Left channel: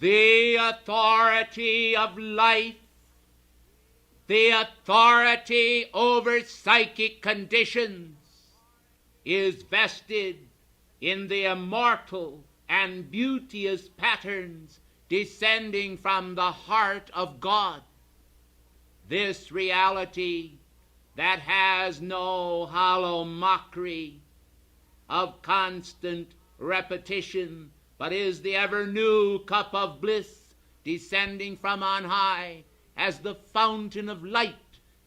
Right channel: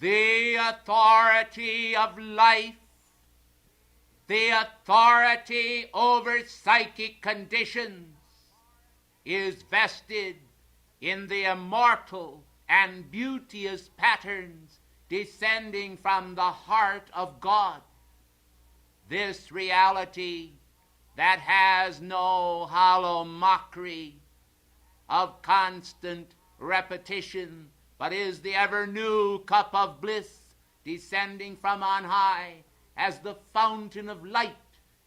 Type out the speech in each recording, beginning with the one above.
The authority of life, the authority over psychic conditions, is vested in the immortal and beauteous patterns descending from the heart of God. This reality that has no hollow mockery of constant repetition, but is the ever-new cup of bliss descending from on high as the fountain of light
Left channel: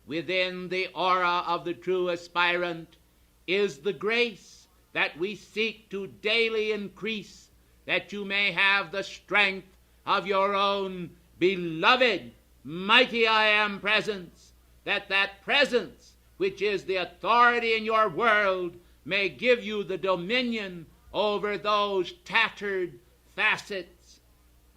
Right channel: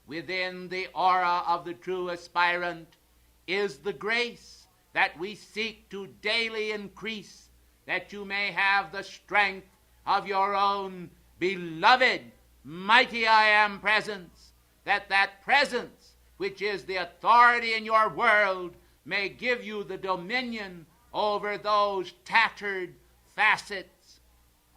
within the aura of the true aspirant, is the grace that we seek to daily increase, that you may have the strength of your own beloved mighty I Am presence, that presence which is the authority in your world may give you the dominion over those tattered facets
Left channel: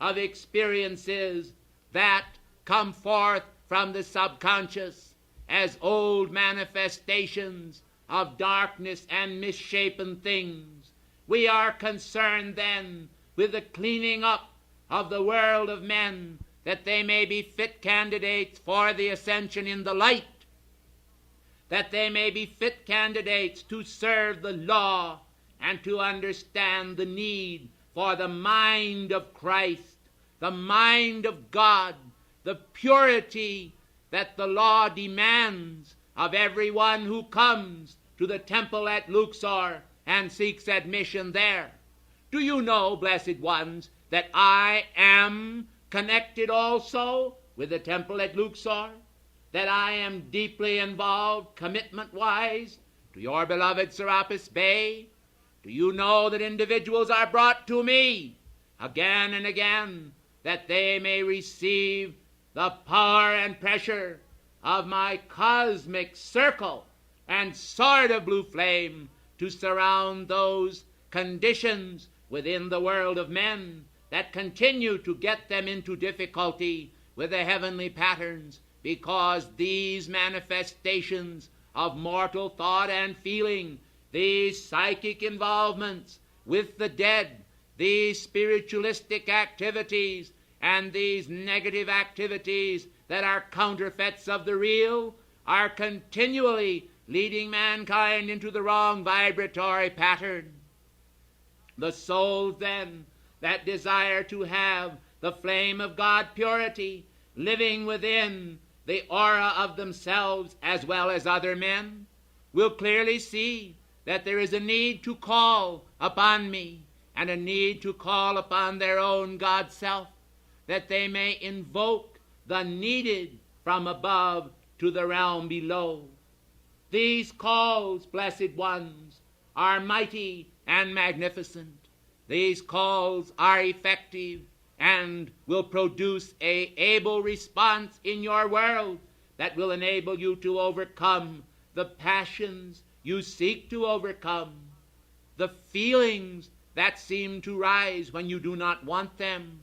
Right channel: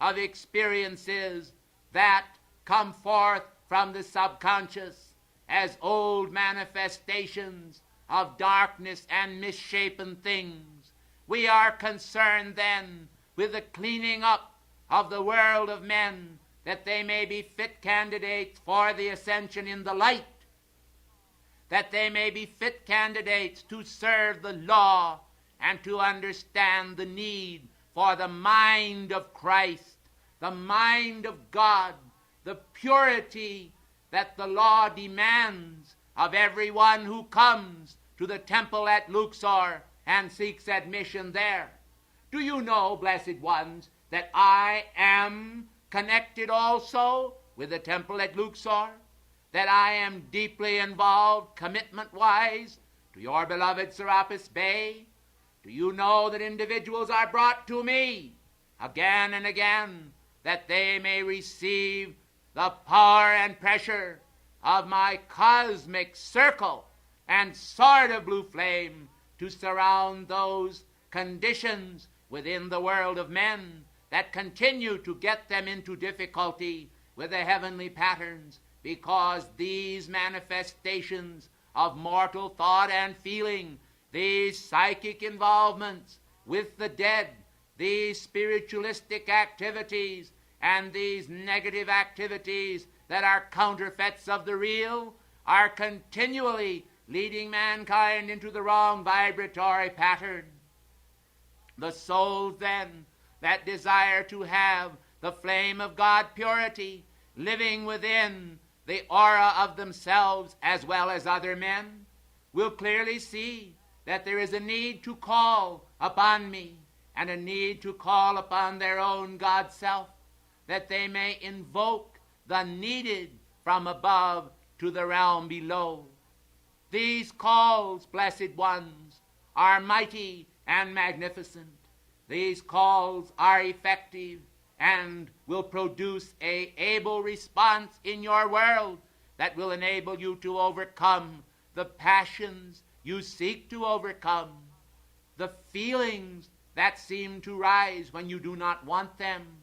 of experiences that come forth from the subconscious as old manifestations of darkness and misshapen things. We are concerned then with the cleaning up of the world of men, that they may be fit candidates for the ascension in the light, that they may be fit candidates to serve the law and to understand the need for the mind of Christ, the mind of God, the purity that the law demands of everyone who comes to the temple at Luxor and seeks admission there. Do you know, blessed ones, that I am connected also with the temple at Luxor? That I am deeply involved, commitment-wise, to your beloved Serapis Bey? Do you know that individuals are brought to me again and again, that they may receive the power and pressure of my cosmic circle and sword of blue flame to surround those conditions within the world of men that continue to get them into difficulty with the heavenly patterns, because these manifestations of mortal thought and feeling, these psychic involvements with the dead, these spiritualistic activities, and these negative activities that are counterfeits of the real, are continually leading mankind into the wrong vibratory pattern. The souls, then, that desire to have the flame of God purity living within the aura of themselves as well as other men, will clearly see that there is a need to call upon me and a need to call upon their own God self, that they may invoke the needed from above to the realm below. These calls, blessed ones, are mighty and magnificent. These calls are effective and will produce an able response in your world that will enable you to overcome the passions you seek to overcome, the feelings that seem to rise when you do not want them,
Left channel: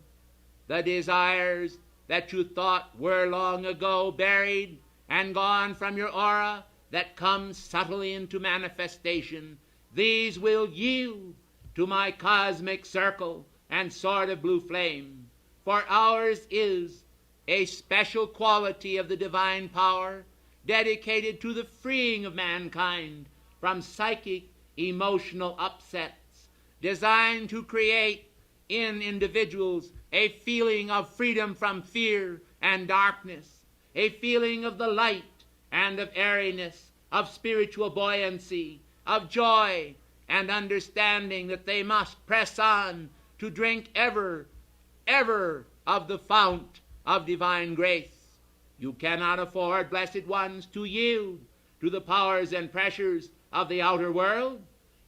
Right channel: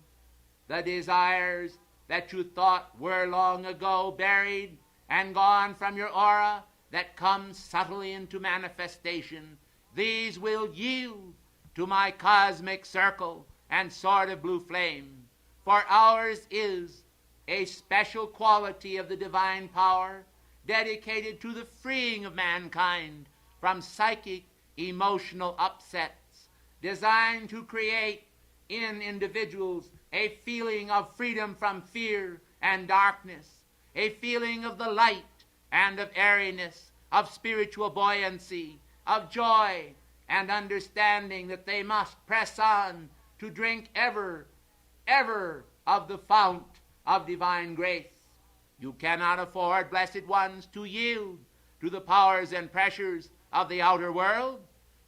the desires that you thought were long ago buried and gone from your aura that come subtly into manifestation. These will yield to my cosmic circle and sword of blue flame. For ours is a special quality of the divine power dedicated to the freeing of mankind from psychic emotional upsets, designed to create in individuals a feeling of freedom from fear and darkness, a feeling of the light and of airiness, of spiritual buoyancy, of joy, and understanding that they must press on to drink ever of the fount of divine grace. You cannot afford, blessed ones, to yield to the powers and pressures of the outer world.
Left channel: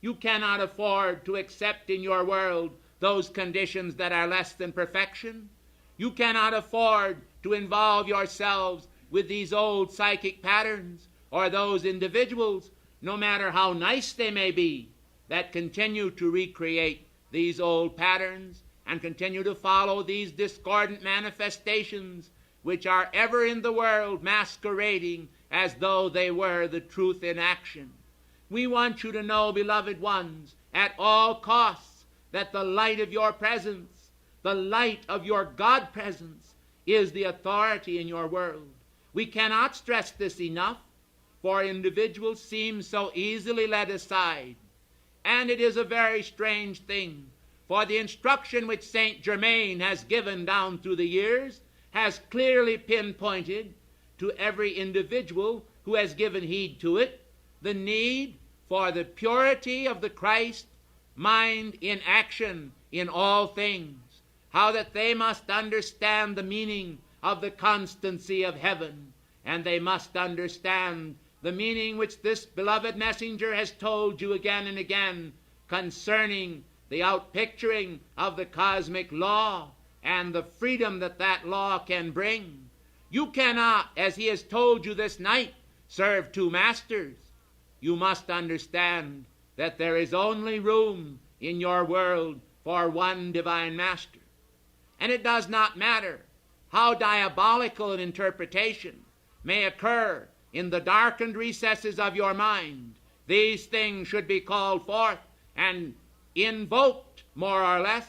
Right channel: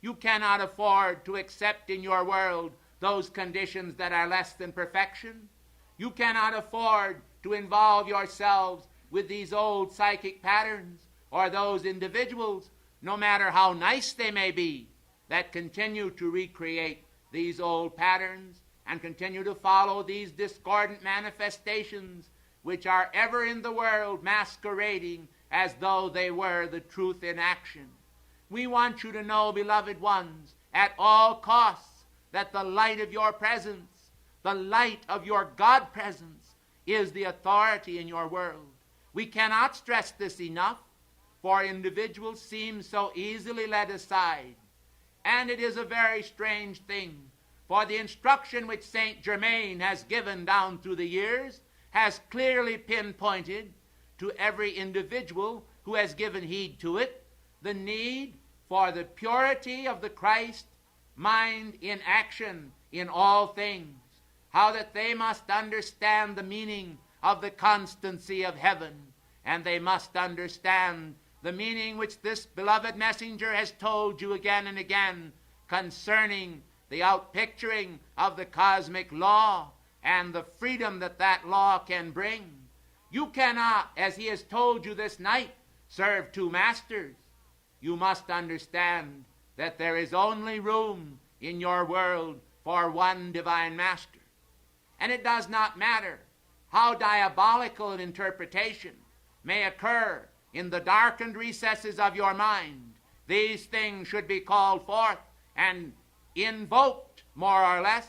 You cannot afford to accept in your world those conditions that are less than perfection. You cannot afford to involve yourselves with these old psychic patterns or those individuals, no matter how nice they may be, that continue to recreate these old patterns and continue to follow these discordant manifestations which are ever in the world masquerading as though they were the truth in action. We want you to know, beloved ones, at all costs, that the light of your presence, The light of your God presence is the authority in your world. We cannot stress this enough, for individuals seem so easily led aside. And it is a very strange thing, for the instruction which St. Germain has given down through the years has clearly pinpointed to every individual who has given heed to it the need for the purity of the Christ mind in action in all things, how that they must understand the meaning of the constancy of heaven, and they must understand the meaning which this beloved messenger has told you again and again concerning the outpicturing of the cosmic law and the freedom that that law can bring. You cannot, as he has told you this night, serve two masters. You must understand that there is only room in your world for one divine master. And it does not matter how diabolical an interpretation may occur in the darkened recesses of your mind. These things should be called forth and invoked, more or less,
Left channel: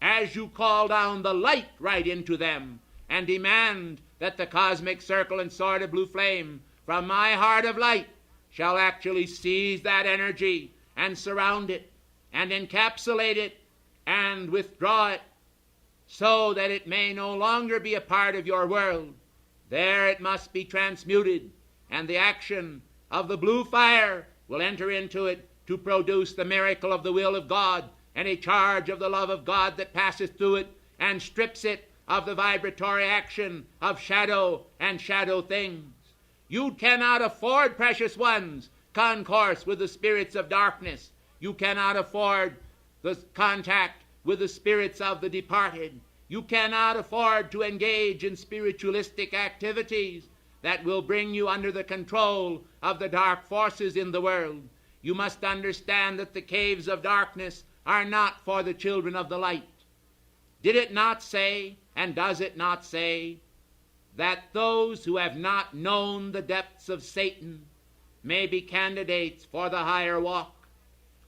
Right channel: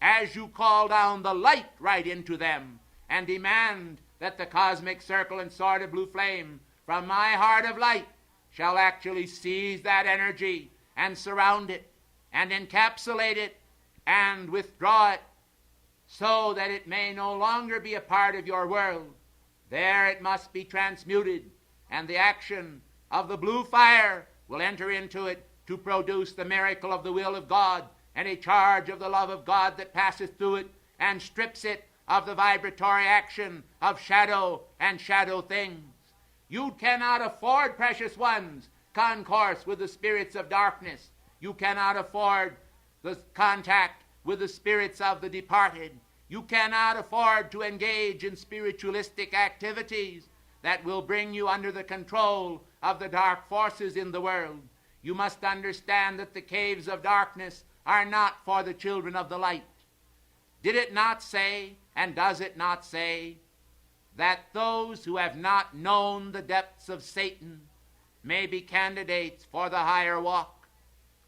as you call down the light right into them and demand that the cosmic circle and sword of blue flame from my heart of light shall actually seize that energy and surround it and encapsulate it and withdraw it so that it may no longer be a part of your world. There it must be transmuted, and the action of the blue fire will enter into it to produce the miracle of the will of God and a charge of the love of God that passes through it and strips it of the vibratory action of shadow and shadow things. You cannot afford, precious ones, concourse with the spirits of darkness. You cannot afford the contact with the spirits of the departed. You cannot afford to engage in spiritualistic activities that will bring you under the control of the dark forces in the world. You must understand that the caves of darkness are not for the children of the light. Did it not say, and does it not say, that those who have not known the depths of Satan may be candidates for the higher walk?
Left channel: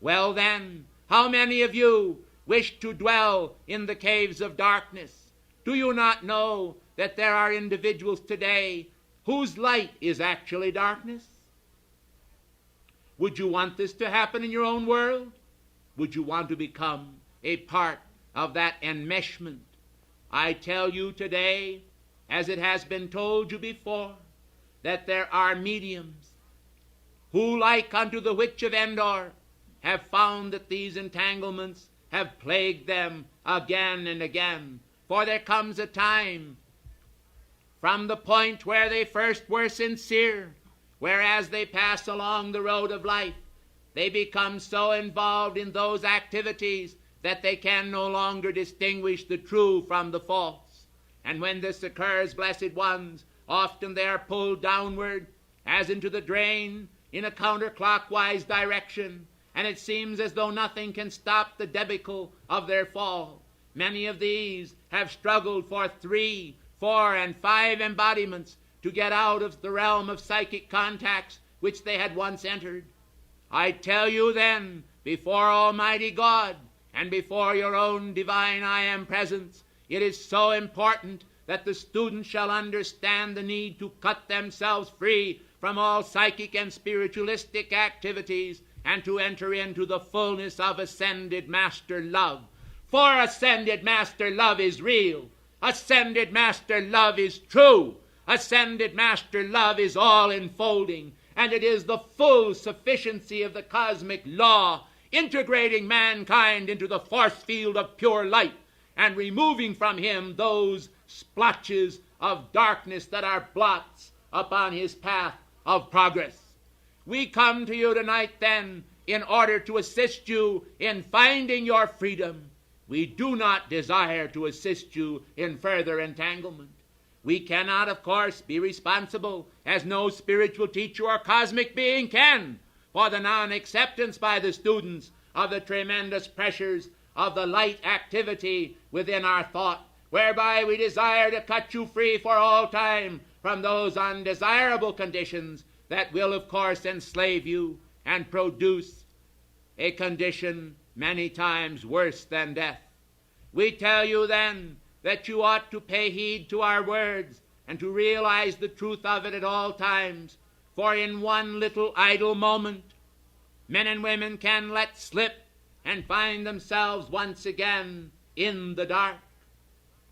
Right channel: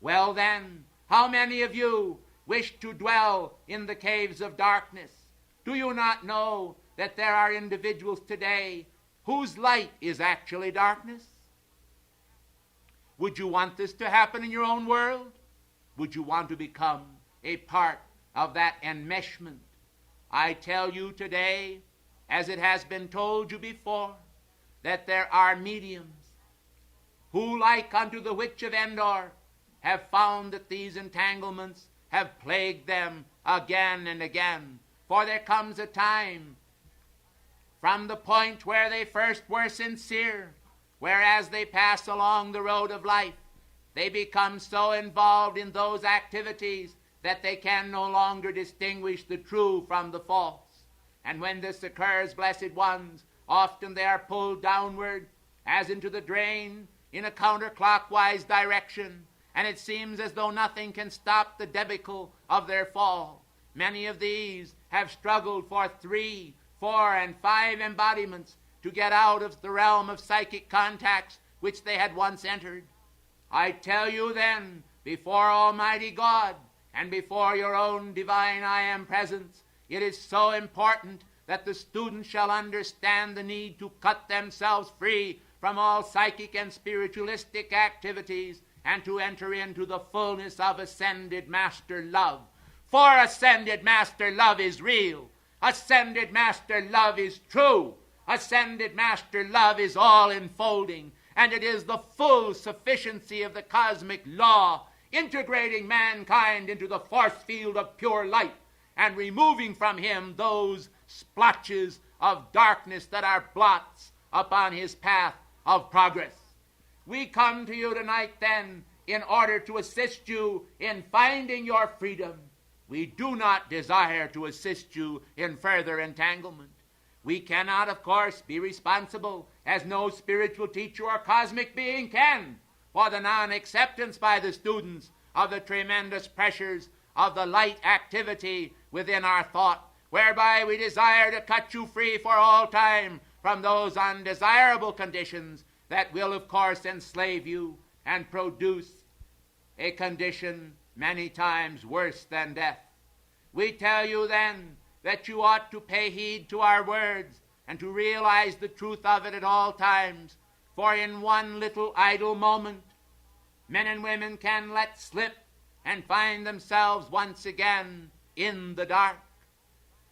Well then, how many of you wish to dwell in the caves of darkness? Do you not know that there are individuals today whose light is actually darkness? Would you want this to happen in your own world? Would you want to become a part of that enmeshment? I tell you today, as it has been told you before, that there are mediums who, like unto the witch of Endor, have found that these entanglements have plagued them again and again. For there comes a time from the point where they first were sincere, whereas they pass along the road of life, they become so involved in those activities that they can no longer distinguish the true from the false. And when this occurs, blessed ones, often they are pulled downward as into the drain in a counterclockwise direction, and it seems as though nothing can stop the debacle of their fall. Many of these have struggled for 3, 4, and 5 embodiments to get out of the realm of psychic contacts which they had once entered. I tell you then, before Almighty God and before your own divine I Am presence, it is so important that the student shall understand the need to cut themselves free from all psychic and spiritualistic activities and to enter into the fullness of ascended master love. For ascended master love is real. Ascended master love is true. Ascended master love is all enfolding, and it is the full sufficiency of the cosmic law integrating mankind into the force field of pure light and removing from him those splotches of darkness that are blots upon his path of progress. We come to you tonight then in order to assist you in finding your freedom. We do not desire to assist you in further entanglement. We cannot, of course, be responsible, as no spiritual teacher or cosmic being can, for the non-acceptance by the students of the tremendous pressures of the light activity within our thought, whereby we desire to cut you free for all time from those undesirable conditions that will, of course, enslave you and produce a condition many times worse than death. We tell you then that you ought to pay heed to our words and to realize the truth of it at all times. For in one little idle moment, men and women can let slip and find themselves once again in the dark.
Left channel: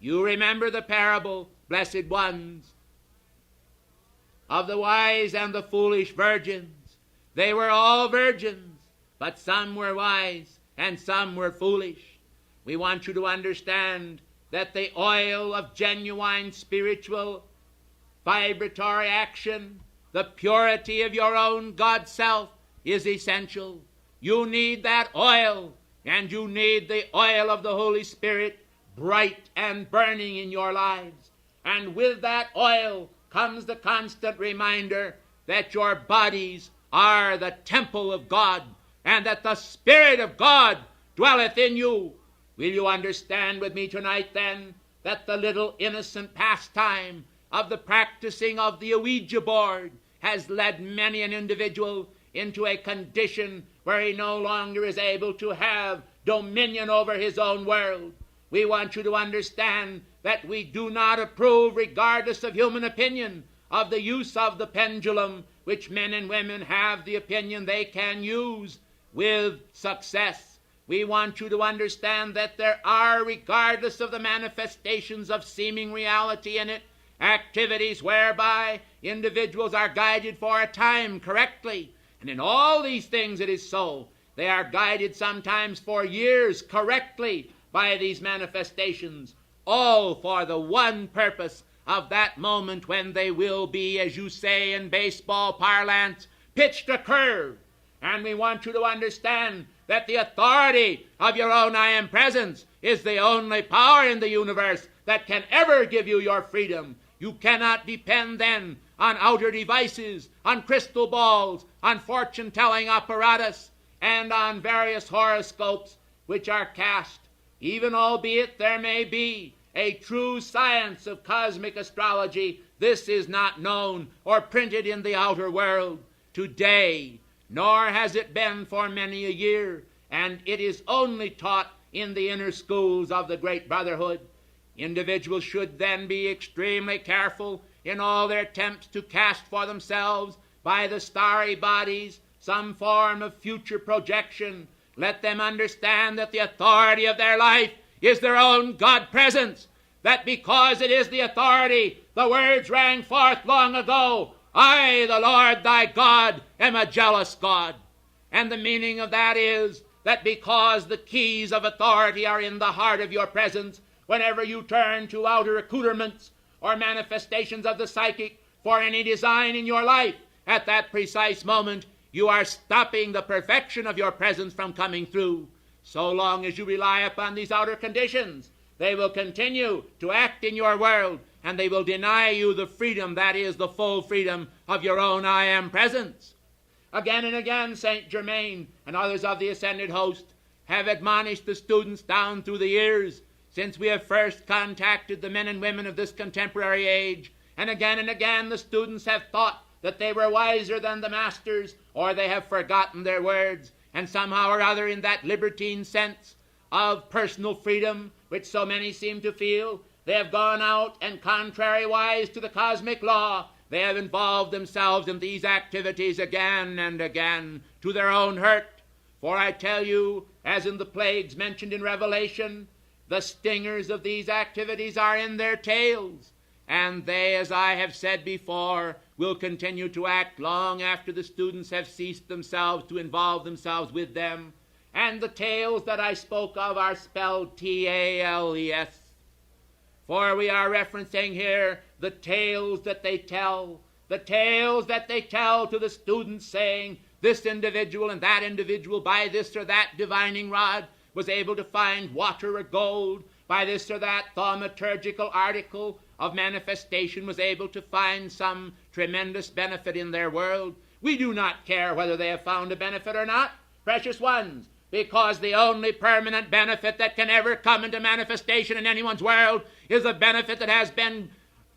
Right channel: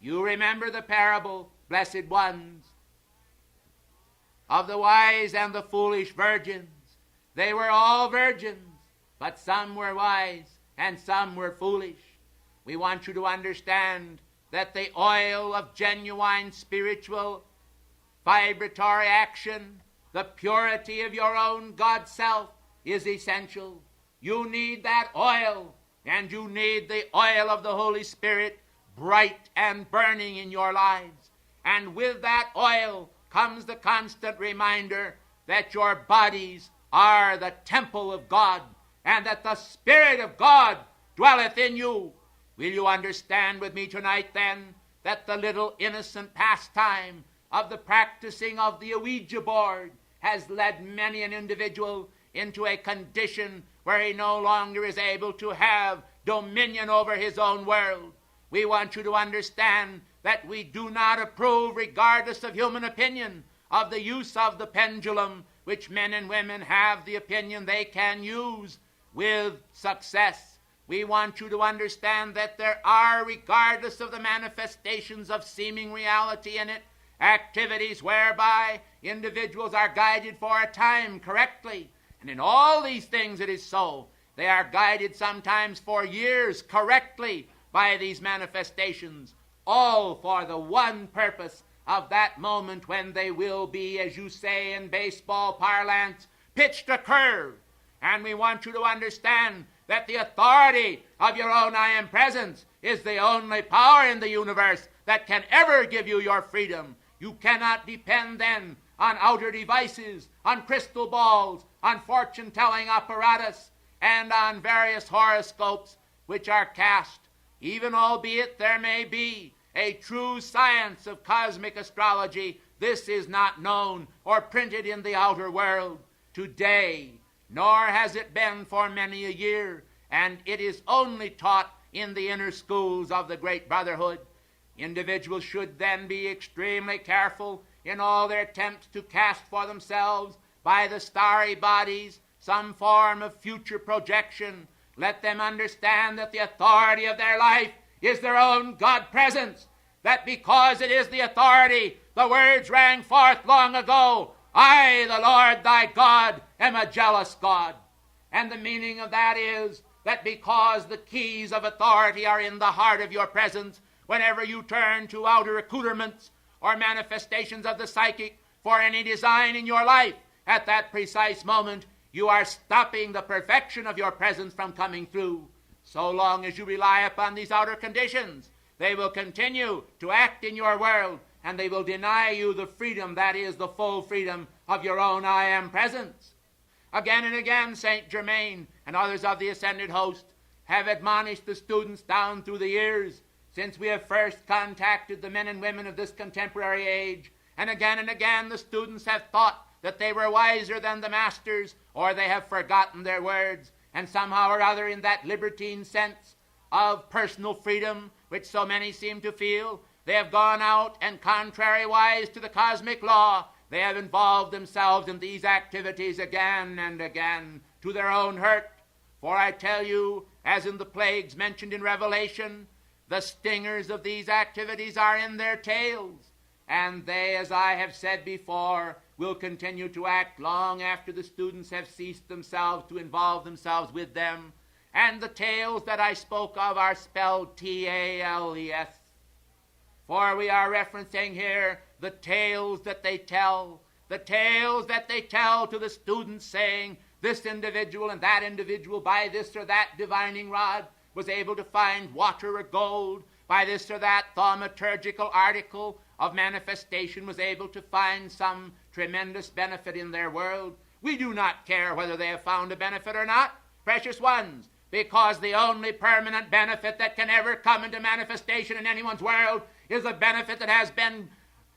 You remember the parable, blessed ones, of the wise and the foolish virgins. They were all virgins, but some were wise and some were foolish. We want you to understand that the oil of genuine spiritual vibratory action, the purity of your own God self, is essential. You need that oil, and you need the oil of the Holy Spirit bright and burning in your lives. And with that oil comes the constant reminder that your bodies are the temple of God, and that the Spirit of God dwelleth in you. Will you understand with me tonight, then, that the little innocent pastime of the practicing of the Ouija board has led many an individual into a condition where he no longer is able to have dominion over his own world? We want you to understand that we do not approve, regardless of human opinion, of the use of the pendulum, which men and women have the opinion they can use with success. We want you to understand that there are, regardless of the manifestations of seeming reality in it, activities whereby individuals are guided for a time correctly. And in all these things it is so. They are guided sometimes for years correctly by these manifestations, all for the one purpose of that moment when they will be, as you say in baseball parlance, pitched a curve. And we want you to understand that the authority of your own I am presence is the only power in the universe that can ever give you your freedom. You cannot depend then on outer devices, on crystal balls, on fortune-telling apparatus, and on various horoscopes which are cast. Even albeit there may be a true science of cosmic astrology, this is not known or printed in the outer world today, nor has it been for many a year, and it is only taught in the inner schools of the great Brotherhood. Individuals should then be extremely careful in all their attempts to cast for themselves by the starry bodies some form of future projection. Let them understand that the authority of their life is their own God presence, that because it is the authority, the words rang forth long ago, I, the Lord thy God, am a jealous God. And the meaning of that is that because the keys of authority are in the heart of your presence, whenever you turn to outer accoutrements or manifestations of the psychic for any design in your life, at that precise moment, you are stopping the perfection of your presence from coming through. So long as you rely upon these outer conditions, they will continue to act in your world, and they will deny you the freedom that is the full freedom of your own I am presence. Again and again, St. Germain and others of the ascended host have admonished the students down through the years since we have first contacted the men and women of this contemporary age. And again the students have thought that they were wiser than the masters, or they have forgotten their words, and somehow or other in that libertine sense of personal freedom which so many seem to feel, they have gone out and contrariwise to the cosmic law, they have involved themselves in these activities again and again to their own hurt. For I tell you, as in the plagues mentioned in Revelation, the stingers of these activities are in their tails, and they, as I have said before, will continue to act long after the students have ceased themselves to involve themselves with them. And the tales that I spoke of are spelled T-A-L-E-S. For we are referencing here the tales that they tell, the tales that they tell to the students, saying this individual and that individual by this or that divining rod was able to find water or gold, by this or that thaumaturgical article of manifestation was able to find some tremendous benefit in their world. We do not care whether they have found a benefit or not, precious ones, because the only permanent benefit that can ever come into manifestation in anyone's world is a benefit that has been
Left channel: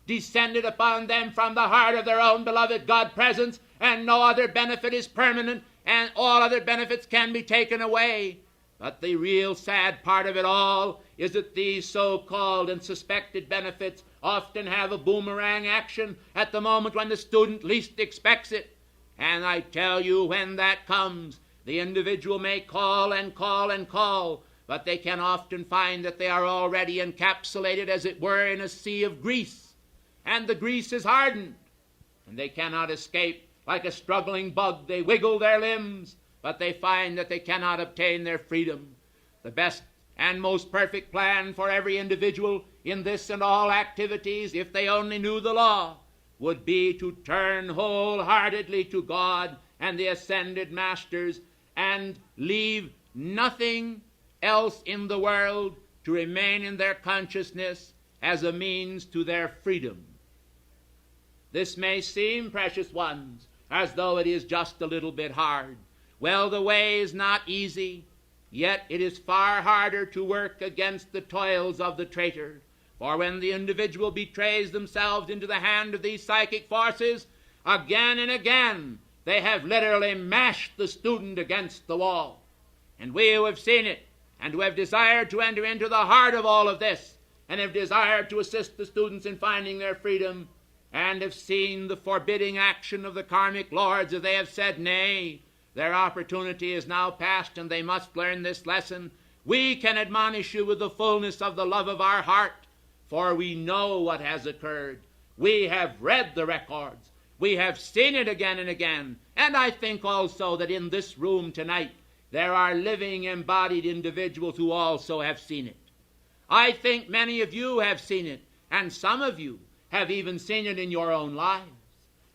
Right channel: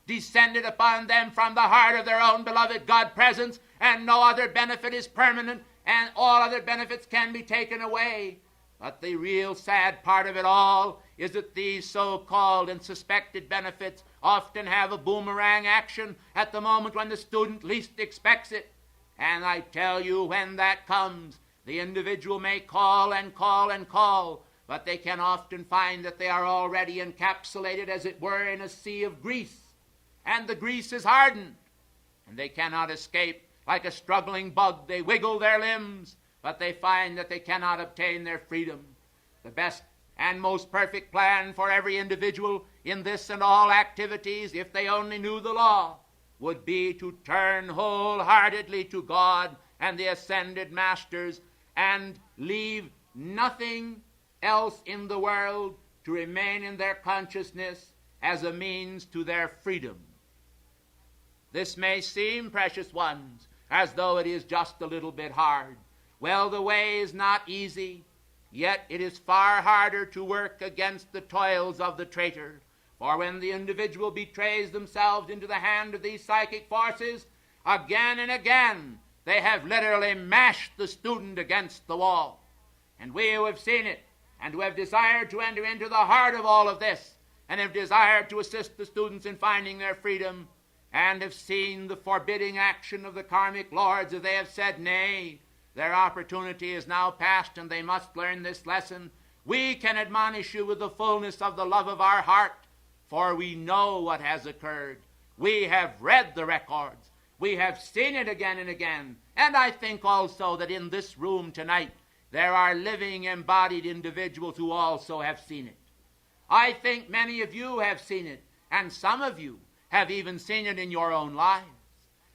descended upon them from the heart of their own beloved God presence, and no other benefit is permanent, and all other benefits can be taken away. But the real sad part of it all is that these so-called and suspected benefits often have a boomerang action at the moment when the student least expects it. And I tell you, when that comes, the individual may call and call and call, but they can often find that they are already encapsulated, as it were, in a sea of grease. And the grease is hardened, and they cannot escape. Like a struggling bug, they wiggle their limbs, but they find that they cannot obtain their freedom. The best and most perfect plan for every individual in this and all activities, if they only knew the law, would be to turn wholeheartedly to God and the ascended masters and leave nothing else in the world to remain in their consciousness as a means to their freedom. This may seem, precious ones, as though it is just a little bit hard. Well, the way is not easy, yet it is far harder to work against the toils of the traitor. For when the individual betrays themselves into the hand of these psychic forces, again and again they have literally mashed the student against the wall. And we who have seen it, and who have desired to enter into the heart of all of this, and have desired to assist the students in finding their freedom, and have seen the forbidding action of the karmic lords, as they have said, nay, their opportunity is now past and they must learn this lesson, we can admonish you with the fullness of the love of our heart, for we know what has occurred. We have read the records. We have seen it again and again. And I think also that in this room tonight there are living embodied individuals who also have seen it. I think many of you have seen it, and some of you have even seen it in your own lives.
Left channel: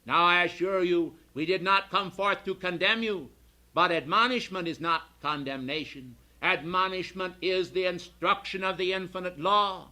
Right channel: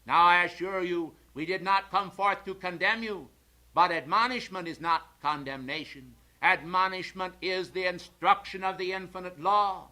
Now I assure you, we did not come forth to condemn you, but admonishment is not condemnation. Admonishment is the instruction of the infinite law.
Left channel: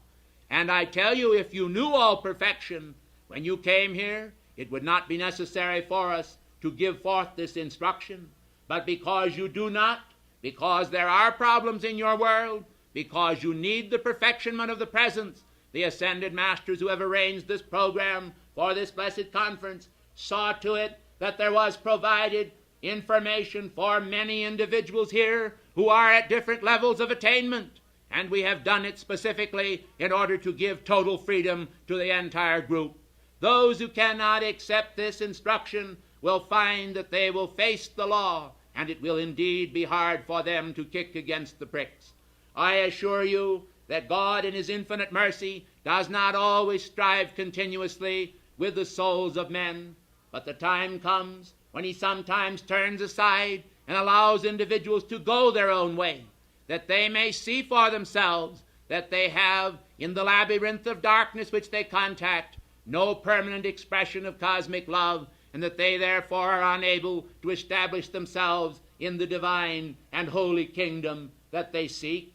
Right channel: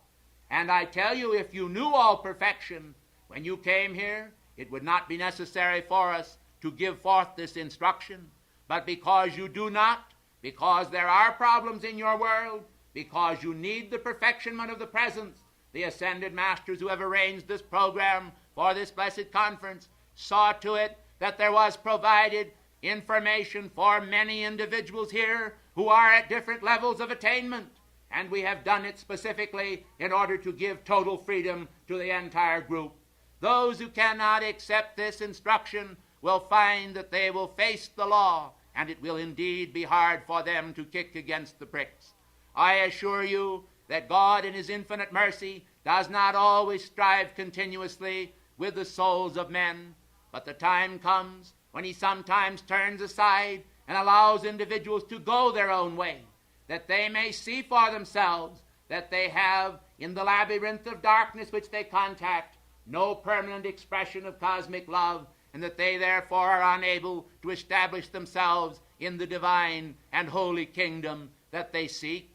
And I tell you, if you knew all perfection when you came here, it would not be necessary for us to give forth this instruction. But because you do not, because there are problems in your world, because you need the perfectionment of the presence, the ascended masters who have arranged this program for this blessed conference saw to it that there was provided information for many individuals here who are at different levels of attainment. And we have done it specifically in order to give total freedom to the entire group. Those who cannot accept this instruction will find that they will face the law, and it will indeed be hard for them to kick against the pricks. I assure you that God in his infinite mercy does not always strive continuously with the souls of men, but the time comes when he sometimes turns aside and allows individuals to go their own way, that they may see for themselves that they have, in the labyrinth of darkness which they contact, no permanent expression of cosmic love, and that they therefore are unable to establish themselves in the divine and holy kingdom that they seek.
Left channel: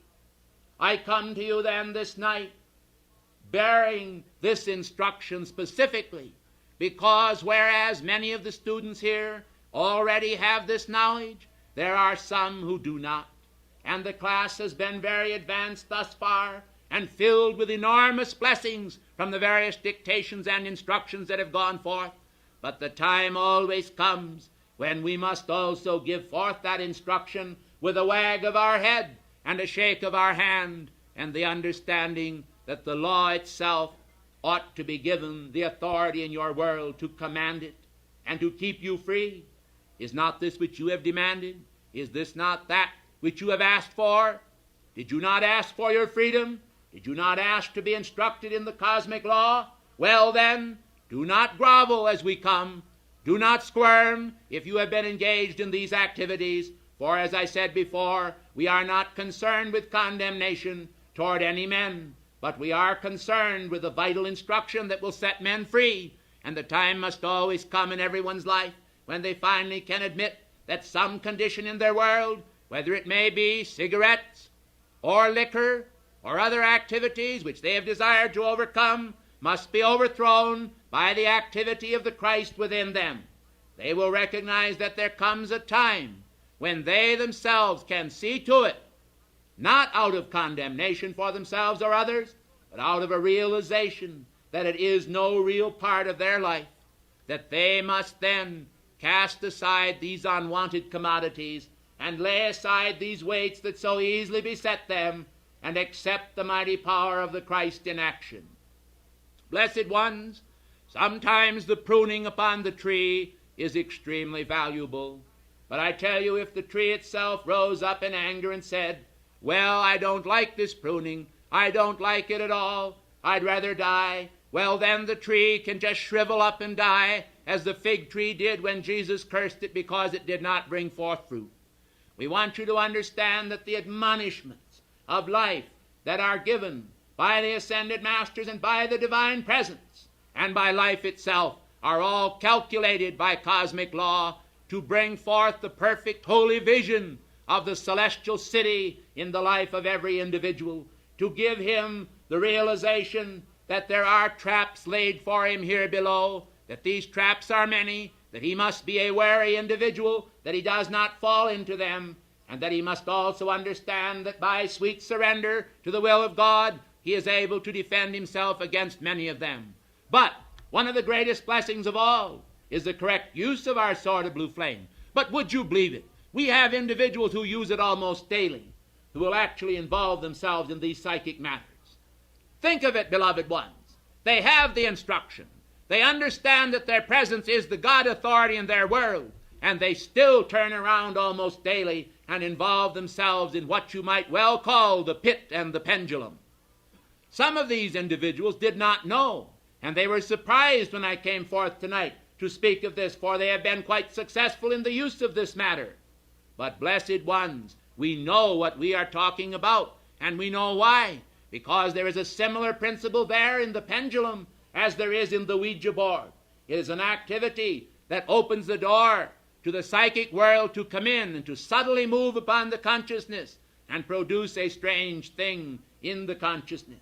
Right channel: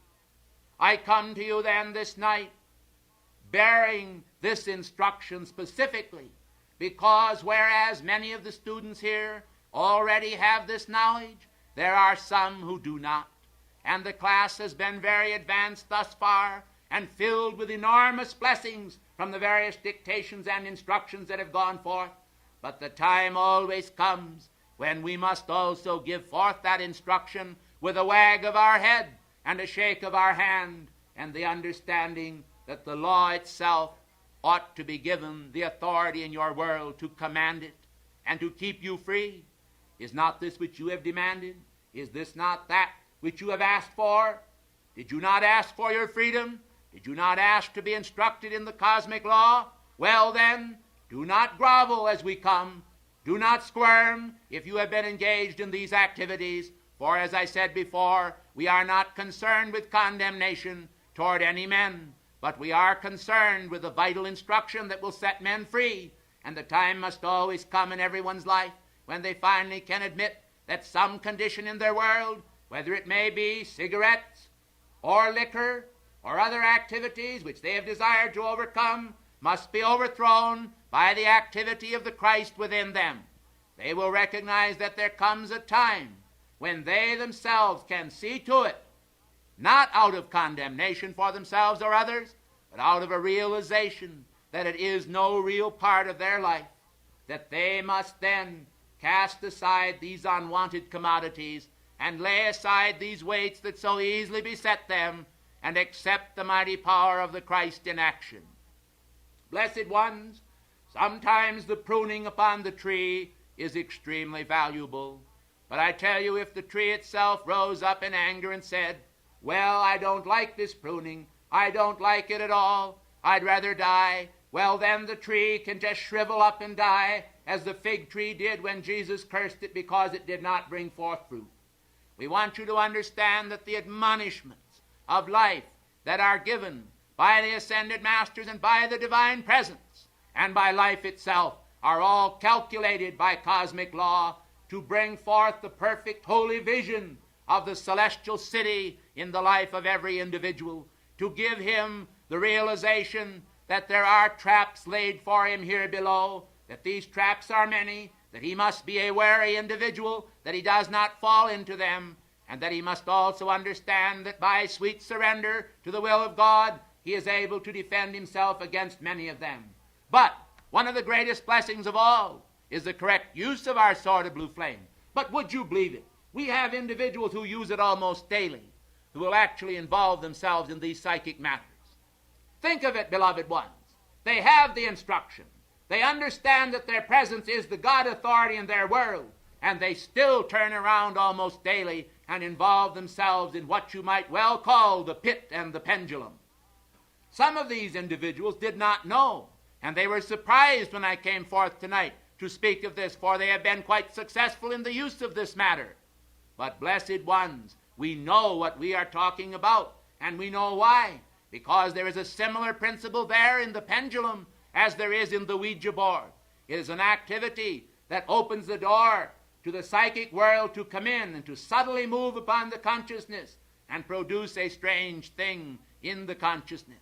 I come to you then this night bearing this instruction specifically, because whereas many of the students here already have this knowledge, there are some who do not. And the class has been very advanced thus far and filled with enormous blessings from the various dictations and instructions that have gone forth. But the time always comes when we must also give forth that instruction with a wag of our head and a shake of our hand, and the understanding that the law itself ought to be given the authority in your world to command it and to keep you free. Is not this which you have demanded? Is this not that which you have asked for? Did you not ask for your freedom? Did you not ask to be instructed in the cosmic law? Well then, do not grovel as we come. Do not squirm if you have been engaged in these activities, for as I said before, we are not concerned with condemnation toward any men, but we are concerned with the vital instruction that will set men free. And the time must always come in everyone's life when they finally can admit that some condition in their world, whether it may be cigarettes or liquor or other activities which they have desired to overcome, must be overthrown by the activity of the Christ within them. They will recognize that there comes a time when they themselves can see to it, not out of condemnation for themselves or others, but out of a realization that it is no real part of their life, that they must then cast aside these unwanted commodities and lay aside these weights that so easily beset them, and accept the mighty power of the Christ in action. Blessed ones, sometimes the pruning upon the tree is extremely valuable. But I tell you, if the tree itself rose up in anger and said, well, I don't like this pruning, I don't like it at all, I'd rather die, well, then the tree can just shrivel up and die, as the fig tree did when Jesus cursed it because it did not bring forth fruit. We want you to understand that the admonishments of life that are given by the ascended masters and by the divine presence and by life itself are all calculated by cosmic law to bring forth the perfect holy vision of the celestial city in the life of every individual, to give him the realization that there are traps laid for him here below, that these traps are many, that he must be a wary individual, that he does not fall into them, and that he must also understand that by sweet surrender to the will of God, he is able to defend himself against many of them. But one of the greatest blessings of all is the correct use of our sword of blue flame. But would you believe it? We have individuals who use it almost daily, who will actually involve themselves in these psychic matters. Think of it, beloved ones. They have the instruction. They understand that their presence is the God authority in their world, and they still turn around almost daily and involve themselves in what you might well call the pit and the pendulum. Some of these individuals did not know, and they were surprised when I came forth tonight to speak of this, for they have been quite successful in the use of this matter. But, blessed ones, we know what we are talking about, and we know why. Because there is a similar principle there in the pendulum as there is in the Ouija board. It is an activity that opens the door to the psychic world to come in and to subtly move upon the consciousness and produce a strange thing in the consciousness.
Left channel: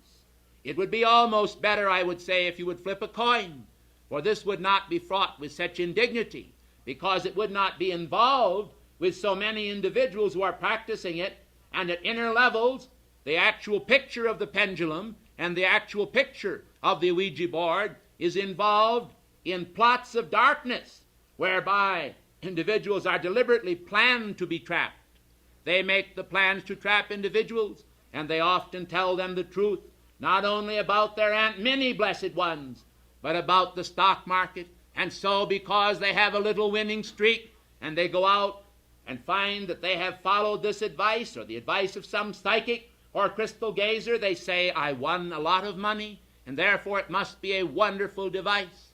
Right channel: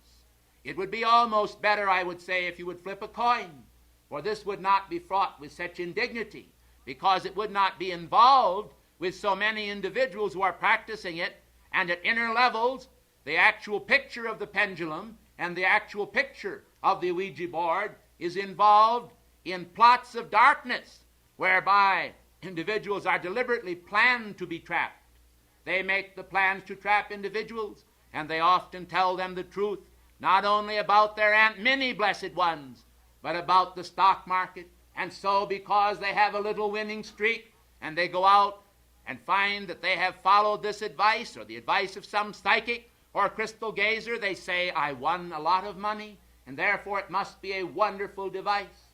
It would be almost better, I would say, if you would flip a coin, for this would not be fraught with such indignity, because it would not be involved with so many individuals who are practicing it, and at inner levels, the actual picture of the pendulum and the actual picture of the Ouija board is involved in plots of darkness, whereby individuals are deliberately planned to be trapped. They make the plans to trap individuals, and they often tell them the truth, not only about their Aunt Minnie, blessed ones, but about the stock market. And so, because they have a little winning streak, and they go out and find that they have followed this advice or the advice of some psychic or crystal gazer, they say, I won a lot of money, and therefore it must be a wonderful device.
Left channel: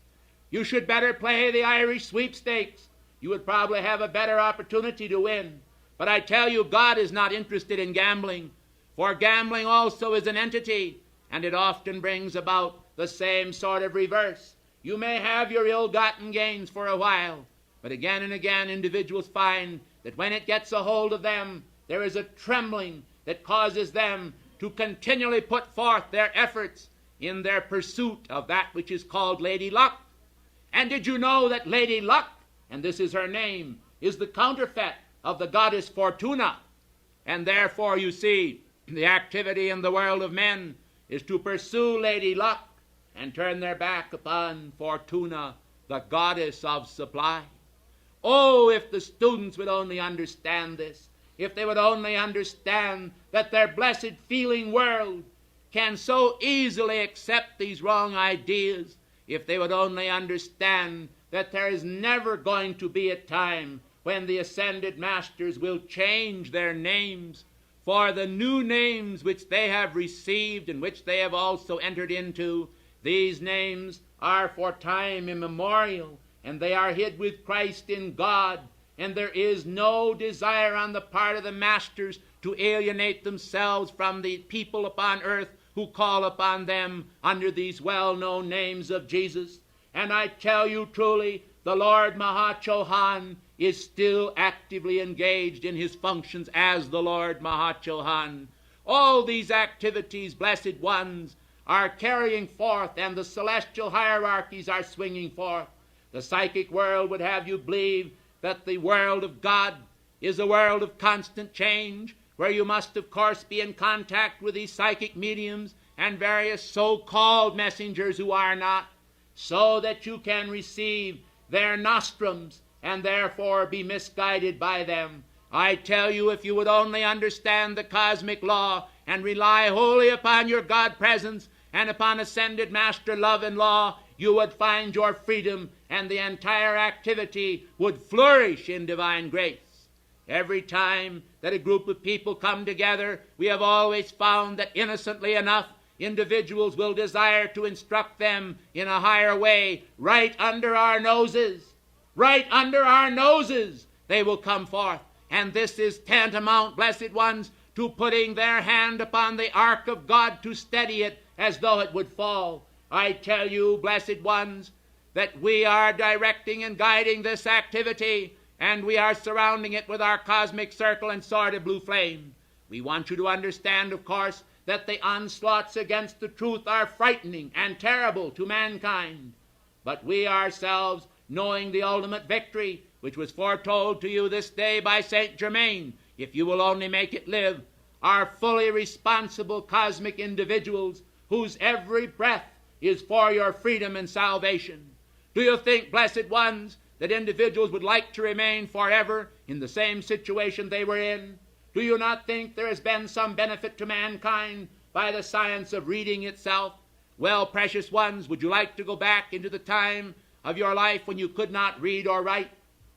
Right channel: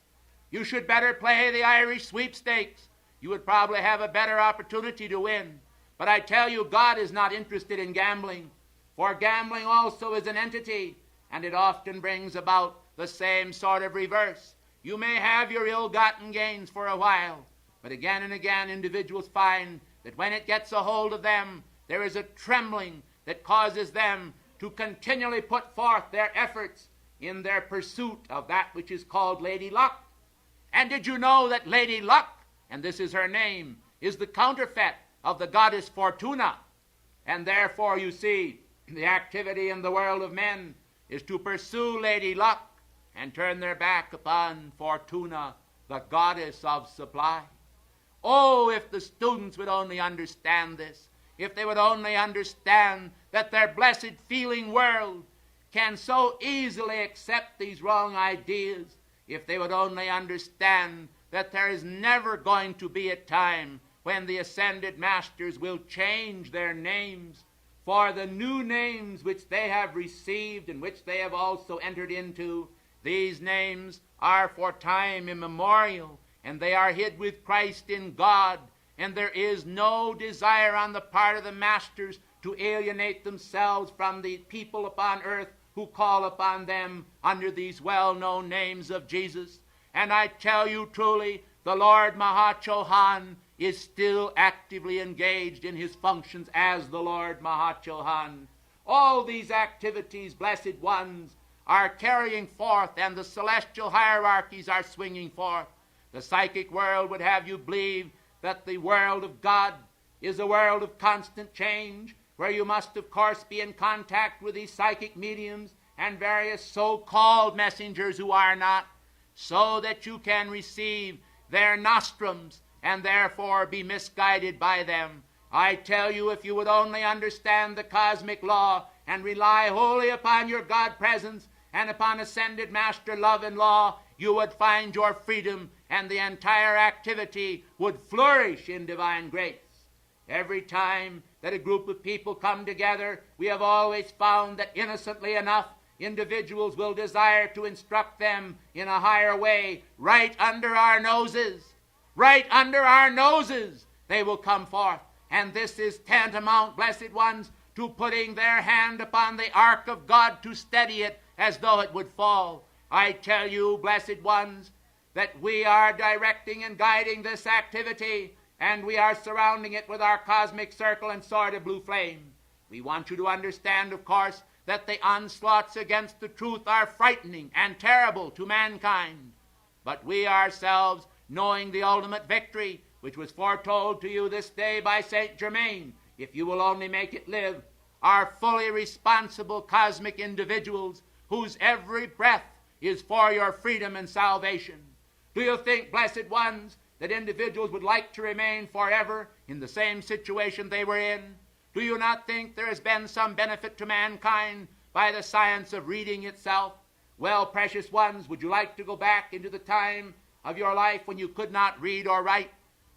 You should better play the Irish sweepstakes. You would probably have a better opportunity to win. But I tell you, God is not interested in gambling, for gambling also is an entity, and it often brings about the same sort of reverse. You may have your ill-gotten gains for a while, but again and again individuals find that when it gets a hold of them, there is a trembling that causes them to continually put forth their efforts in their pursuit of that which is called Lady Luck. And did you know that Lady Luck, and this is her name, is the counterfeit of the goddess Fortuna? And therefore, you see, the activity in the world of men is to pursue Lady Luck and turn their back upon Fortuna, the goddess of supply. Oh, if the students would only understand this, if they would only understand that their blessed feeling world can so easily accept these wrong ideas, if they would only understand that there is never going to be a time when the ascended masters will change their names, for the new names which they have received and which they have also entered into, these names are for time immemorial, and they are hid with Christ in God, and there is no desire on the part of the masters to alienate themselves from the people upon earth who call upon them under these well-known names of Jesus. And I tell you truly, the Lord Mahachohan is still actively engaged in his functions as the Lord Mahachohan. All these activities, blessed ones, are carrying forth, and the celestial hierarchies are swinging forth. The psychic world would have you believe that the world of God is a world of constant change, where you must, of course, be in contact with these psychic mediums and various so-called messengers who are not, so that you can receive their nostrums and therefore be misguided by them. I tell you, if you would only understand the cosmic law and rely wholly upon your God presence and upon ascended Master love and law, you would find your freedom, and the entire activity would flourish in divine grace. Every time that a group of people come together, we have always found that innocently enough, individuals will desire to instruct them in a higher way. Right under our noses, they will come forth. And this is tantamount, blessed ones, to putting their hand upon the ark of God to steady it as though it would fall. I tell you, blessed ones, that we are directing and guiding this activity, and we are surrounding it with our cosmic circle and sword of blue flame. We want you to understand, of course, that the onslaughts against the truth are frightening and terrible to mankind. But we ourselves, knowing the ultimate victory, which was foretold to you this day by St. Germain, if you will only make it live, are fully responsible cosmic individuals whose every breath is for your freedom and salvation. Do you think, blessed ones, that individuals would like to remain forever in the same situation they were in? Do you not think there has been some benefit to mankind by the science of reading itself? Well, precious ones, would you like to go back into the time of your life when you could not read or write?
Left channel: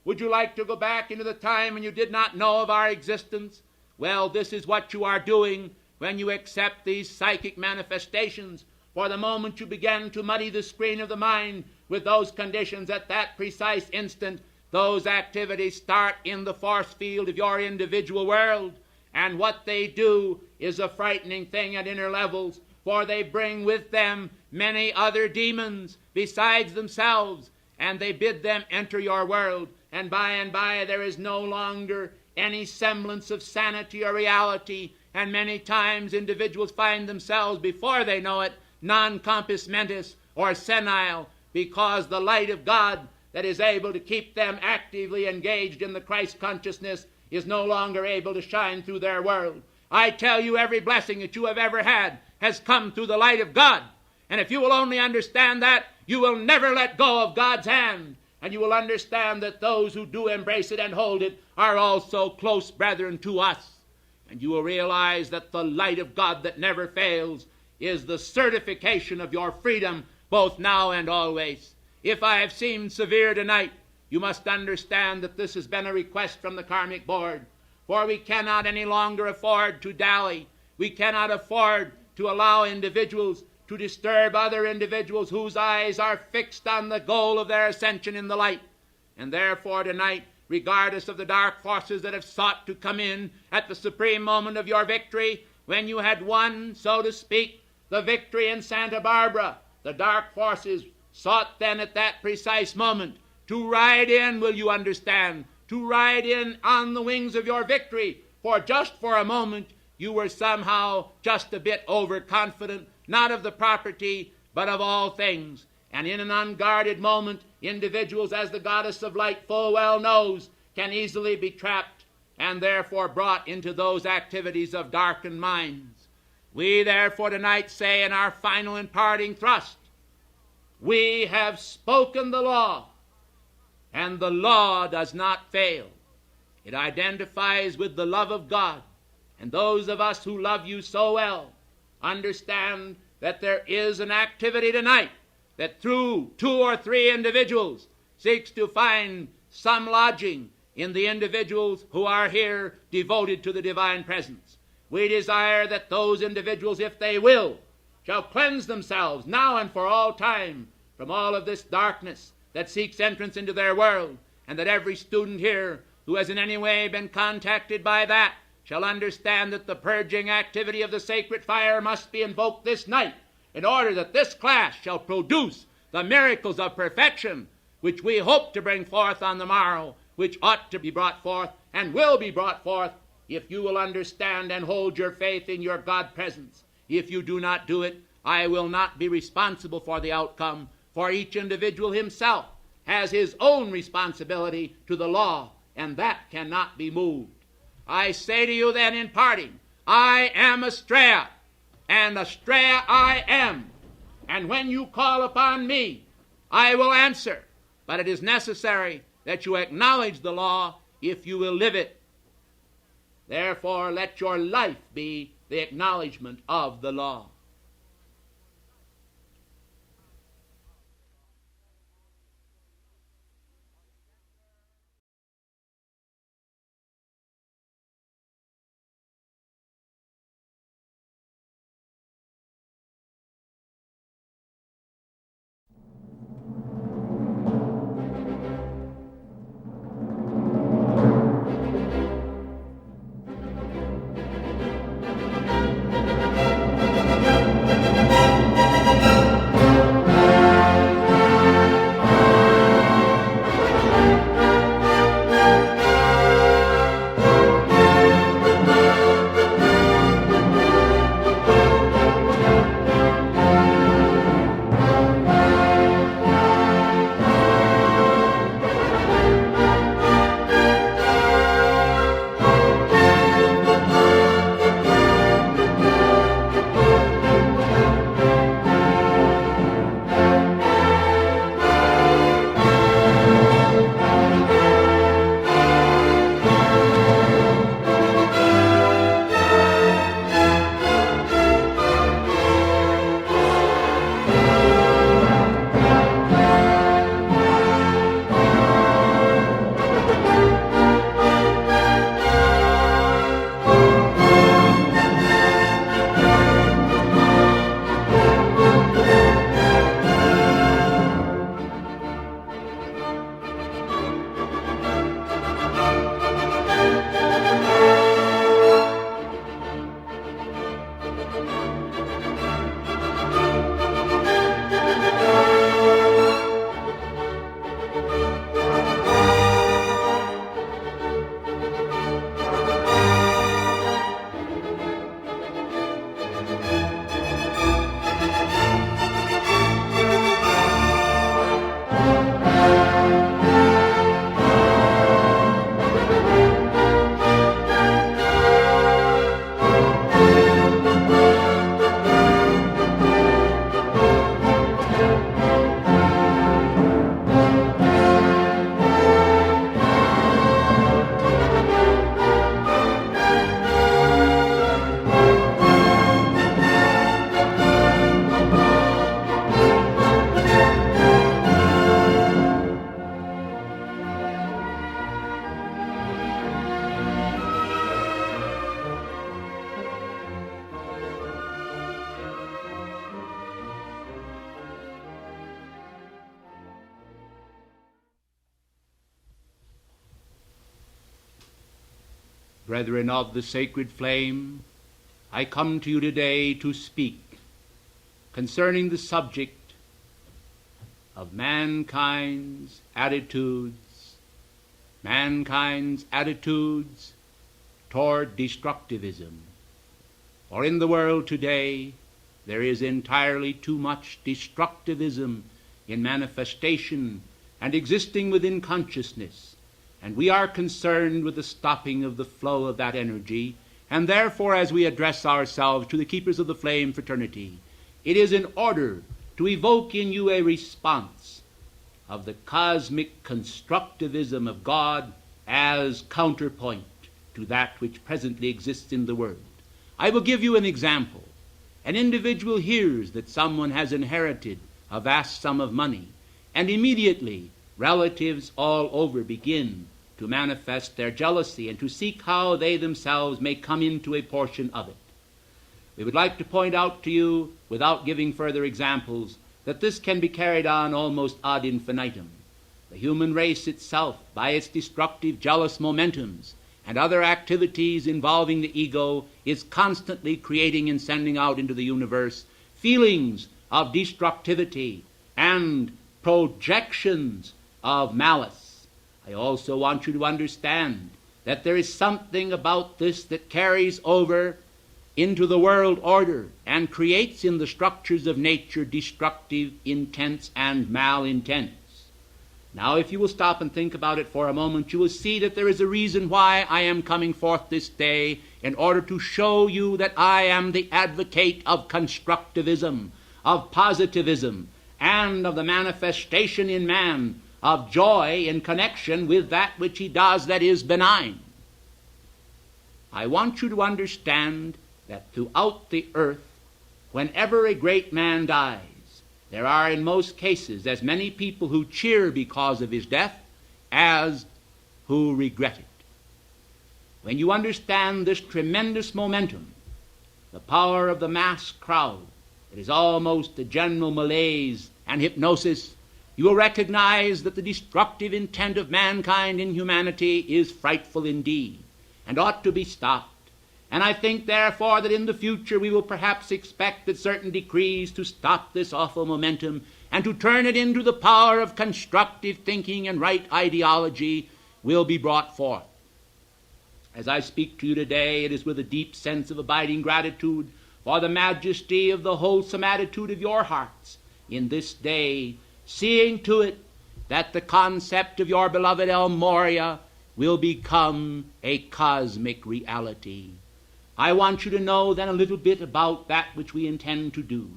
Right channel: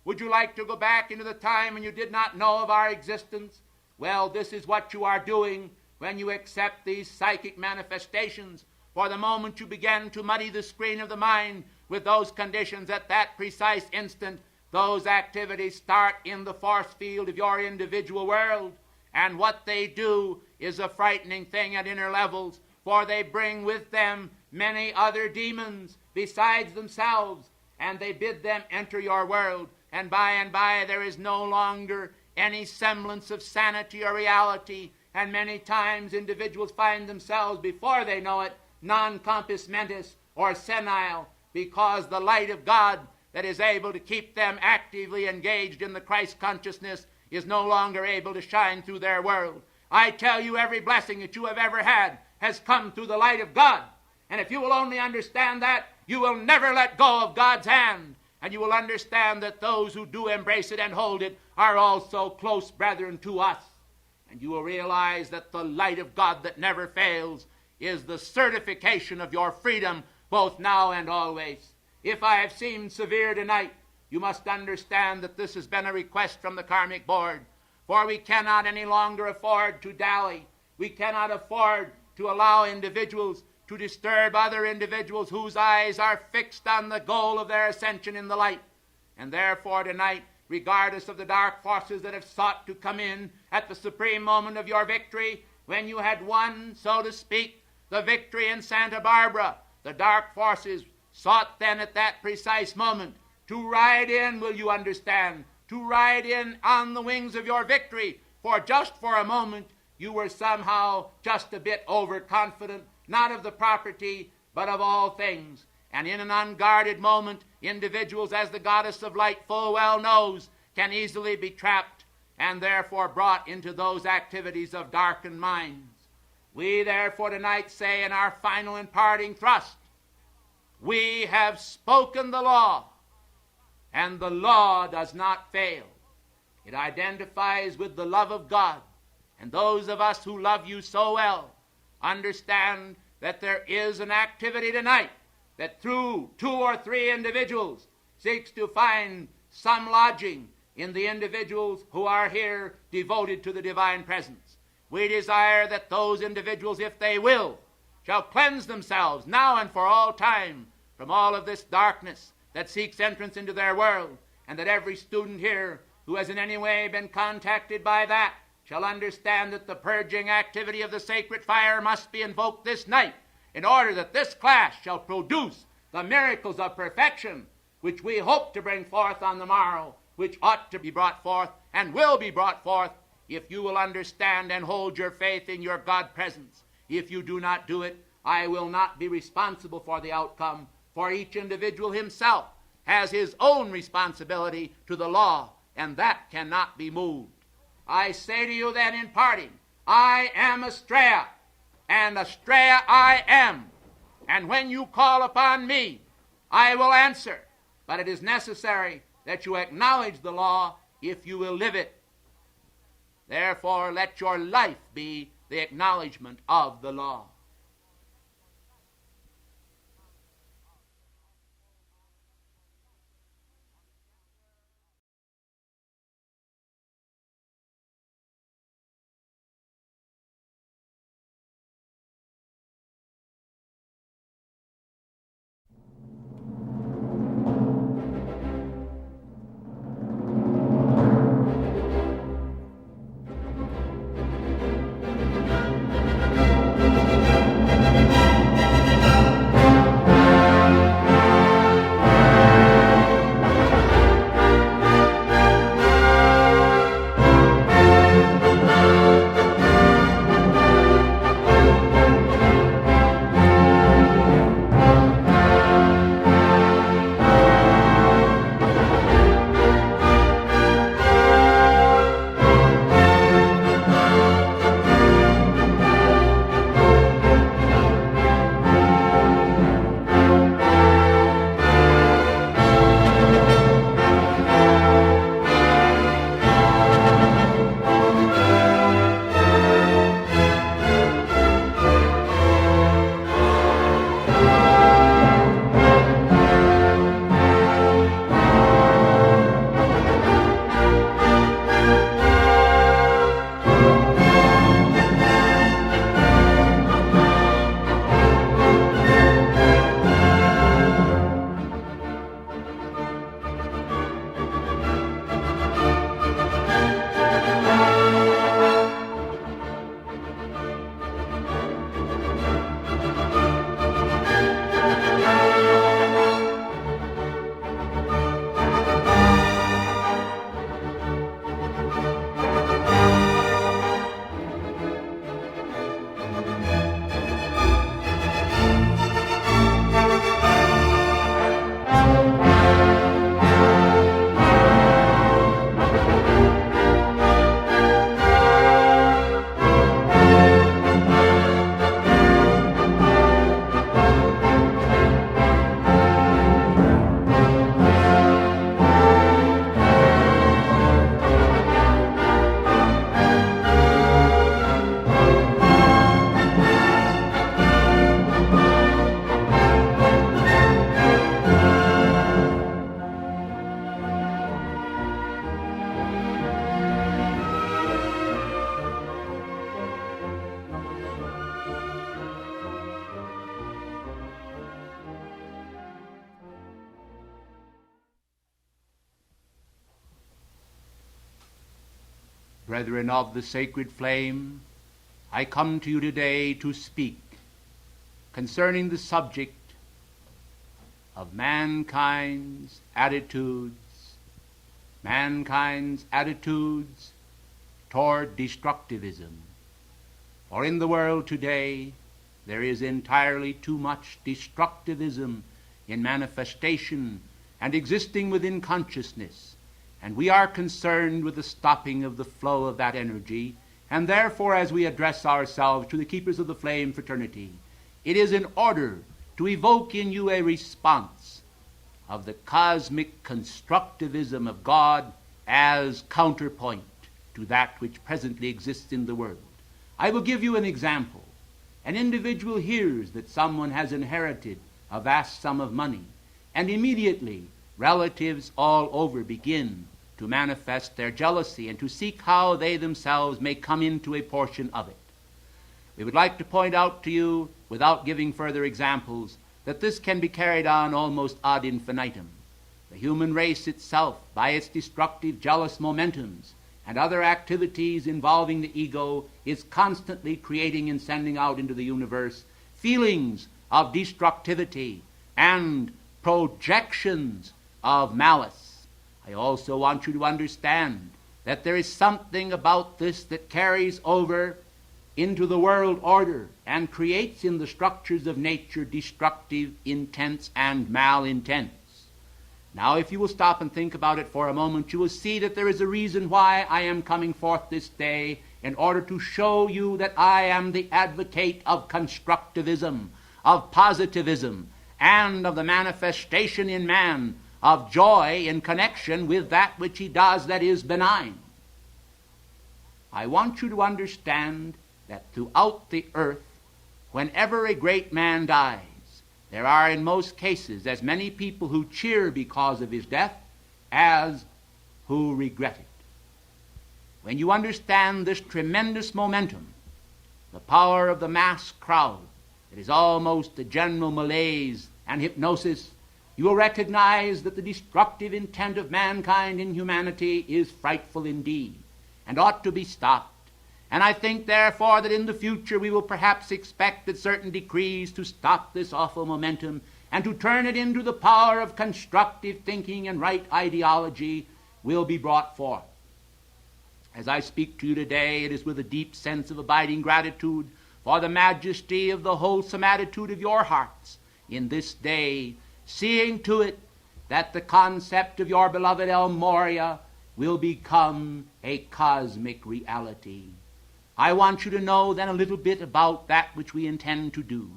Would you like to go back into the time when you did not know of our existence? Well, this is what you are doing when you accept these psychic manifestations. For the moment you begin to muddy the screen of the mind with those conditions, at that precise instant, those activities start in the force field of your individual world. And what they do is a frightening thing at inner levels, for they bring with them many other demons besides themselves, and they bid them enter your world. And by there is no longer any semblance of sanity or reality, and many times individuals find themselves, before they know it, non-compos mentis or senile, because the light of God that is able to keep them actively engaged in the Christ consciousness is no longer able to shine through their world. I tell you, every blessing that you have ever had has come through the light of God. And if you will only understand that, you will never let go of God's hand. And you will understand that those who do embrace it and hold it are also close brethren to us. And you will realize that the light of God that never fails is the certification of your freedom, both now and always. If I have seemed severe tonight, you must understand that this has been a request from the Karmic Board. For we cannot any longer afford to dally. We cannot afford to allow individuals to disturb other individuals whose eyes are fixed on the goal of their ascension in the light. And therefore tonight, regardless of the dark forces that have sought to come in at the supreme moment of your victory, when you had won, so to speak, the victory in Santa Barbara, the dark forces sought then at that precise moment to ride in, will you understand, to ride in on the wings of your victory. For just for a moment, you were somehow just a bit overconfident, not of the property, but of all things. And in an unguarded moment, individuals, as the goddess of light full well knows, can easily be trapped and therefore brought into those activities of darkened minds. We therefore tonight say in our final and parting thrust, we have spoken the law, and the law does not fail. It identifies with the love of God, and those of us who love you so well understand that there is an activity tonight that through 2 or 3 individuals seeks to find some lodging in the individuals who are here devoted to the divine presence. We desire that those individuals, if they will, shall cleanse themselves now and for all time from all of this darkness that seeks entrance into their world, and that every student here who has in any way been contacted by that shall understand that the purging activity of the sacred fire must be invoked this night in order that this class shall produce the miracles of perfection which we hope to bring forth on the morrow, which ought to be brought forth and will be brought forth if you will understand and hold your faith in your God presence. If you do not do it, I will not be responsible for the outcome, for each individual himself has his own responsibility to the law, and that cannot be moved. I say to you then in parting, I am Astrea, and Astrea I am. And when you call upon me, I will answer. But it is necessary that you acknowledge the law if you will live it. Therefore, let your life be the acknowledgement of the law. Brethren of the sacred flame, I come to you today to speak concerning the subject of mankind's attitudes toward destructivism. For in the world today, there is entirely too much destructivism in manifestation and existing within consciousness, and we are concerned with the stopping of the flow of that energy. And therefore, as we address ourselves to the keepers of the flame fraternity, it is in order to evoke in you a response of the cosmic constructivism of God as counterpoint to that which presently exists in the world. I will give you an example. An individual hears that someone has inherited a vast sum of money, and immediately relatives all over begin to manifest their jealousy and to seek how they themselves may come into a portion of it. We would like to point out to you, without giving further examples, that this can be carried on almost ad infinitum. The human race itself, by its destructive, jealous momentums and other activities involving the ego, is constantly creating and sending out into the universe feelings of destructivity and projections of malice. I also want you to understand that there is something about this that carries over into the world order and creates in the structures of nature destructive intents and malintents. Now, if you will stop and think about it for a moment, you will see that there is a reason why I am coming forth this day, in order to show you that I am the advocate of constructivism, of positivism, and of the manifestation in man of joy in connection with that which he does that is benign. I want you to understand that throughout the earth, whenever a great man dies, there are in most cases as many people who cheer because of his death as who regret it. When you understand this tremendous momentum, the power of the mass crowd, it is almost a general malaise and hypnosis, you will recognize that the destructive intent of mankind in humanity is frightful indeed and ought to be stopped. And I think, therefore, that in the future we will perhaps expect that certain decrees to stop this awful momentum and to turn it into the power of constructive thinking and right ideology will be brought forth. As I speak to you today, it is with a deep sense of abiding gratitude for the majesty of the wholesome attitude of your hearts in this day, seeing to it that the concept of your beloved El Moria will become a cosmic reality. I want you to know then a little bit about that which we intend to do.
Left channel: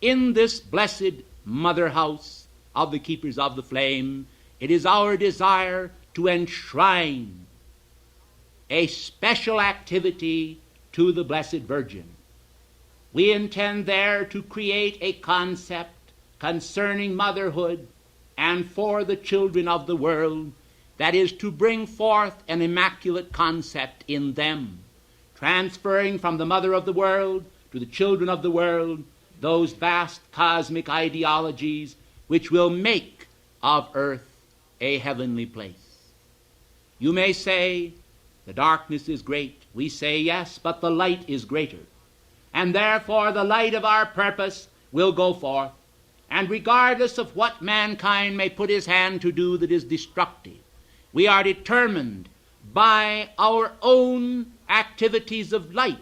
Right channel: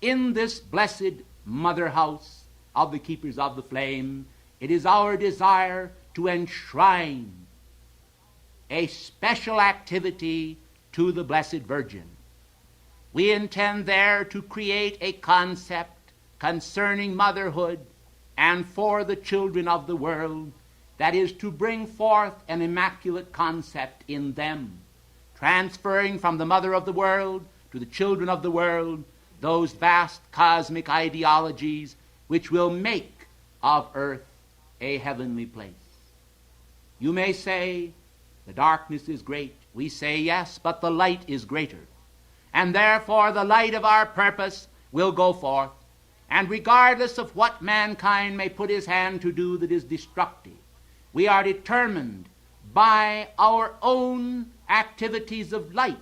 In this blessed mother house of the Keepers of the Flame, it is our desire to enshrine a special activity to the Blessed Virgin. We intend there to create a concept concerning motherhood and for the children of the world, that is to bring forth an immaculate concept in them, transferring from the mother of the world to the children of the world those vast cosmic ideologies which will make of earth a heavenly place. You may say, the darkness is great. We say, yes, but the light is greater. And therefore the light of our purpose will go forth, and regardless of what mankind may put his hand to do that is destructive, we are determined by our own activities of light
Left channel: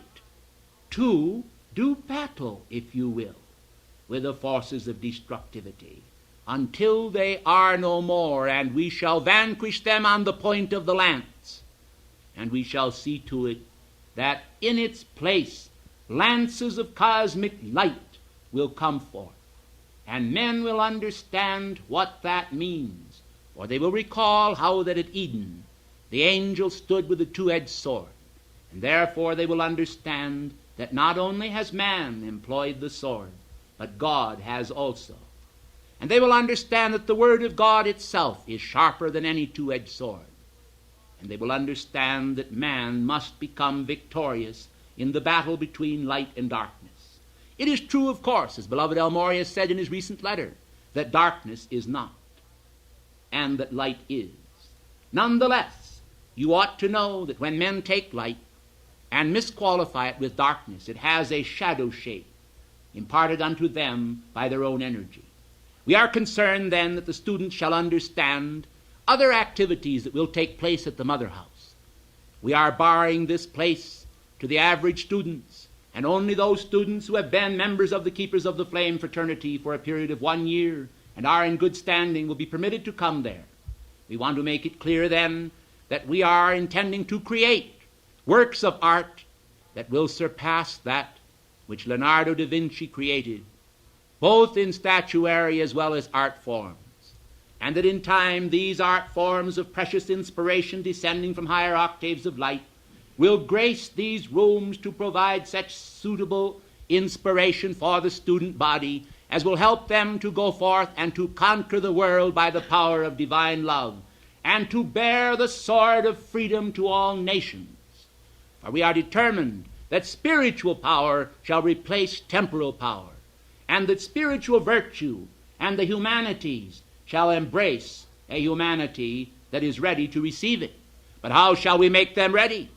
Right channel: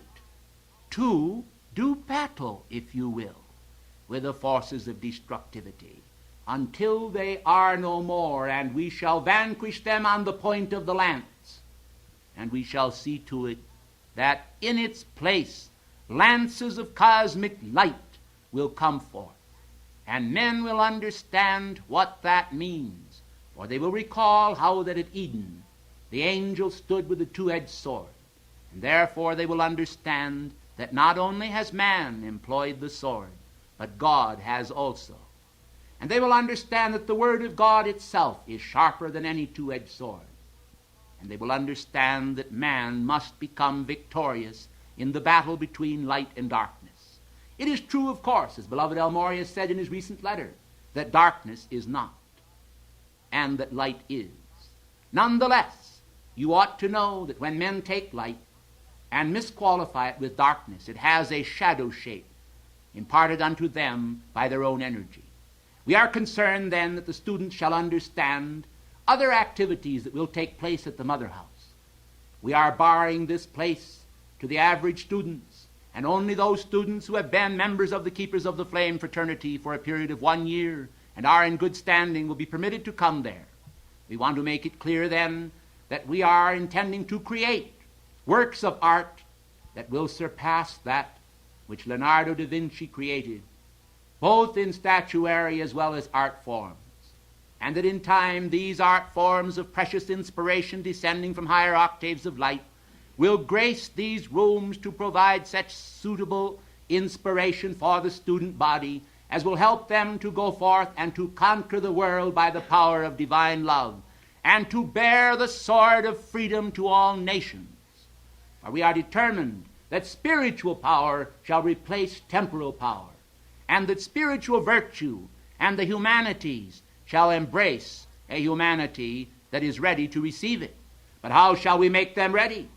to do battle, if you will, with the forces of destructivity until they are no more, and we shall vanquish them on the point of the lance. And we shall see to it that in its place lances of cosmic light will come forth, and men will understand what that means, for they will recall how that at Eden the angel stood with a two-edged sword, and therefore they will understand that not only has man employed the sword, but God has also. And they will understand that the Word of God itself is sharper than any two-edged sword. And they will understand that man must become victorious in the battle between light and darkness. It is true, of course, as beloved El Moria said in his recent letter, that darkness is not, and that light is. Nonetheless, you ought to know that when men take light and misqualify it with darkness, it has a shadow shape imparted unto them by their own energy. We are concerned then that the students shall understand other activities that will take place at the Mother House. We are barring this place to the average students, and only those students who have been members of the Keepers of the Flame fraternity for a period of 1 year and are in good standing will be permitted to come there. We want to make it clear then that we are intending to create works of art that will surpass that which Leonardo da Vinci created, both in statuary as well as art forms, and that in time these art forms of precious inspiration descending from higher octaves of light will grace these rooms to provide such suitable inspiration for the student body as will help them to go forth and to conquer the world by the power of divine love, and to bear the sword of freedom to all nations. For we are determined that spiritual power shall replace temporal power, and that spiritual virtue and the humanities shall embrace a humanity that is ready to receive it. But how shall we make them ready?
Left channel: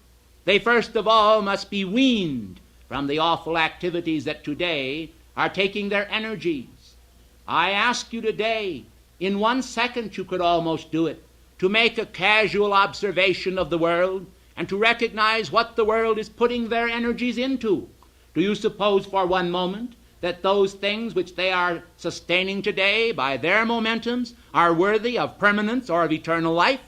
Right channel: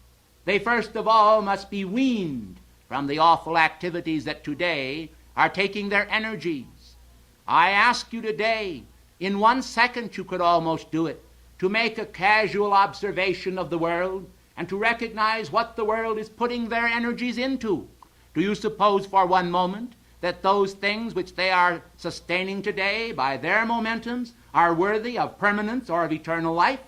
They first of all must be weaned from the awful activities that today are taking their energies. I ask you today, in 1 second you could almost do it, to make a casual observation of the world and to recognize what the world is putting their energies into. Do you suppose for one moment that those things which they are sustaining today by their momentums are worthy of permanence or of eternal life?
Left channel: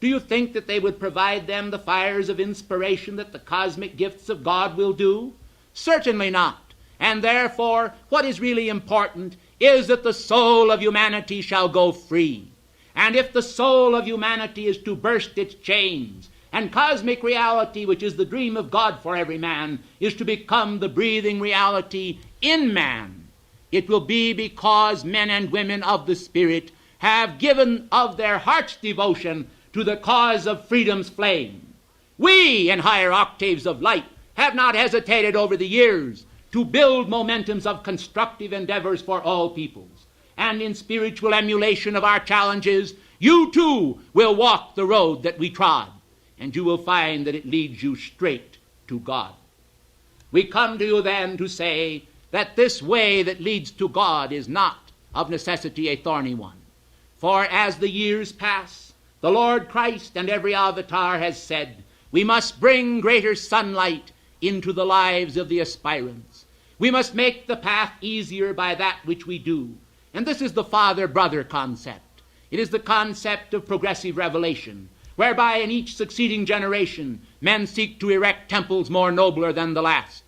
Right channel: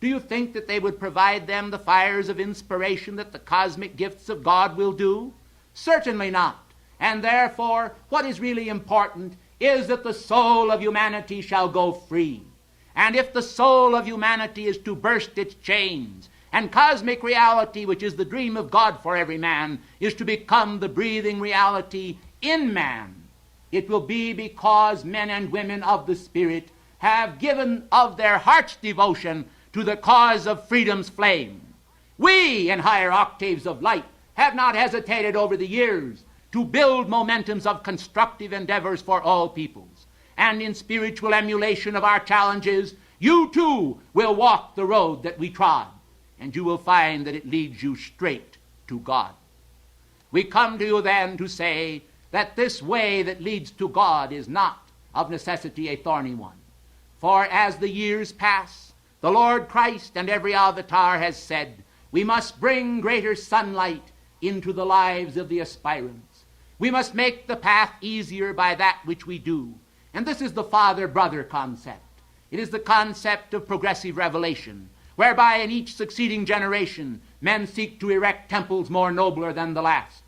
Do you think that they would provide them the fires of inspiration that the cosmic gifts of God will do? Certainly not. And therefore, what is really important is that the soul of humanity shall go free. And if the soul of humanity is to burst its chains And cosmic reality, which is the dream of God for every man, is to become the breathing reality in man. It will be because men and women of the Spirit have given of their heart's devotion to the cause of freedom's flame. We, in higher octaves of light, have not hesitated over the years to build momentums of constructive endeavors for all peoples. And in spiritual emulation of our challenges, you too will walk the road that we trod, and you will find that it leads you straight to God. We come to you then to say that this way that leads to God is not of necessity a thorny one. For as the years pass, the Lord Christ and every avatar has said, we must bring greater sunlight into the lives of the aspirants. We must make the path easier by that which we do. And this is the father-brother concept. It is the concept of progressive revelation, whereby in each succeeding generation men seek to erect temples more nobler than the last.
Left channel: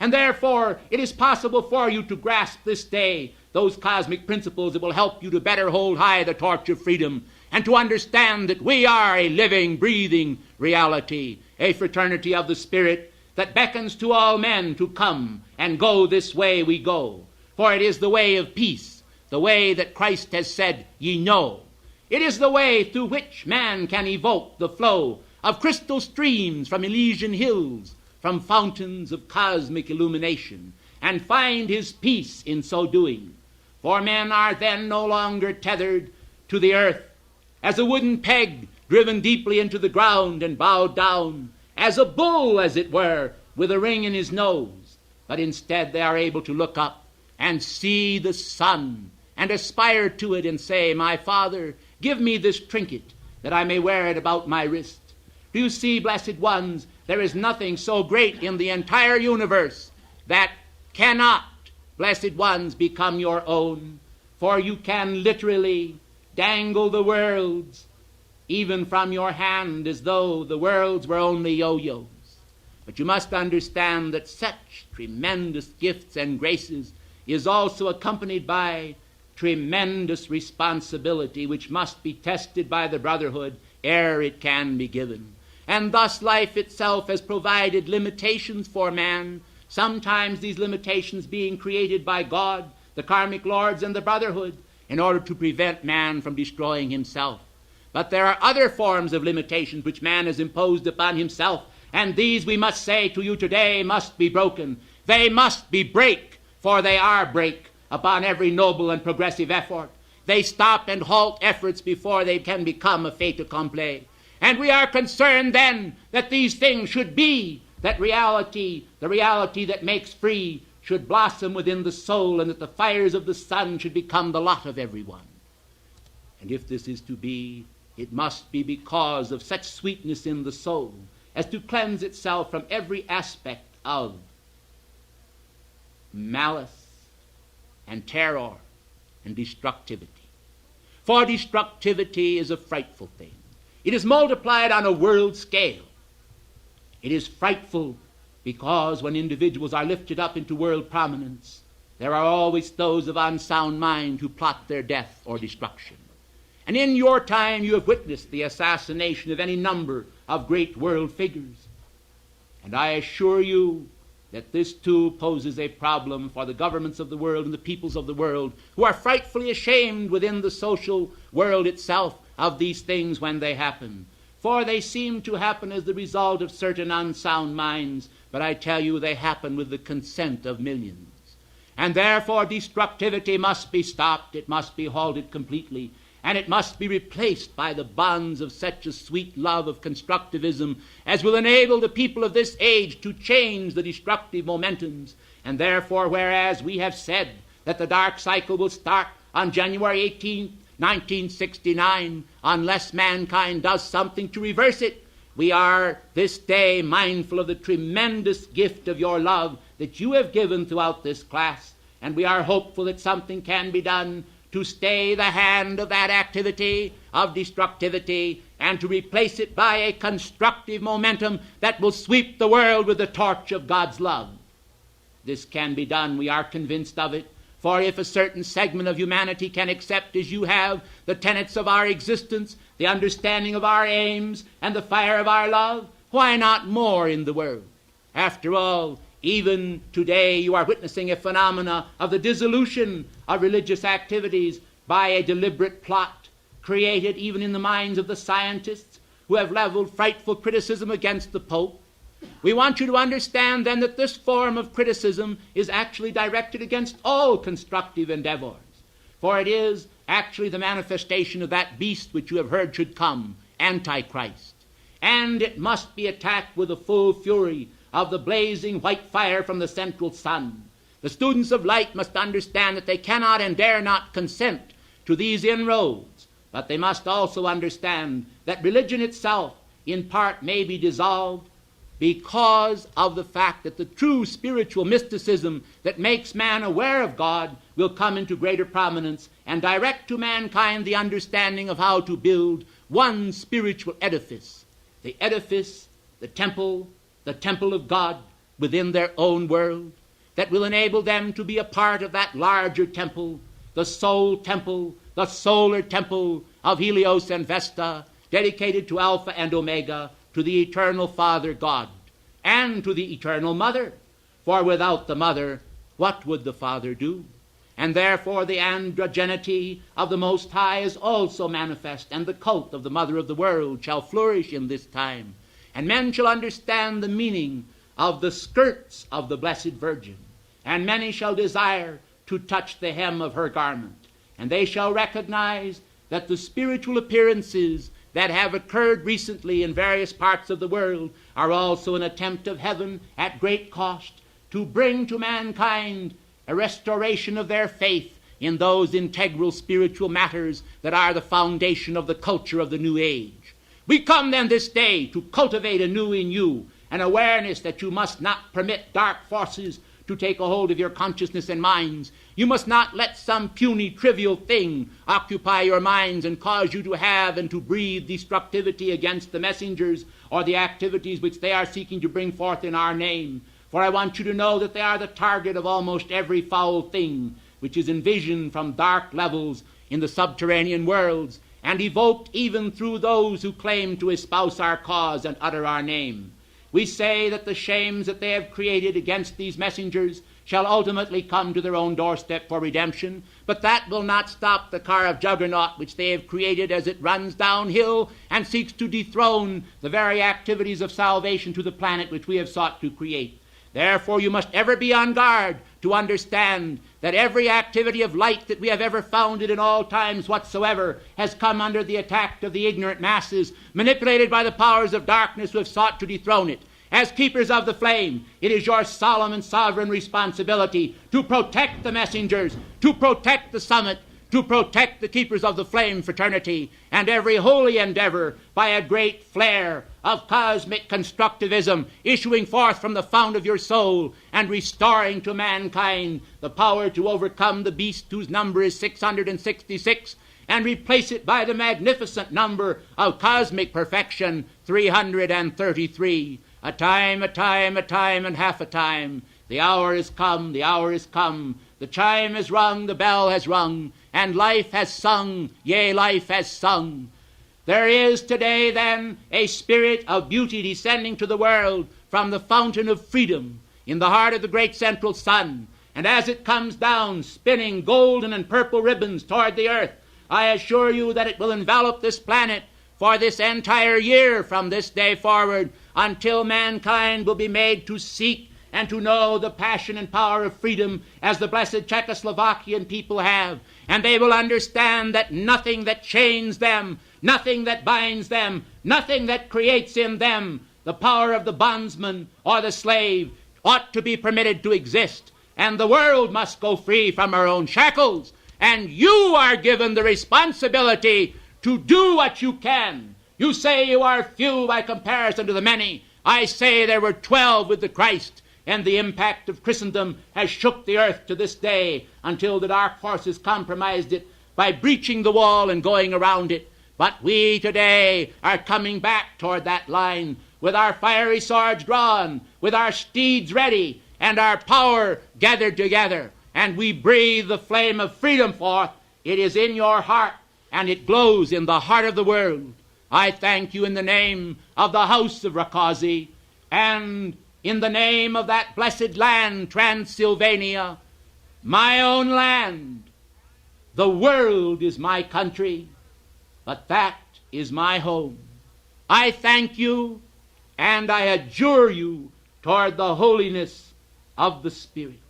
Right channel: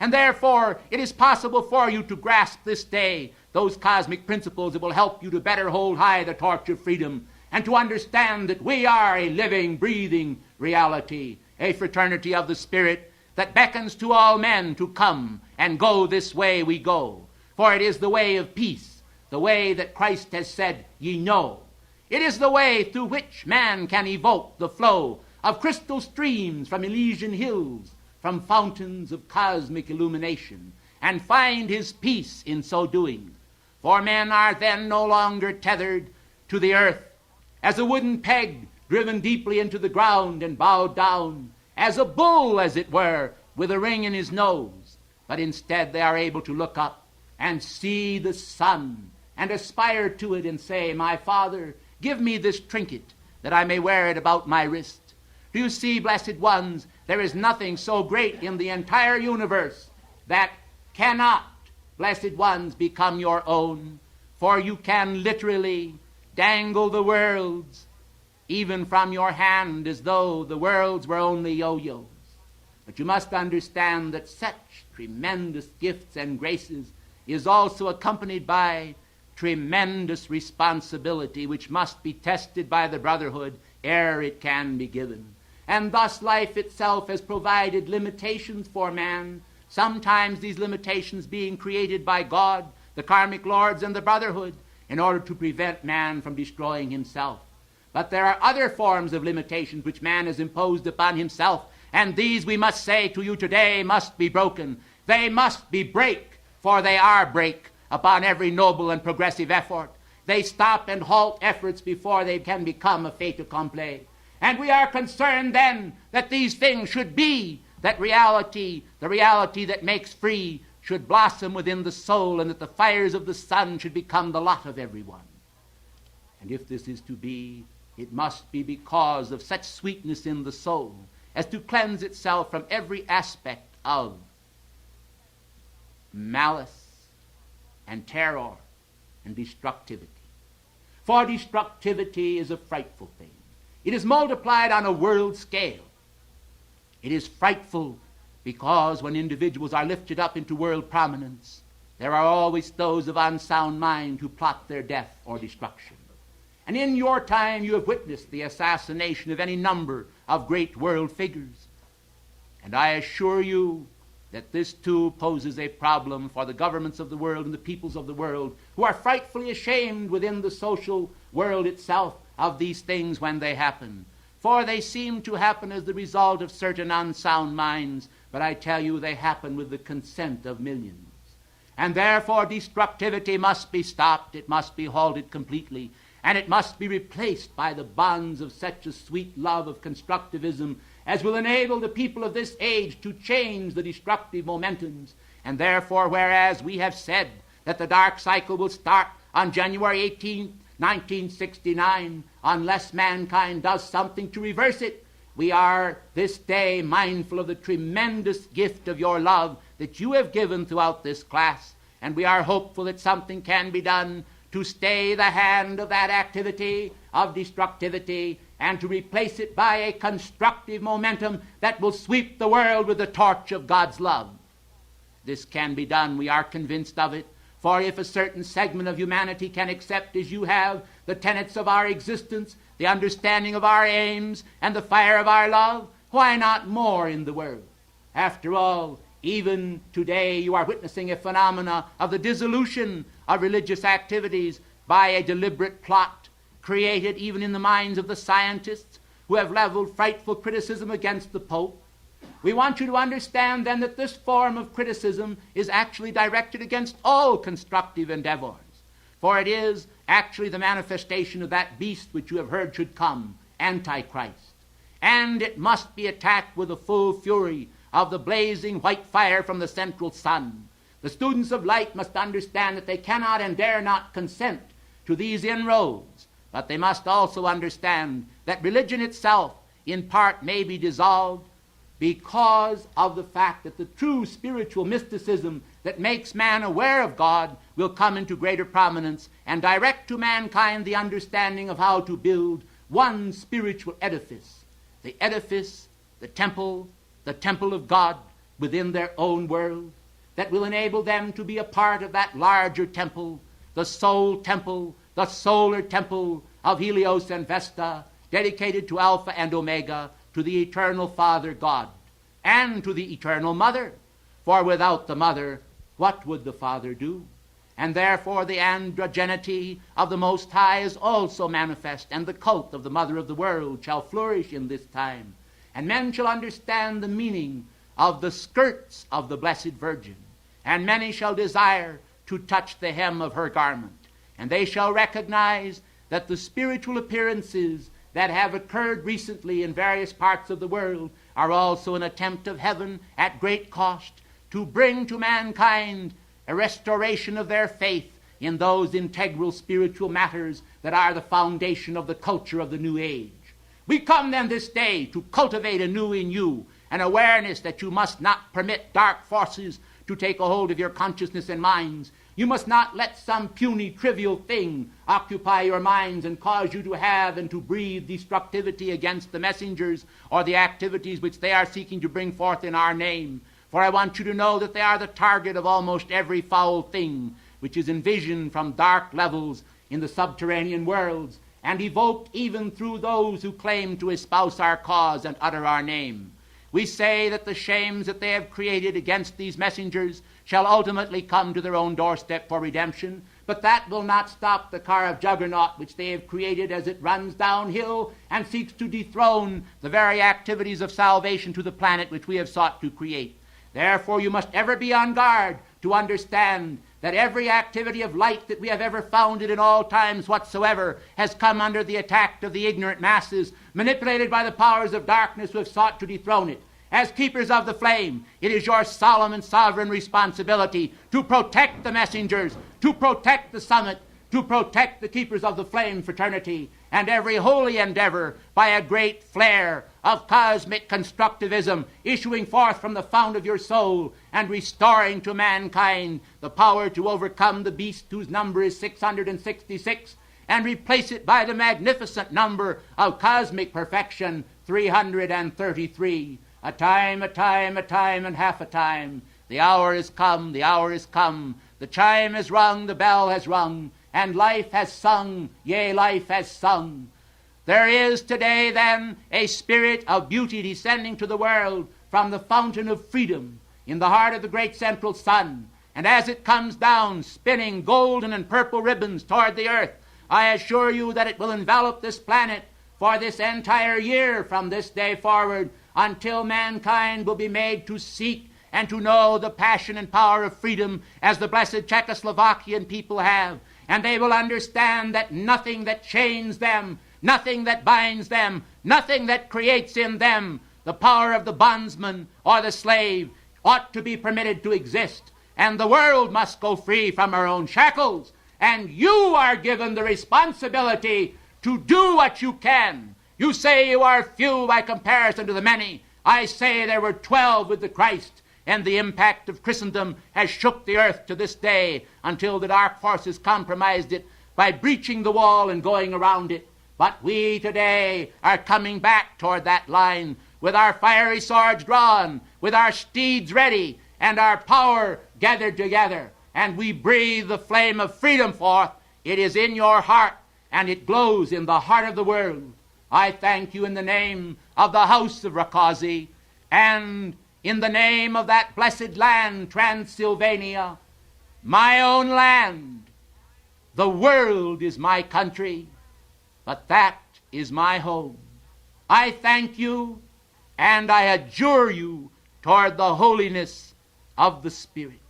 And therefore it is possible for you to grasp this day those cosmic principles that will help you to better hold high the torch of freedom, and to understand that we are a living, breathing reality, a fraternity of the Spirit that beckons to all men to come and go this way we go. For it is the way of peace, the way that Christ has said, ye know. It is the way through which man can evoke the flow of crystal streams from Elysian hills, from fountains of cosmic illumination, and find his peace in so doing. For men are then no longer tethered to the earth as a wooden peg driven deeply into the ground and bowed down, as a bull, as it were, with a ring in his nose. But instead they are able to look up and see the sun and aspire to it and say, my Father, give me this trinket that I may wear it about my wrist. Do you see, blessed ones, there is nothing so great in the entire universe that cannot, blessed ones, become your own. For you can literally dangle the worlds even from your hand as though the worlds were only yo-yos. But you must understand that such tremendous gifts and graces is also accompanied by tremendous responsibility, which must be tested by the Brotherhood ere it can be given. And thus life itself has provided limitations for man, sometimes these limitations being created by God, the karmic lords, and the Brotherhood, in order to prevent man from destroying himself. But there are other forms of limitations which man has imposed upon himself, and these, we must say to you today, must be broken. They must be break, for they are break upon every noble and progressive effort. They stop and halt efforts before they can become a fait accompli. And we are concerned then that these things should be, that reality, the reality that makes free, should blossom within the soul, and that the fires of the sun should become the lot of everyone. And if this is to be, it must be because of such sweetness in the soul as to cleanse itself from every aspect of malice and terror and destructivity. For destructivity is a frightful thing. It is multiplied on a world scale. It is frightful because when individuals are lifted up into world prominence, there are always those of unsound mind who plot their death or destruction. And in your time you have witnessed the assassination of any number of great world figures. And I assure you that this too poses a problem for the governments of the world and the peoples of the world, who are frightfully ashamed within the social world itself of these things when they happen. For they seem to happen as the result of certain unsound minds, but I tell you they happen with the consent of millions. And therefore destructivity must be stopped, it must be halted completely, and it must be replaced by the bonds of such a sweet love of constructivism as will enable the people of this age to change the destructive momentums. And therefore, whereas we have said that the dark cycle will start on January 18th, 1969, unless mankind does something to reverse it, we are this day mindful of the tremendous gift of your love that you have given throughout this class, and we are hopeful that something can be done to stay the hand of that activity of destructivity and to replace it by a constructive momentum that will sweep the world with the torch of God's love. This can be done, we are convinced of it, For if a certain segment of humanity can accept, as you have, the tenets of our existence, the understanding of our aims, and the fire of our love, why not more in the world? After all, even today you are witnessing a phenomena of the dissolution of religious activities by a deliberate plot created even in the minds of the scientists who have leveled frightful criticism against the Pope. We want you to understand then that this form of criticism is actually directed against all constructive endeavors, for it is actually the manifestation of that beast which you have heard should come, Antichrist. And it must be attacked with the full fury of the blazing white fire from the central sun. The students of light must understand that they cannot and dare not consent to these inroads, but they must also understand that religion itself in part may be dissolved because of the fact that the true spiritual mysticism that makes man aware of God will come into greater prominence and direct to mankind the understanding of how to build one spiritual edifice, the edifice, the temple of God within their own world, that will enable them to be a part of that larger temple, the solar temple of Helios and Vesta, dedicated to Alpha and Omega, to the eternal Father God, and to the eternal Mother. For without the Mother, what would the Father do? And therefore the androgenity of the Most High is also manifest, and the cult of the Mother of the world shall flourish in this time. And men shall understand the meaning of the skirts of the Blessed Virgin, and many shall desire to touch the hem of her garment, and they shall recognize that the spiritual appearances that have occurred recently in various parts of the world are also an attempt of heaven at great cost to bring to mankind a restoration of their faith in those integral spiritual matters that are the foundation of the culture of the new age. We come then this day to cultivate anew in you an awareness that you must not permit dark forces to take a hold of your consciousness and minds. You must not let some puny, trivial thing occupy your minds and cause you to have and to breathe destructivity against the messengers or the activities which they are seeking to bring forth in our name. For I want you to know that they are the target of almost every foul thing which is envisioned from dark levels in the subterranean worlds, and evoked even through those who claim to espouse our cause and utter our name. We say that the shames that they have created against these messengers shall ultimately come to their own doorstep for redemption, but that will not stop the car of juggernaut which they have created as it runs downhill and seeks to dethrone the very activities of salvation to the planet which we have sought to create. Therefore you must ever be on guard to understand that every activity of light that we have ever founded in all times whatsoever has come under the attack of the ignorant masses, manipulated by the powers of darkness who have sought to dethrone it. As keepers of the flame, it is your solemn and sovereign responsibility to protect the messengers, to protect the summit, to protect the keepers of the flame fraternity, and every holy endeavor by a great flare of cosmic constructivism issuing forth from the fount of your soul and restoring to mankind the power to overcome the beast whose number is 666 and replace it by the magnificent number of cosmic perfection, 333. A time, and half a time. The hour is come, the hour is come. The chime has rung, the bell has rung, and life has sung, yea, life has sung. There is today, then, a spirit of beauty descending to the world from the fountain of freedom in the heart of the great central sun. And as it comes down, spinning golden and purple ribbons toward the earth, I assure you that it will envelop this planet for this entire year from this day forward, until mankind will be made to seek and to know the passion and power of freedom as the blessed Czechoslovakian people have. And they will understand that nothing that chains them, nothing that binds them, nothing that creates in them the power of the bondsman or the slave ought to be permitted to exist. And the world must go free from her own shackles. And you are given the responsibility to do what you can. You say you are few by comparison to the many. I say there were 12 with the Christ, and the impact of Christendom has shook the earth to this day until the dark forces compromised it by breaching the wall and going around it. But we today are coming back toward that line with our fiery swords drawn, with our steeds ready, and our power gathered together. and we breathe the flame of freedom forth. It is in your heart, and it glows in the heart of the world. I thank you in the name of the house of Rakazi, and in the name of that blessed land, Transylvania, my own land. The world is my country, but that is my home. I thank you, and I adjure you toward the holiness of the Spirit.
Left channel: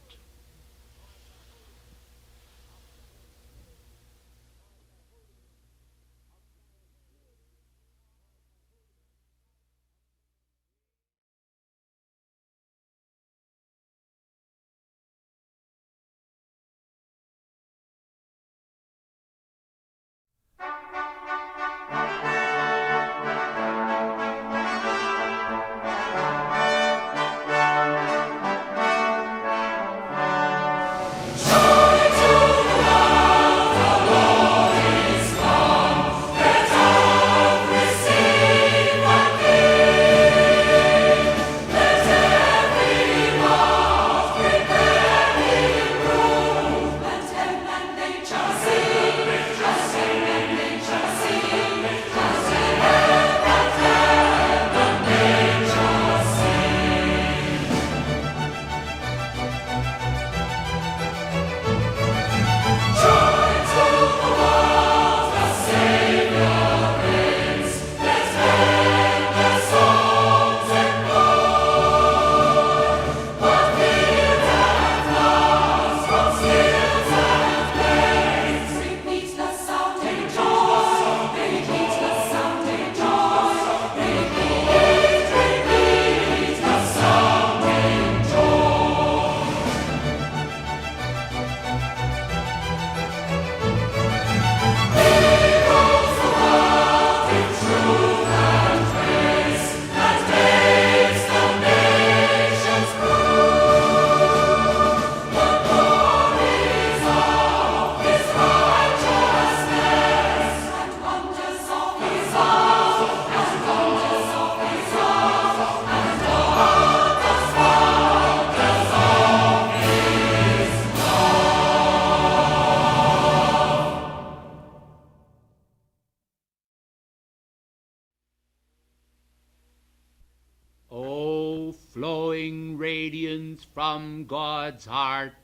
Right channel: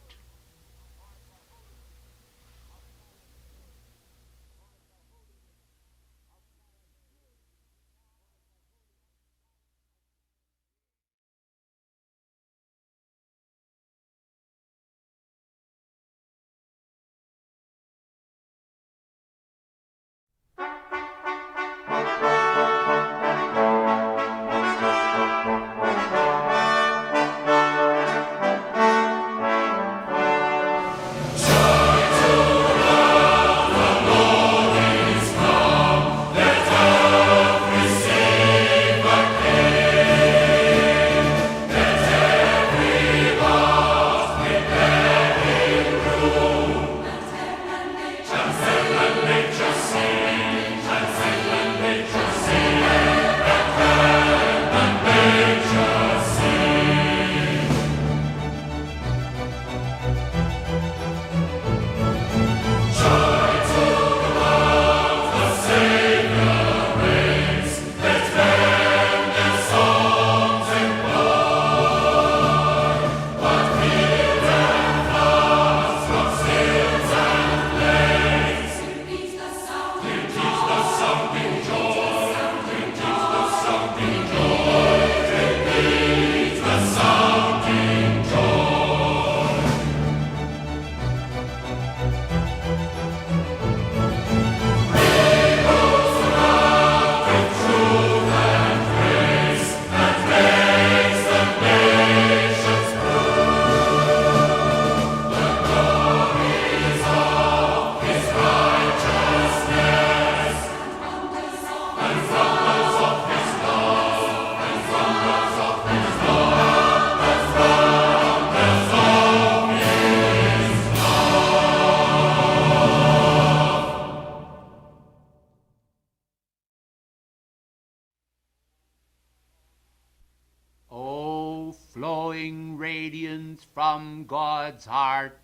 Flowing radiance from God's heart,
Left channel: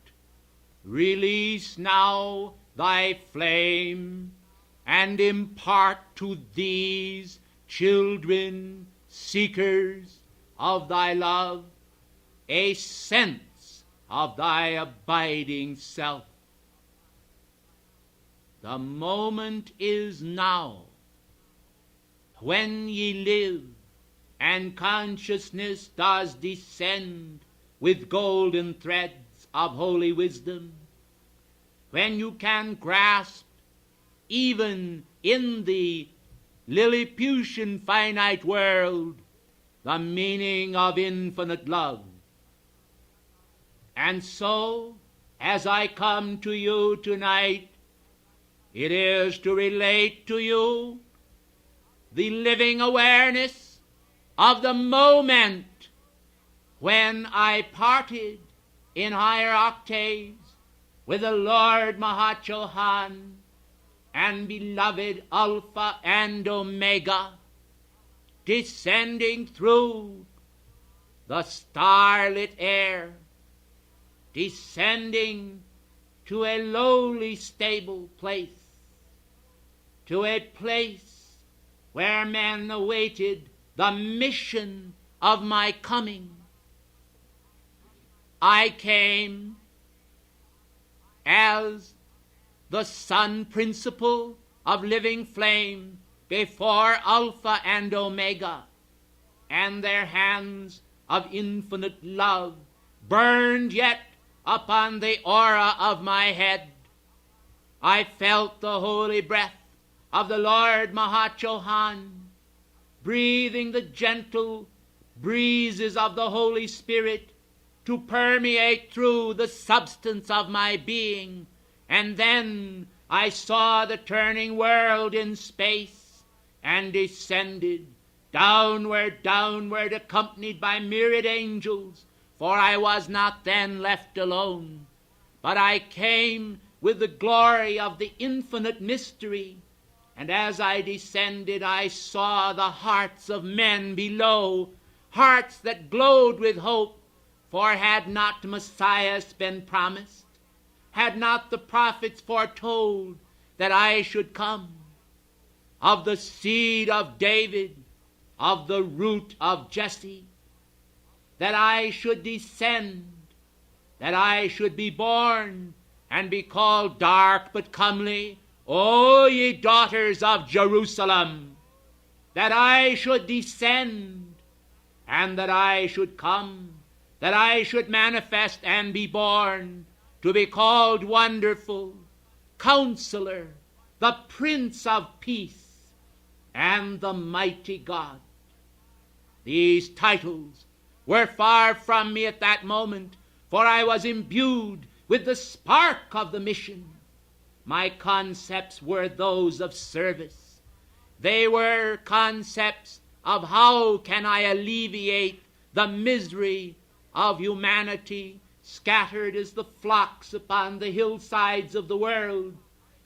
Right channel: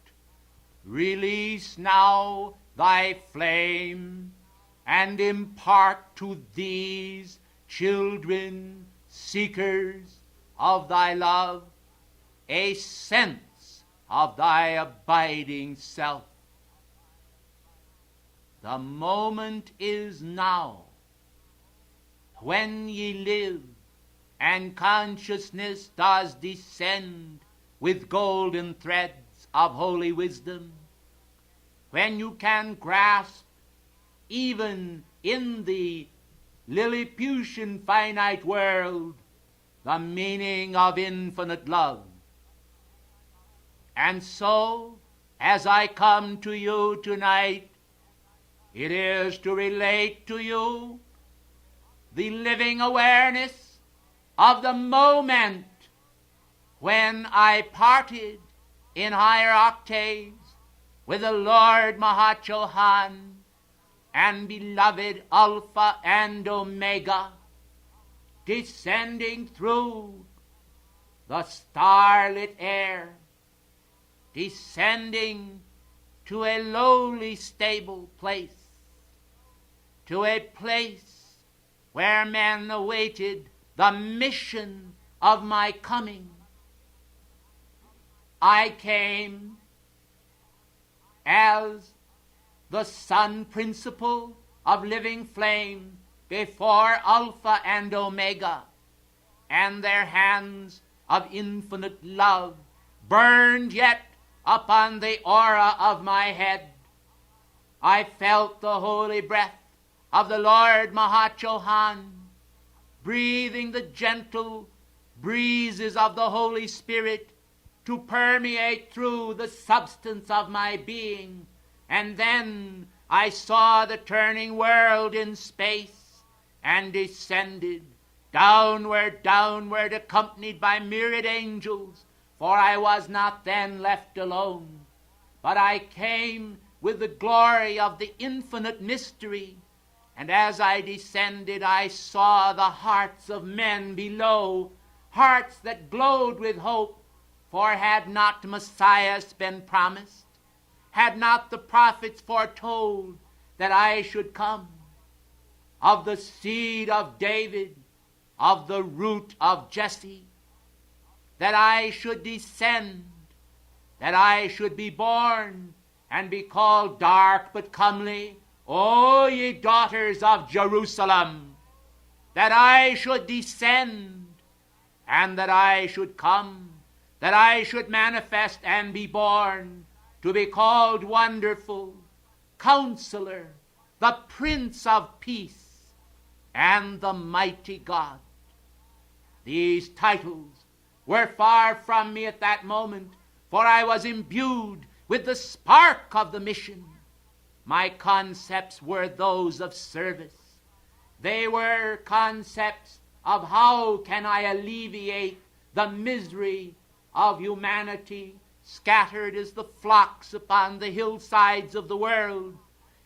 release now thy flame and impart to these children, seekers of thy love, a sense of thy abiding self. The moment is now, when ye live, and consciousness does descend with golden threads of holy wisdom, when you can grasp, even in the Lilliputian finite world, the meaning of infinite love. And so, as I come to you tonight, it is to relate to you the living awareness of the moment when I parted in higher octaves with the Lord Mahachohan and beloved Alpha and Omega, descending through the starlit air, descending to a lowly stable place, to a place where men awaited the mission of my coming. I came as the sun principle of living flame before Alpha and Omega, and their hands of infinite love burned yet upon the aura of my head. I felt the holy breath of the Lord Mahachohan, breathing the gentle breezes of the Holy Spirit to permeate through the substance of my being. And then I saw the turning world in space and descended downward, downward, accompanied by myriad angels, for I was not then left alone, but I came with the glory of the infinite mystery. And as I descended, I saw the hearts of men below, hearts that glowed with hope. For had not Messiah been promised? Had not the prophets foretold that I should come? Of the seed of David, of the root of Jesse, that I should descend, that I should be born, and be called dark but comely, O ye daughters of Jerusalem, that I should descend, and that I should come, that I should manifest and be born, to be called Wonderful, Counselor, the Prince of Peace, and the Mighty God. These titles were far from me at that moment, for I was imbued with the spark of the mission. My concepts were those of service. They were concepts of how can I alleviate the misery of humanity scattered as the flocks upon the hillsides of the world.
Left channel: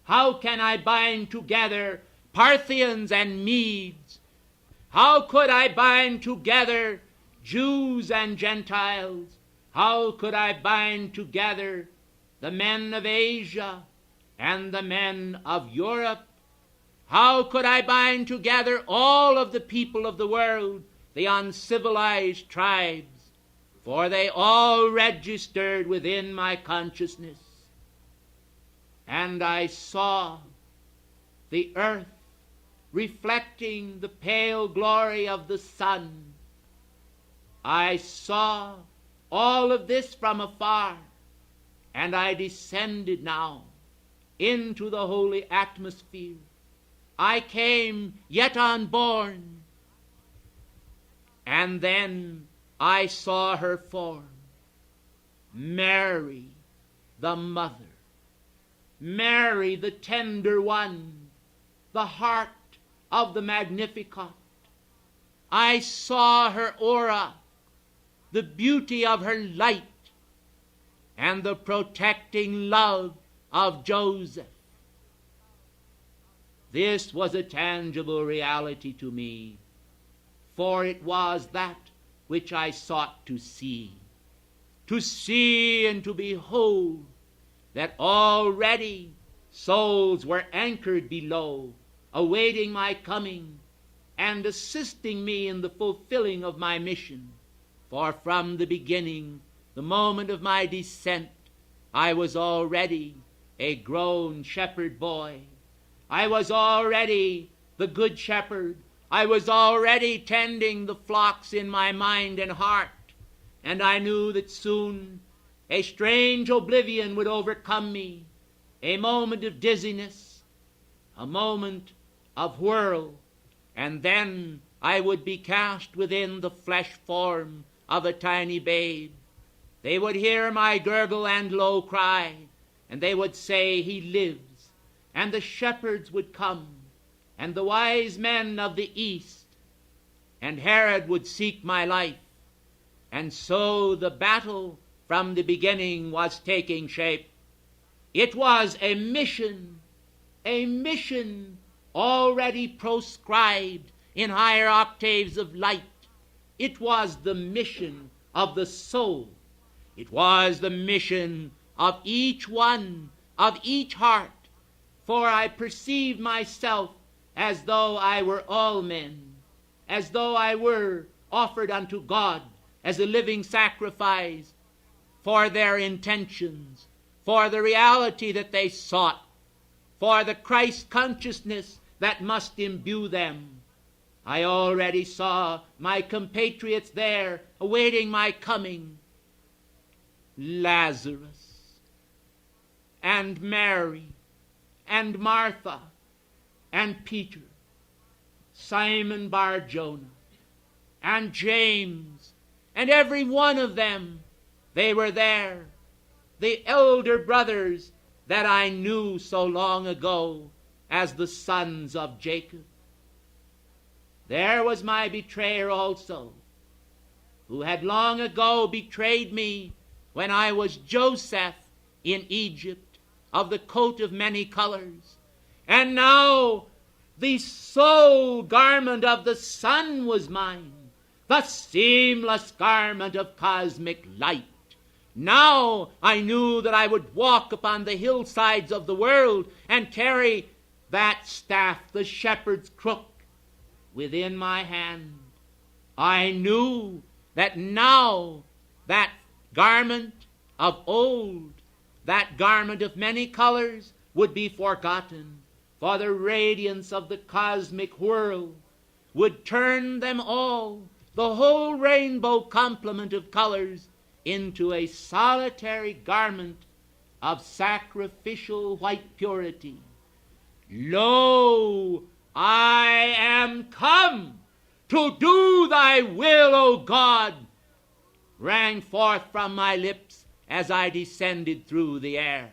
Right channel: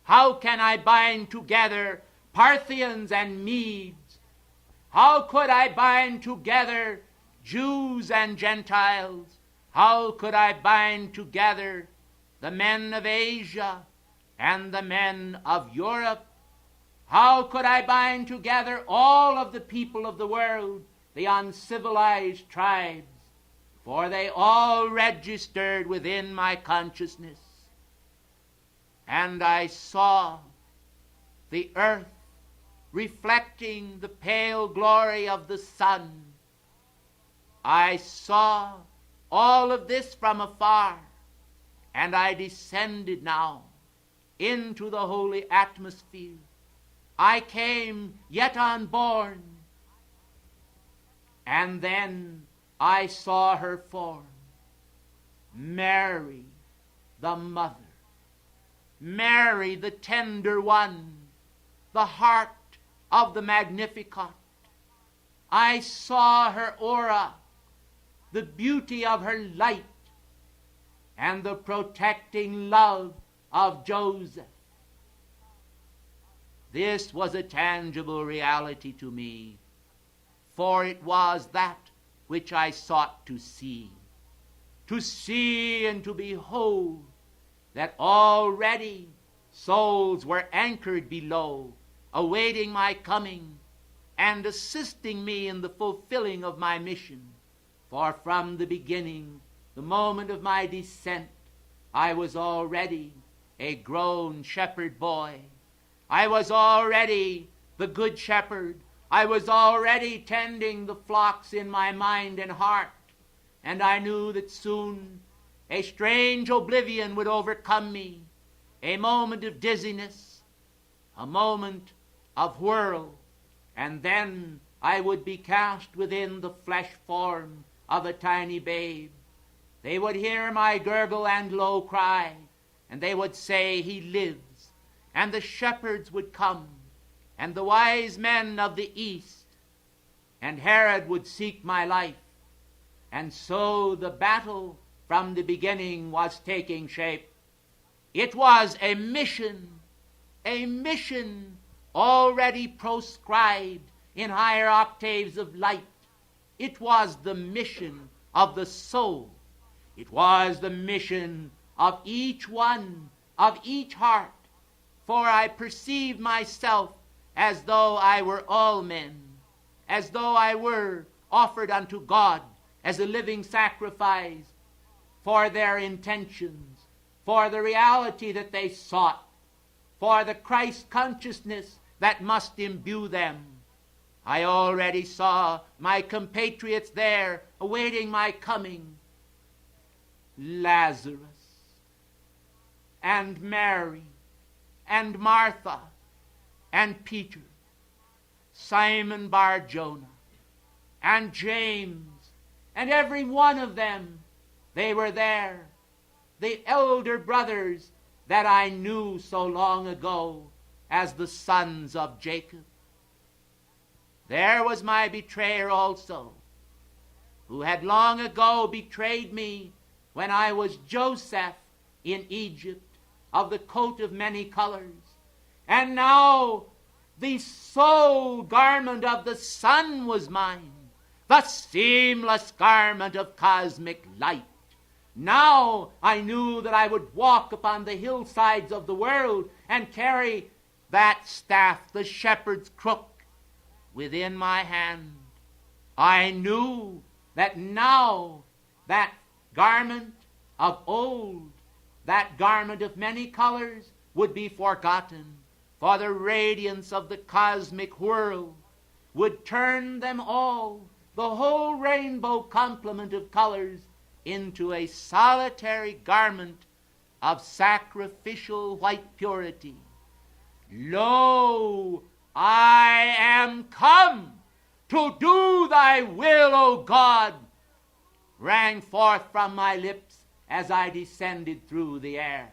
How can I bind together Parthians and Medes? How could I bind together Jews and Gentiles? How could I bind together the men of Asia and the men of Europe? How could I bind together all of the people of the world, the uncivilized tribes? For they all registered within my consciousness. And I saw the earth reflecting the pale glory of the sun. I saw all of this from afar, and I descended now into the holy atmosphere. I came yet unborn, and then I saw her form, Mary, the mother, Mary, the tender one, the heart of the Magnificat. I saw her aura, the beauty of her light, and the protecting love of Joseph. This was a tangible reality to me, for it was that which I sought to see and to behold, that already souls were anchored below, awaiting my coming and assisting me in the fulfilling of my mission. For from the beginning, the moment of my descent, I was already a grown shepherd boy. I was already the good shepherd. I was already tending the flocks in my mind and heart, and I knew that soon a strange oblivion would overcome me, a moment of dizziness, a moment of whirl, and then I would be cast within the flesh form of a tiny babe. They would hear my gurgle and low cry, and they would say, "He lives," and the shepherds would come, and the wise men of the east, and Herod would seek my life. And so the battle from the beginning was taking shape. It was a mission already proscribed in higher octaves of light. It was the mission of the soul. It was the mission of each one, of each heart. For I perceived myself as though I were all men, as though I were offered unto God as a living sacrifice for their intentions, for the reality that they sought, for the Christ consciousness that must imbue them. I already saw my compatriots there awaiting my coming. Lazarus and Mary and Martha and Peter, Simon Bar-Jonah and James, and every one of them, they were there, the elder brothers that I knew so long ago as the sons of Jacob. There was my betrayer also, who had long ago betrayed me when I was Joseph in Egypt of the coat of many colors. And now the sole garment of the sun was mine, the seamless garment of cosmic light. Now I knew that I would walk upon the hillsides of the world and carry that staff, the shepherd's crook, within my hand. I knew that now that garment of old, that garment of many colors, would be forgotten, for the radiance of the cosmic whirl would turn them all, the whole rainbow complement of colors, into a solitary garment of sacrificial white purity. Lo, I am come to do thy will, O God, rang forth from my lips as I descended through the air.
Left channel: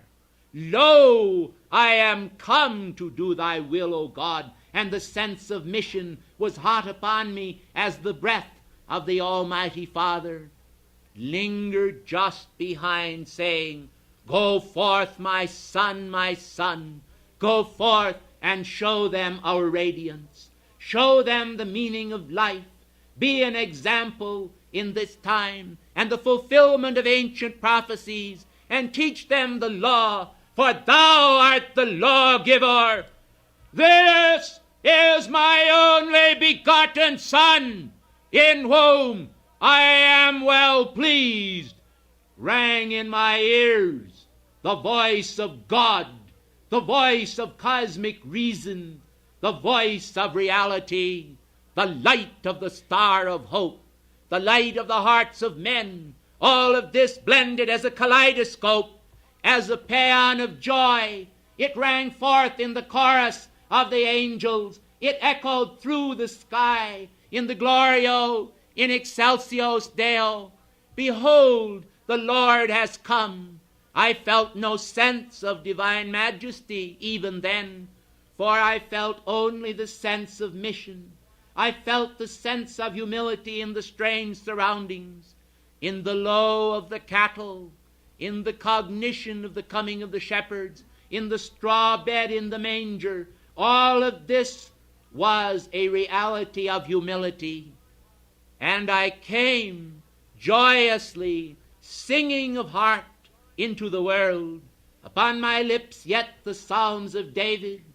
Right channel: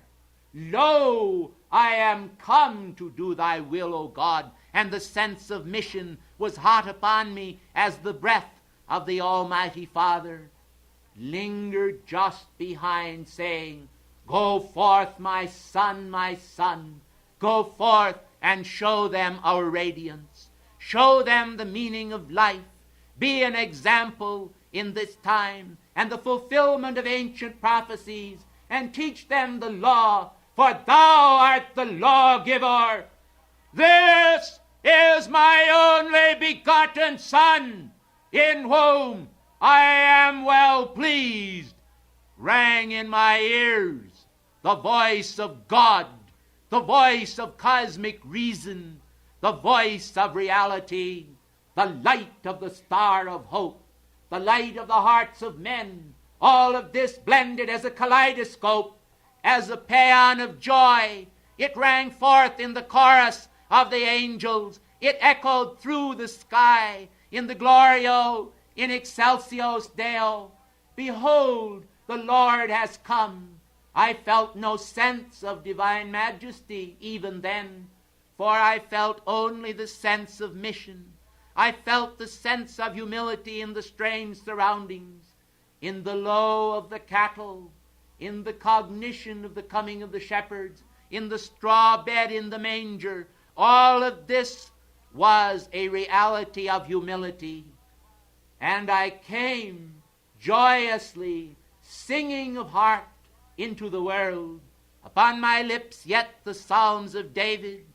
Lo, I am come to do thy will, O God. And the sense of mission was hot upon me as the breath of the Almighty Father lingered just behind, saying, Go forth, my son, go forth and show them our radiance. Show them the meaning of life. Be an example in this time and the fulfillment of ancient prophecies, and teach them the law, for thou art the lawgiver. This is my only begotten Son, in whom I am well pleased, rang in my ears the voice of God, the voice of cosmic reason, the voice of reality, the light of the star of hope, the light of the hearts of men, all of this blended as a kaleidoscope, as a paean of joy. It rang forth in the chorus of the angels. It echoed through the sky in the Glorio, in Excelsios Deo. Behold, the Lord has come. I felt no sense of divine majesty even then, for I felt only the sense of mission. I felt the sense of humility in the strange surroundings, in the low of the cattle, in the cognition of the coming of the shepherds, in the straw bed in the manger. All of this was a reality of humility. And I came joyously, singing of heart, into the world. Upon my lips yet the Psalms of David,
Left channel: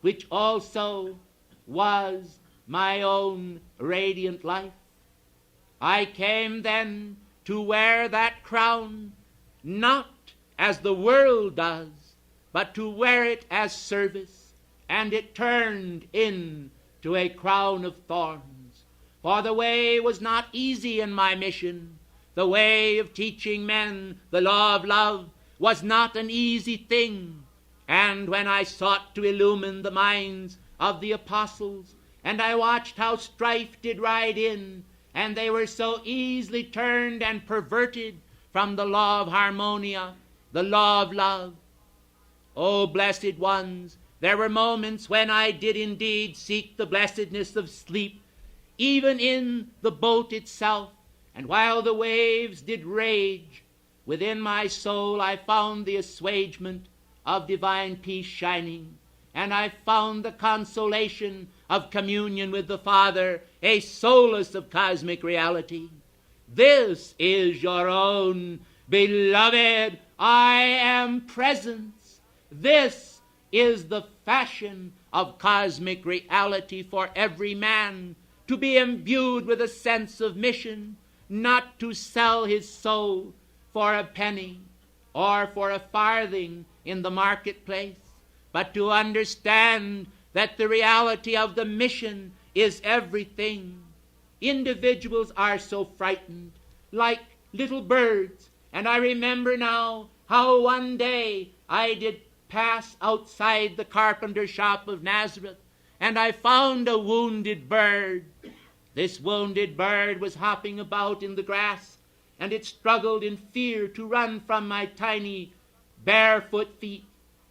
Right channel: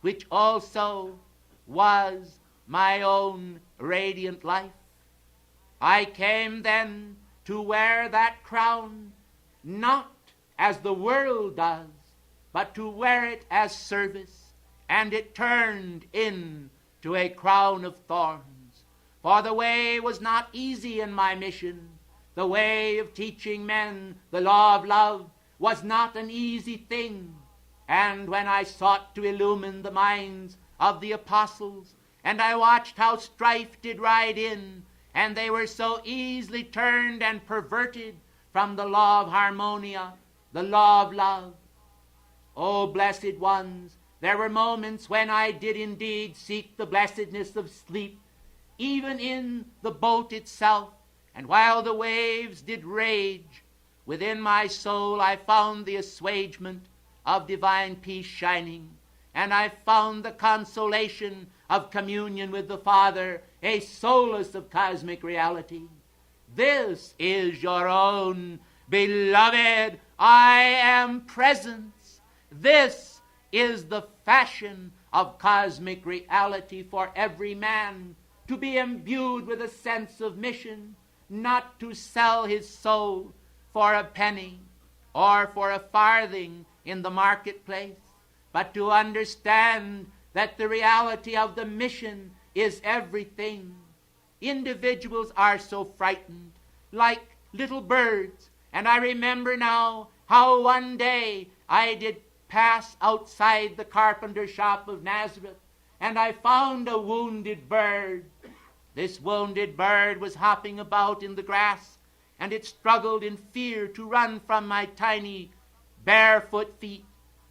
which also was my own radiant life. I came then to wear that crown, not as the world does, but to wear it as service, and it turned into a crown of thorns. For the way was not easy in my mission. The way of teaching men the law of love was not an easy thing. And when I sought to illumine the minds of the apostles, and I watched how strife did ride in, and they were so easily turned and perverted from the law of harmonia, the law of love. Oh, blessed ones, there were moments when I did indeed seek the blessedness of sleep, even in the boat itself. And while the waves did rage, within my soul I found the assuagement of divine peace shining, and I found the consolation of communion with the Father, a solace of cosmic reality. This is your own beloved I am presence. This is the fashion of cosmic reality for every man, to be imbued with a sense of mission, not to sell his soul for a penny or for a farthing in the marketplace, but to understand that the reality of the mission is everything. Individuals are so frightened, like little birds, and I remember now how one day I did pass outside the carpenter shop of Nazareth, and I found a wounded bird. This wounded bird was hopping about in the grass, and it struggled in fear to run from my tiny barefoot feet.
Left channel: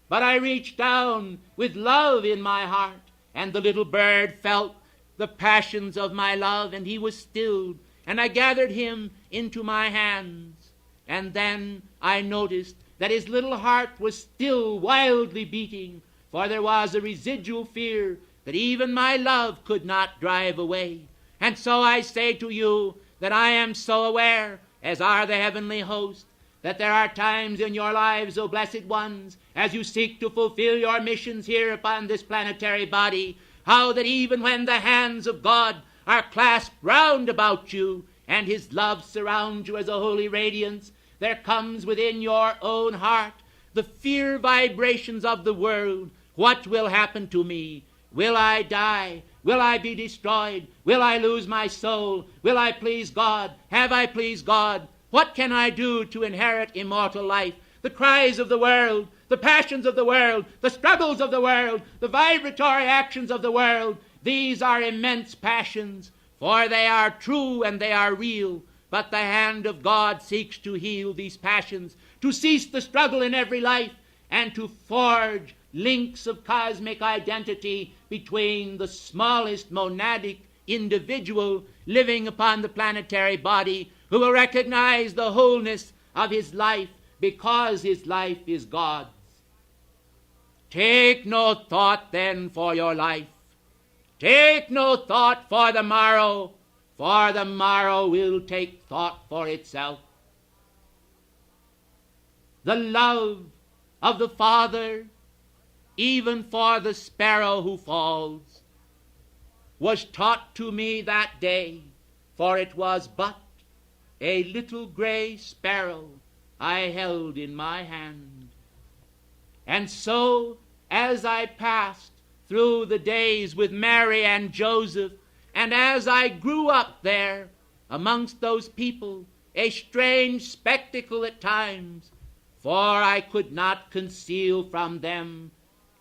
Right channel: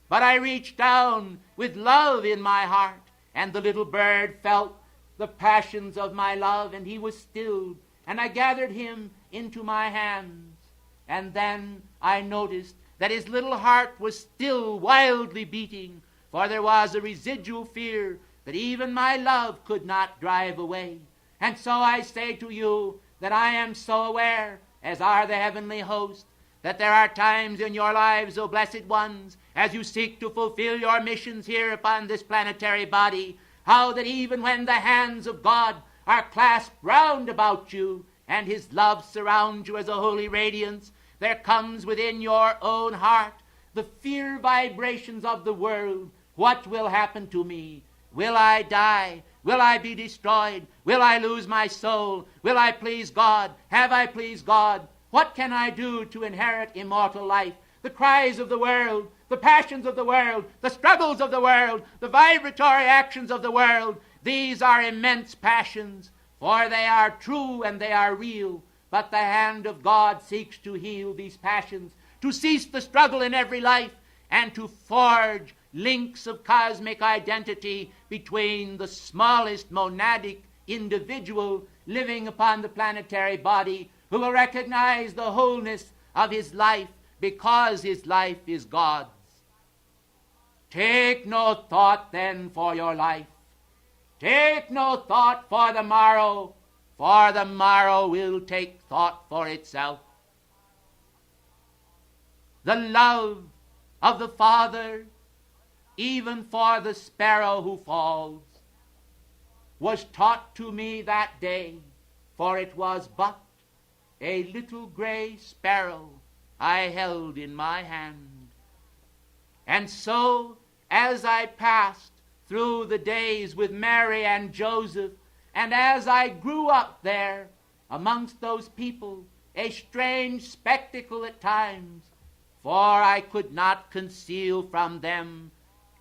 But I reached down with love in my heart, and the little bird felt the passions of my love, and he was stilled, and I gathered him into my hands. And then I noticed that his little heart was still wildly beating, for there was a residual fear that even my love could not drive away. And so I say to you that I am so aware, as are the heavenly host, that there are times in your lives, O blessed ones, as you seek to fulfill your missions here upon this planetary body, how that even when the hands of God are clasped round about you, and his love surrounds you as a holy radiance, there comes within your own heart the fear vibrations of the world. What will happen to me? Will I die? Will I be destroyed? Will I lose my soul? Will I please God? Have I pleased God? What can I do to inherit immortal life? The cries of the world, the passions of the world, the struggles of the world, the vibratory actions of the world, these are immense passions, for they are true and they are real. But the hand of God seeks to heal these passions, to cease the struggle in every life, and to forge links of cosmic identity between the smallest monadic individual living upon the planetary body, who will recognize the wholeness of his life because his life is God's. Take no thought then for your life. Take no thought for the morrow will take thought for itself. The love of the Father, even for the sparrow who falls, was taught to me that day, for it was but a little gray sparrow I held in my hand. And so, as I passed through the days with Mary and Joseph, and as I grew up there amongst those people, a strange spectacle at times, for I could not conceal from them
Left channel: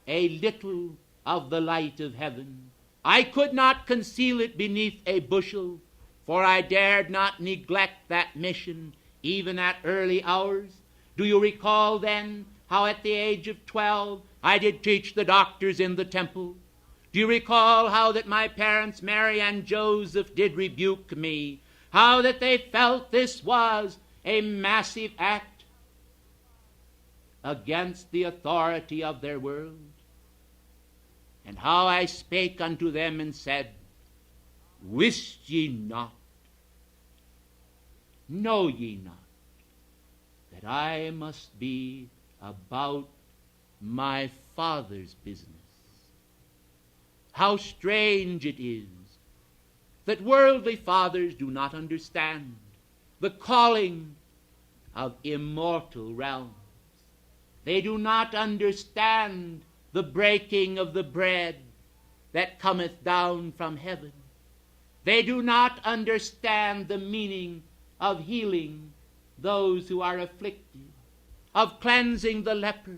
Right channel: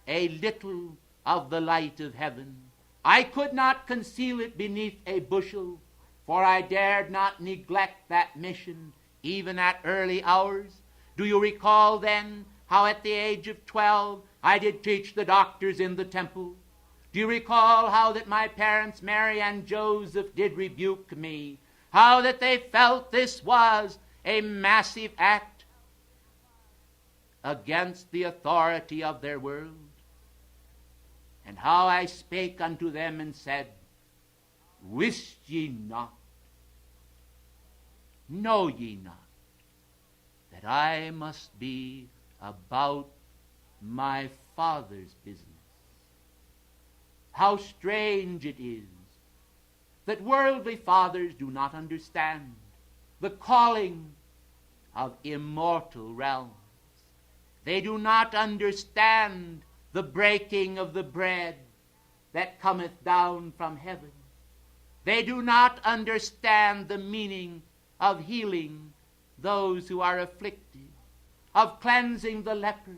a little of the light of heaven. I could not conceal it beneath a bushel, for I dared not neglect that mission even at early hours. Do you recall then how at the age of 12 I did teach the doctors in the temple? Do you recall how that my parents, Mary and Joseph, did rebuke me? How that they felt this was a massive act against the authority of their world? And how I spake unto them and said, Wist ye not, know ye not, that I must be about my Father's business? How strange it is that worldly fathers do not understand the calling of immortal realms. They do not understand the breaking of the bread that cometh down from heaven. They do not understand the meaning of healing those who are afflicted, of cleansing the lepers,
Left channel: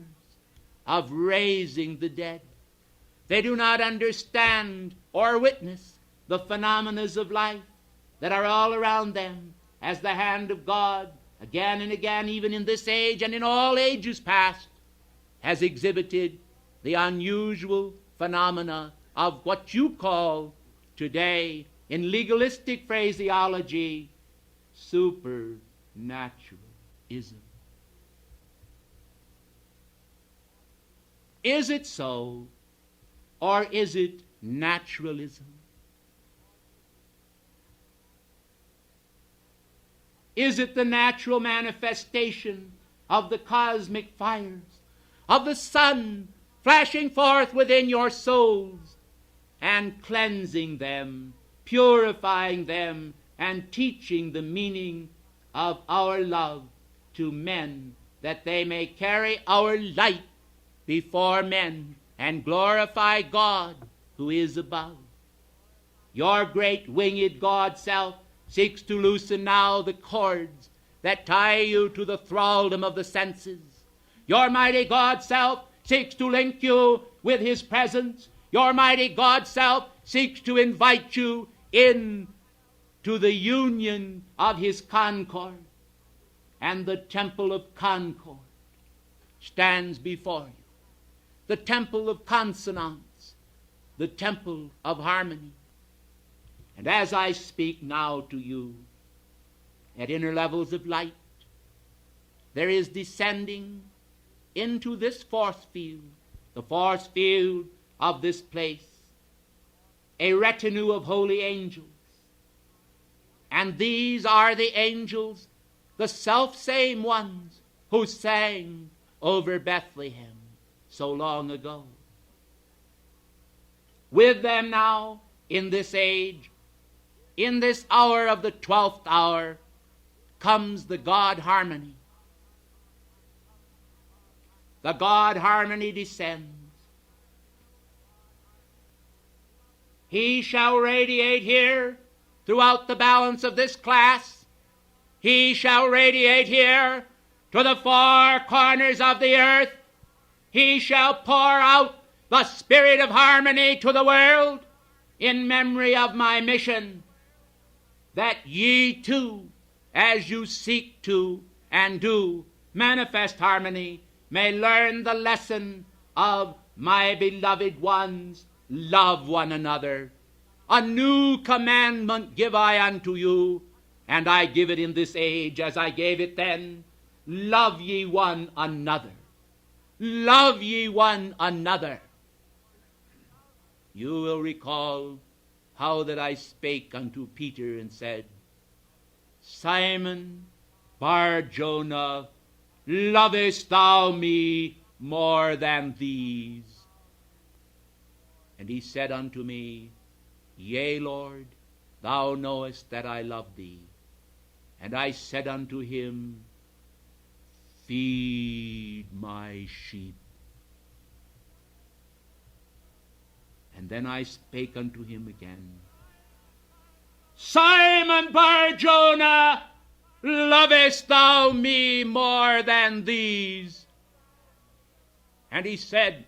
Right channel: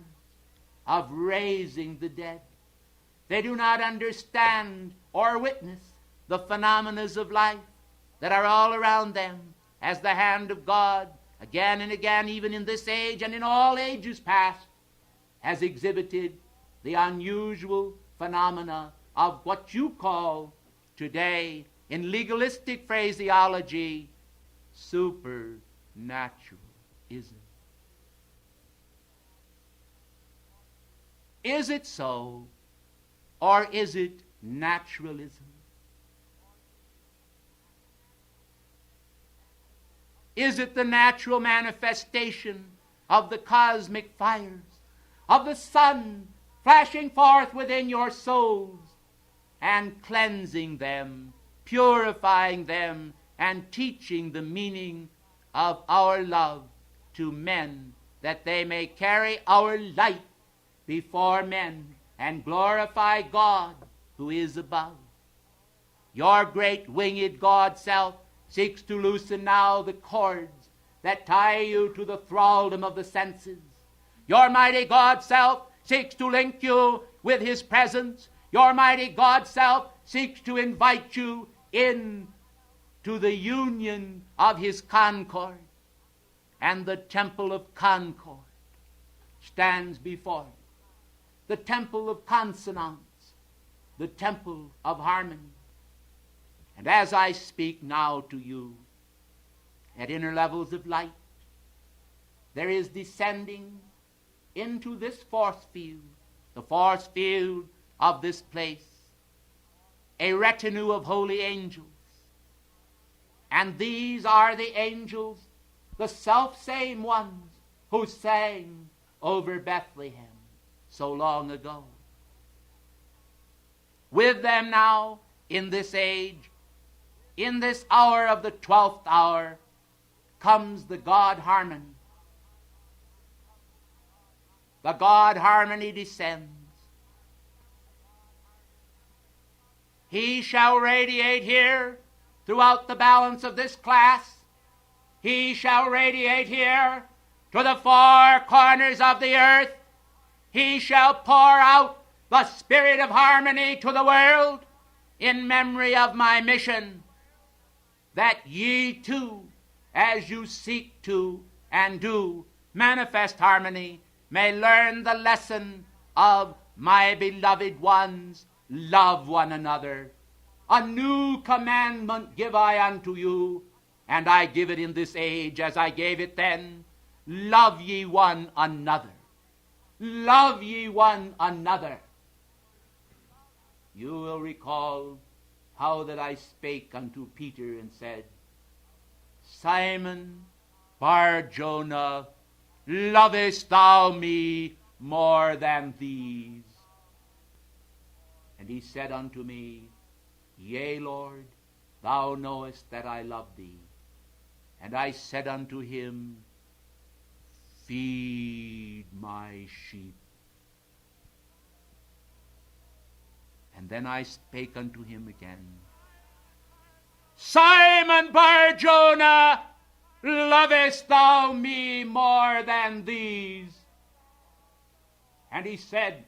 of raising the dead. They do not understand or witness the phenomena of life that are all around them, as the hand of God, again and again, even in this age and in all ages past, has exhibited the unusual phenomena of what you call today, in legalistic phraseology, supernaturalism. Is it so, or is it naturalism? Is it the natural manifestation of the cosmic fires, of the sun flashing forth within your souls and cleansing them, purifying them, and teaching the meaning of our love to men, that they may carry our light before men and glorify God who is above? Your great winged God self seeks to loosen now the cords that tie you to the thraldom of the senses. Your mighty God self seeks to link you with his presence. Your mighty God self seeks to invite you in to the union of his concord. And the temple of concord stands before you. The temple of consonance, the temple of harmony. And as I speak now to you, at inner levels of light, there is descending into this force field, the force field of this place, a retinue of holy angels. And these are the angels, the self-same ones who sang over Bethlehem so long ago. With them now, in this age, in this hour of the 12th hour, comes the God harmony. The God harmony descends. He shall radiate here throughout the balance of this class. He shall radiate here to the four corners of the earth. He shall pour out the spirit of harmony to the world in memory of my mission, that ye too, as you seek to and do manifest harmony, may learn the lesson of my beloved ones, love one another. A new commandment give I unto you, and I give it in this age as I gave it then. Love ye one another. Love ye one another. You will recall how that I spake unto Peter and said, Simon Bar-Jonah, lovest thou me more than these? And he said unto me, Yea, Lord, thou knowest that I love thee. And I said unto him, Feed my sheep. And then I spake unto him again, Simon Bar-Jonah, lovest thou me more than these? And he said,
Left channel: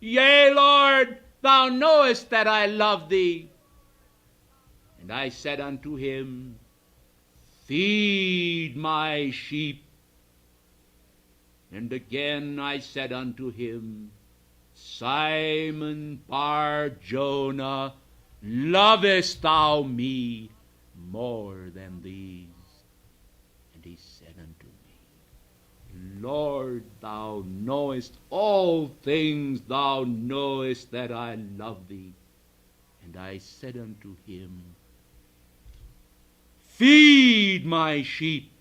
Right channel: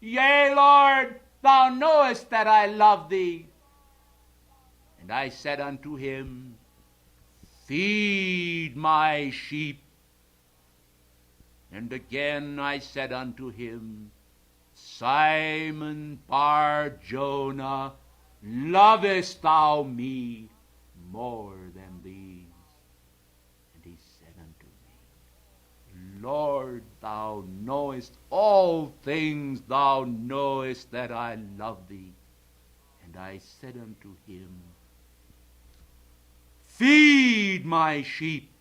Yea, Lord, thou knowest that I love thee. And I said unto him, Feed my sheep. And again I said unto him, Simon Bar-Jonah, lovest thou me more than these? And he said unto me, Lord, thou knowest all things, thou knowest that I love thee. And I said unto him, Feed my sheep.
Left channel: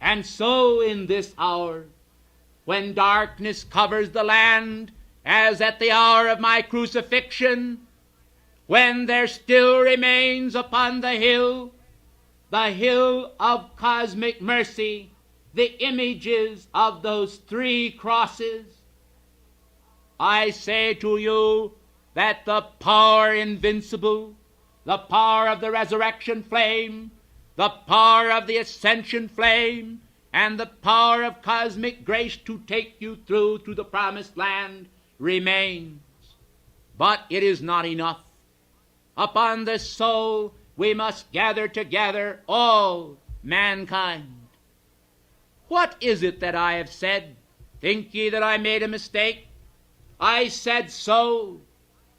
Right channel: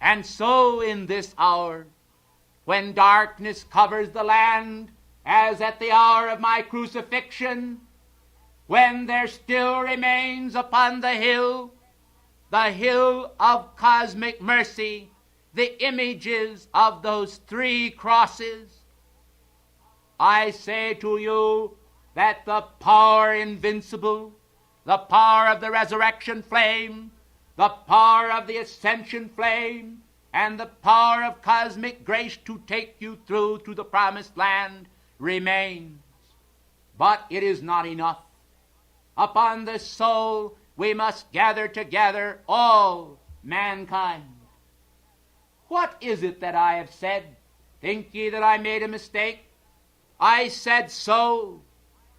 And so in this hour, when darkness covers the land, as at the hour of my crucifixion, when there still remains upon the hill of cosmic mercy, the images of those three crosses, I say to you that the power invincible, the power of the resurrection flame, the power of the ascension flame, and the power of cosmic grace to take you through to the promised land remains. But it is not enough. Upon this soul we must gather together all mankind. What is it that I have said? Think ye that I made a mistake? I said soul,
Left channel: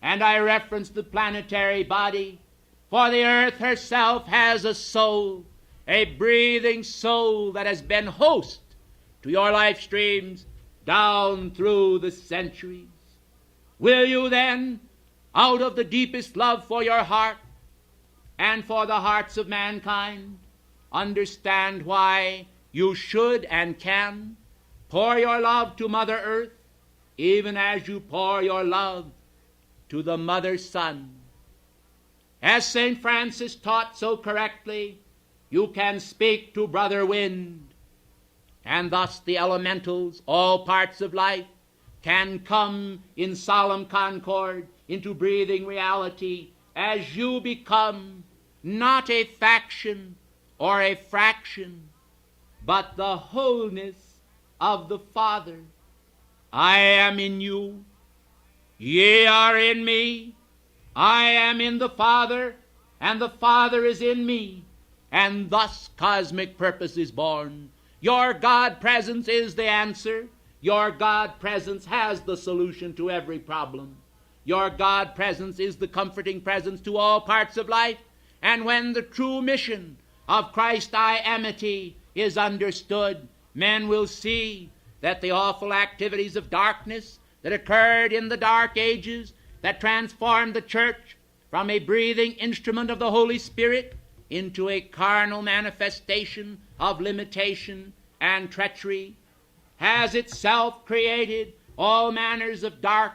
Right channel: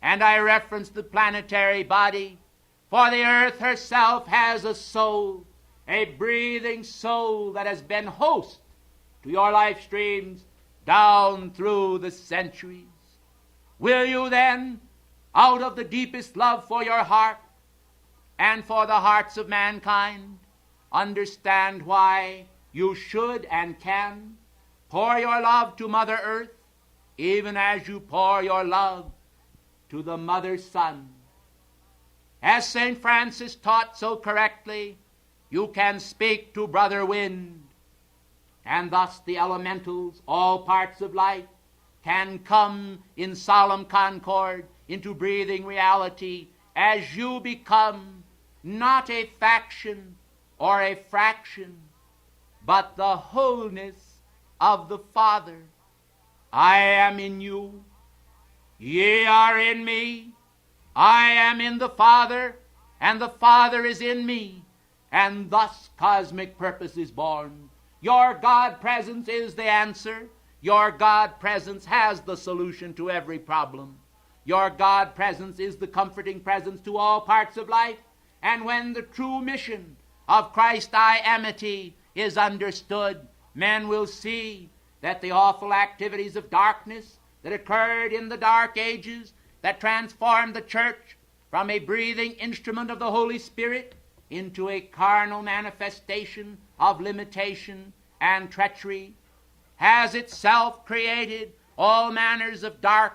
and I referenced the planetary body, for the earth herself has a soul, a breathing soul that has been host to your life streams down through the centuries. Will you then, out of the deepest love for your heart and for the hearts of mankind, understand why you should and can pour your love to Mother Earth, even as you pour your love to the Mother Sun? As St. Francis taught so correctly, you can speak to Brother Wind, and thus the elementals, all parts of life, can come in solemn concord into breathing reality as you become not a faction or a fraction, but the wholeness of the Father. I am in you, ye are in me, I am in the Father, and the Father is in me, and thus cosmic purpose is born. Your God presence is the answer. Your God presence has the solution to every problem. Your God presence is the comforting presence to all parts of life. And when the true mission of Christ-I-amity is understood, men will see that the awful activities of darkness that occurred in the Dark Ages, that transformed the church from a breathing instrument of the Holy Spirit into a carnal manifestation of limitation and treachery, has itself created all manners of dark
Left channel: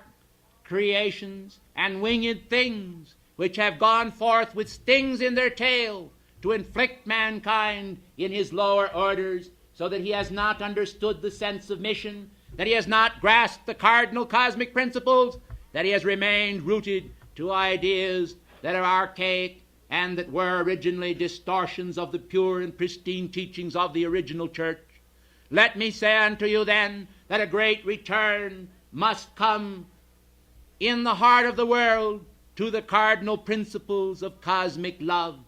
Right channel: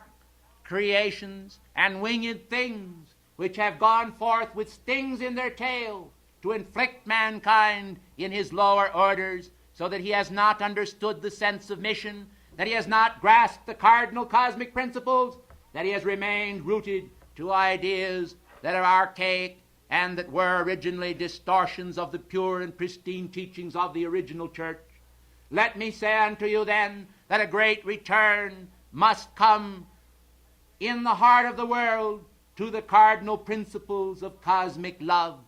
creations and winged things which have gone forth with stings in their tail to inflict mankind in his lower orders, so that he has not understood the sense of mission, that he has not grasped the cardinal cosmic principles, that he has remained rooted to ideas that are archaic and that were originally distortions of the pure and pristine teachings of the original church. Let me say unto you then that a great return must come in the heart of the world to the cardinal principles of cosmic love.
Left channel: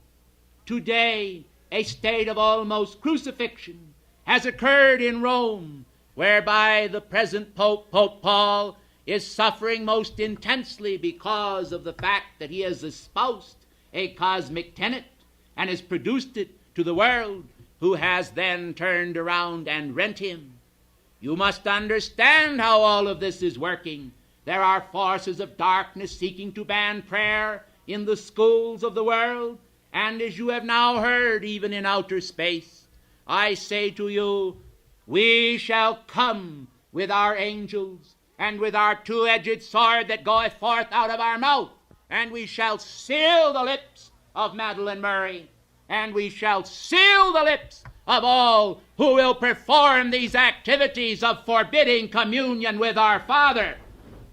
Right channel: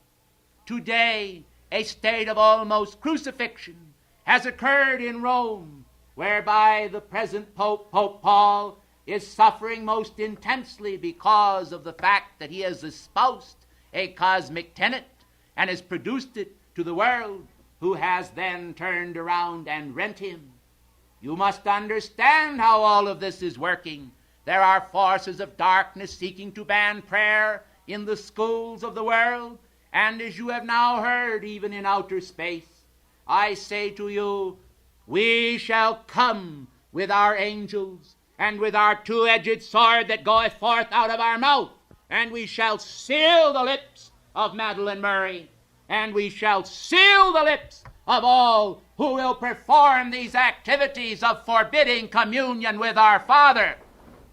Today, a state of almost crucifixion has occurred in Rome, whereby the present Pope, Pope Paul, is suffering most intensely because of the fact that he has espoused a cosmic tenet and has produced it to the world, who has then turned around and rent him. You must understand how all of this is working. There are forces of darkness seeking to ban prayer in the schools of the world, and as you have now heard, even in outer space, I say to you, we shall come with our angels and with our two-edged sword that goeth forth out of our mouth, and we shall seal the lips of Madeleine Murray, and we shall seal the lips of all who will perform these activities of forbidding communion with our Father.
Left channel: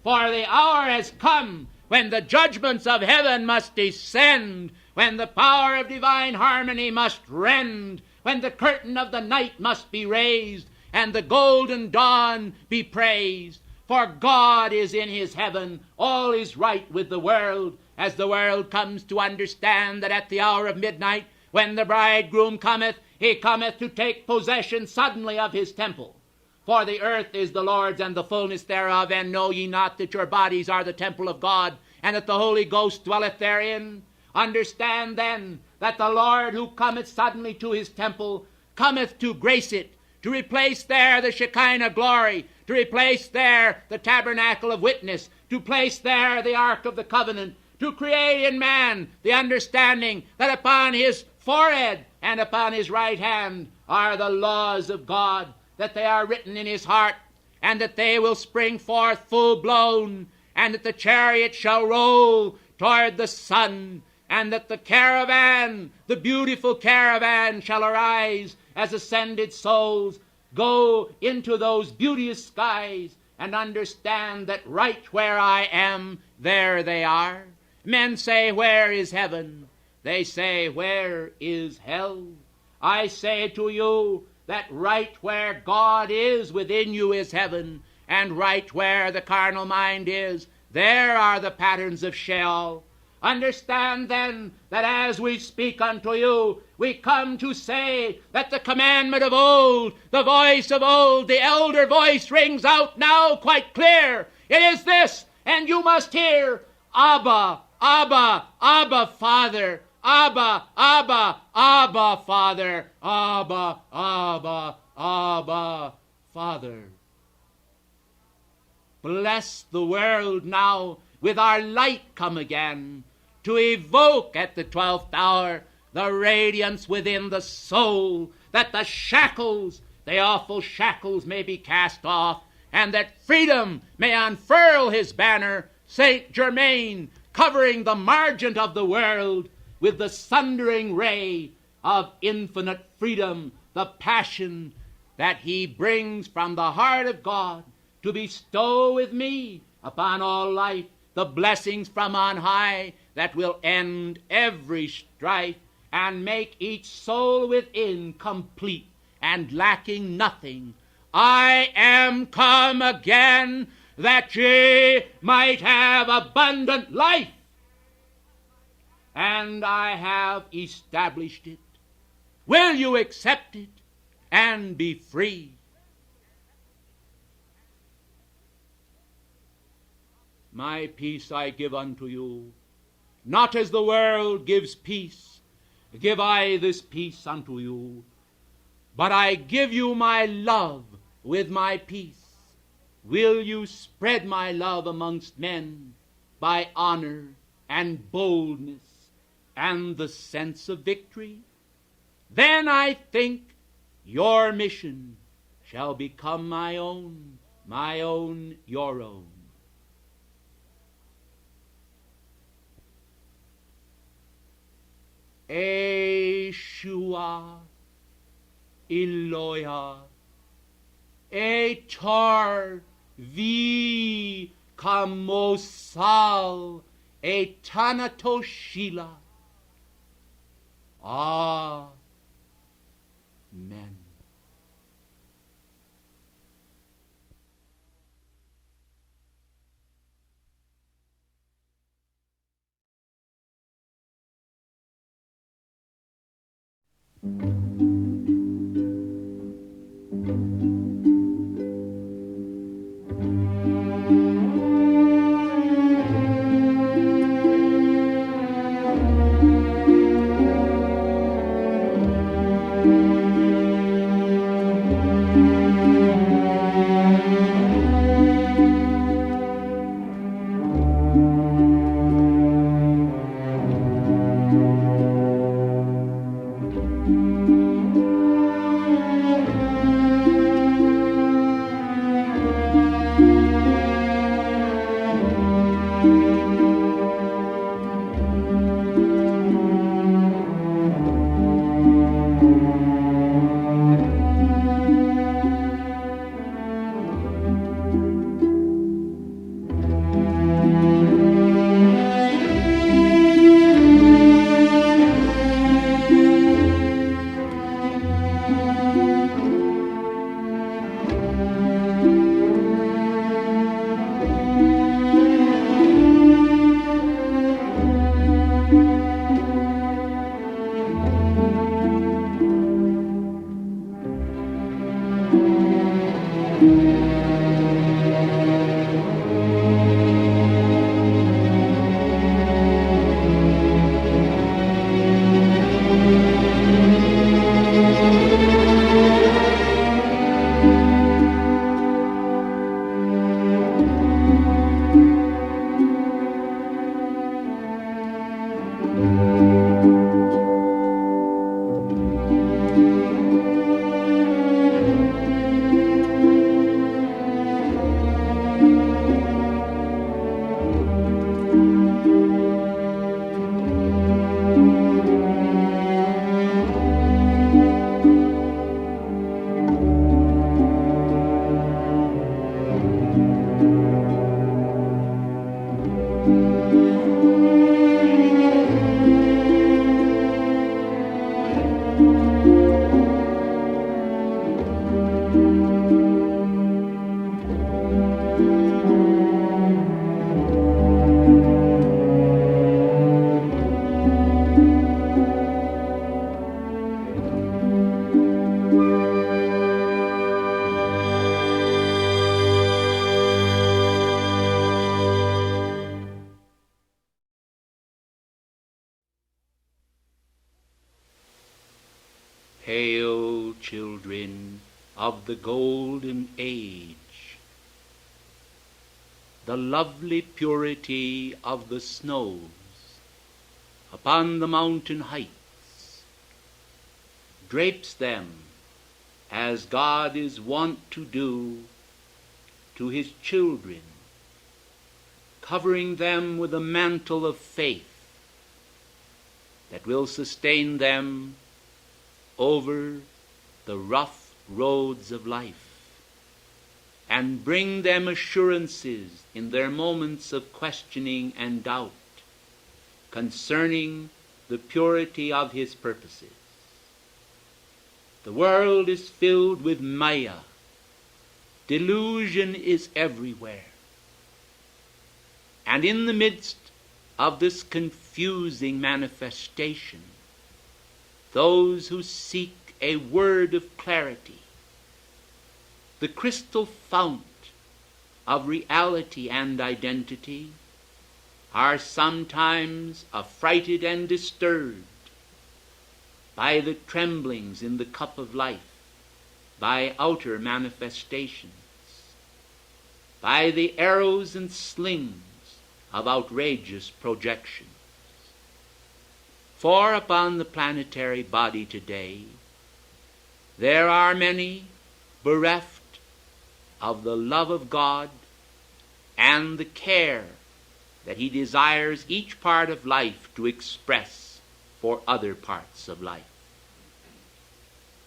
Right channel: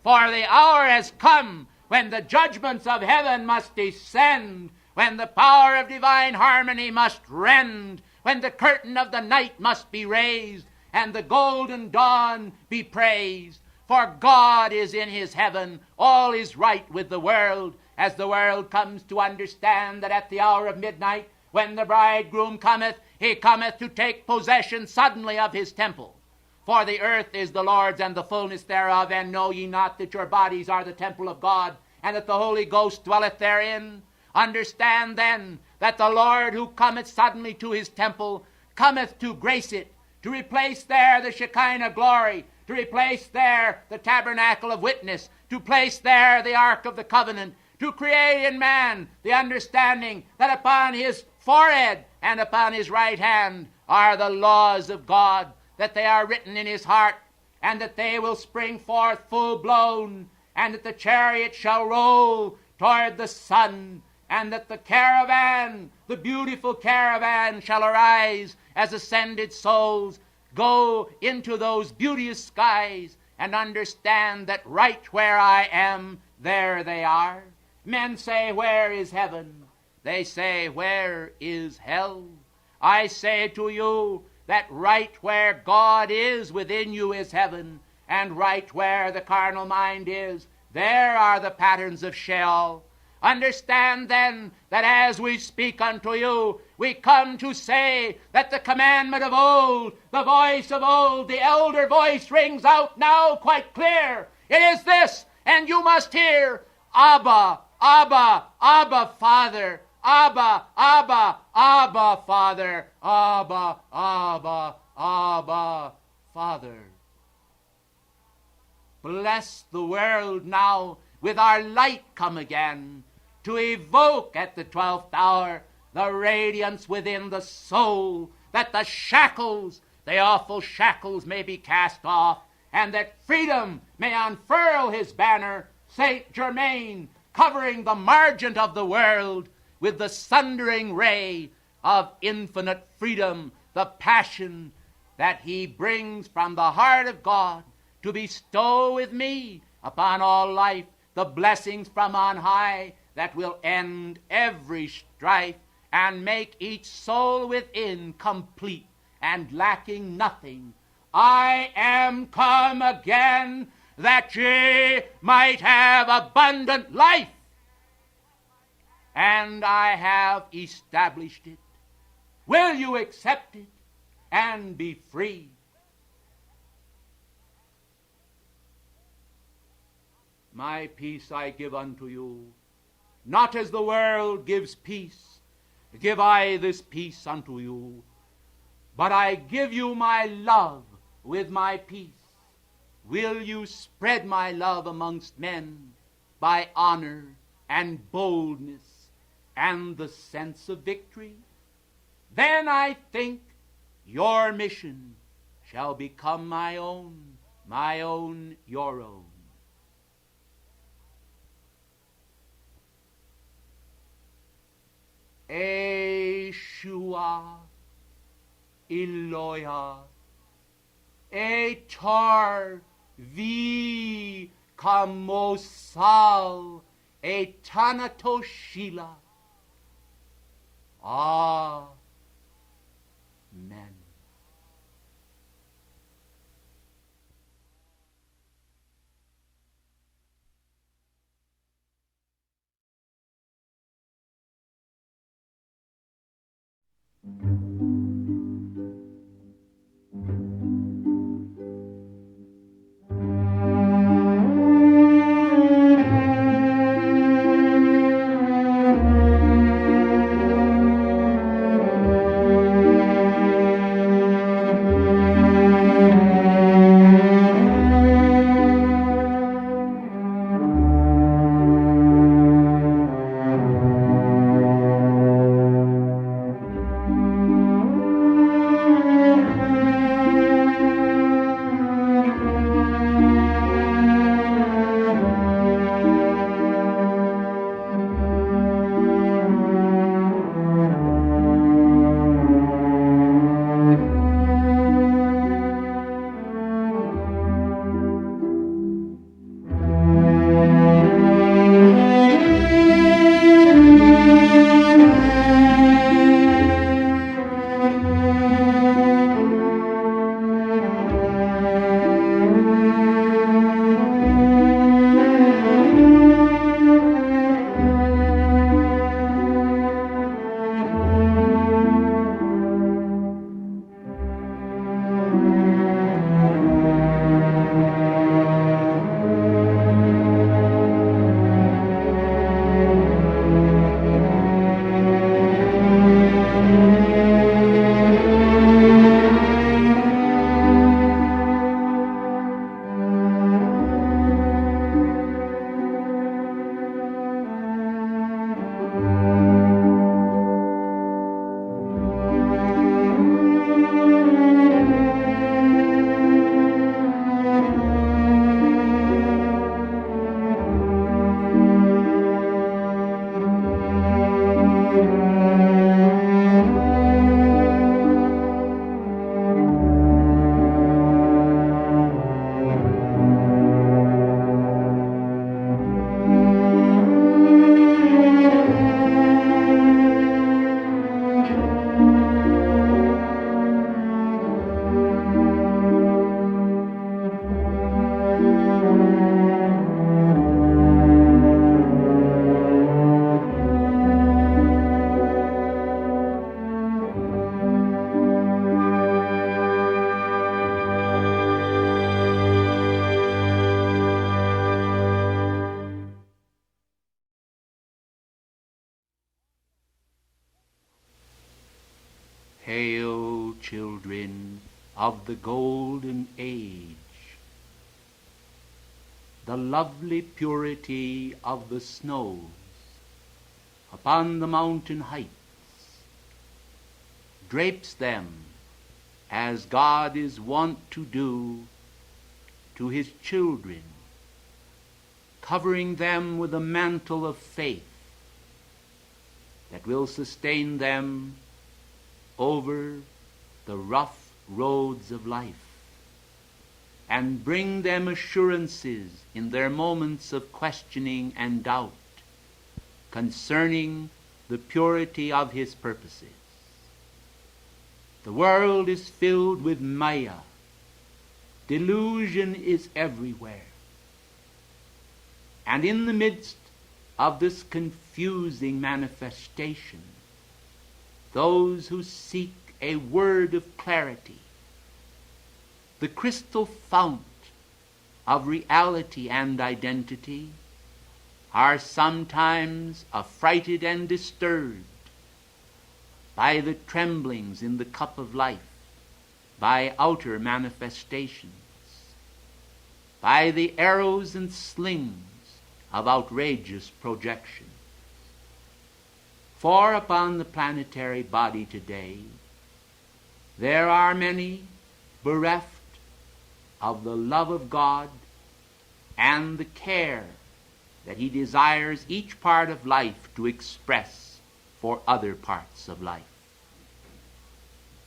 For the hour has come when the judgments of heaven must descend, when the power of divine harmony must rend, when the curtain of the night must be raised, and the golden dawn be praised. For God is in his heaven, all is right with the world, as the world comes to understand that at the hour of midnight, when the bridegroom cometh, he cometh to take possession suddenly of his temple. For the earth is the Lord's and the fullness thereof, and know ye not that your bodies are the temple of God, and that the Holy Ghost dwelleth therein? Understand then that the Lord who cometh suddenly to his temple cometh to grace it, to replace there the Shekinah glory, to replace there the tabernacle of witness, to place there the Ark of the Covenant, to create in man the understanding that upon his forehead and upon his right hand are the laws of God, that they are written in his heart, and that they will spring forth full-blown, and that the chariot shall roll toward the sun, and that the caravan, the beautiful caravan, shall arise as ascended souls go into those beauteous skies and understand that right where I am, there they are. Men say, where is heaven? They say, where is hell? I say to you that right where God is within you is heaven, and right where the carnal mind is, there are the patterns of Sheol. Understand then that as we speak unto you, we come to say that the commandment of old, the voice of old, the elder voice rings out now quite clear. It is this, and you must hear, Abba, Abba, Abba, Father, Abba, Abba, Abba, Father, Abba, Abba, Abba, Father. Bless the world now with our light come again, to evoke at the 12th hour the radiance within the soul, that the shackles, the awful shackles, may be cast off, and that freedom may unfurl his banner, St. Germain, covering the margin of the world with the sundering ray of infinite freedom, the passion that he brings from the heart of God to bestow with me upon all life the blessings from on high that will end every strife and make each soul within complete and lacking nothing. I am come again that ye might have abundant life, and I have established it. Will you accept it and be free? My peace I give unto you, not as the world gives peace, give I this peace unto you. But I give you my love, with my peace? Will you spread my love amongst men by honor and boldness and the sense of victory? Then I think your mission shall become my own, your own. Yeshua, Eloya, Etar vi kamosal etanatoshila. Amen. Hail, children of the golden age, the lovely purity of the snows upon the mountain heights drapes them as God is wont to do to his children, covering them with a mantle of faith that will sustain them over the rough roads of life and bring them assurances in their moments of questioning and doubt concerning the purity of his purposes. The world is filled with maya. Delusion is everywhere. And in the midst of this confusing manifestation, those who seek a word of clarity, the crystal fount of reality and identity, are sometimes affrighted and disturbed by the tremblings in the cup of life, by outer manifestations, by the arrows and slings of outrageous projection. For upon the planetary body today, there are many bereft of the love of God and the care that he desires each part of life to express for other parts of life.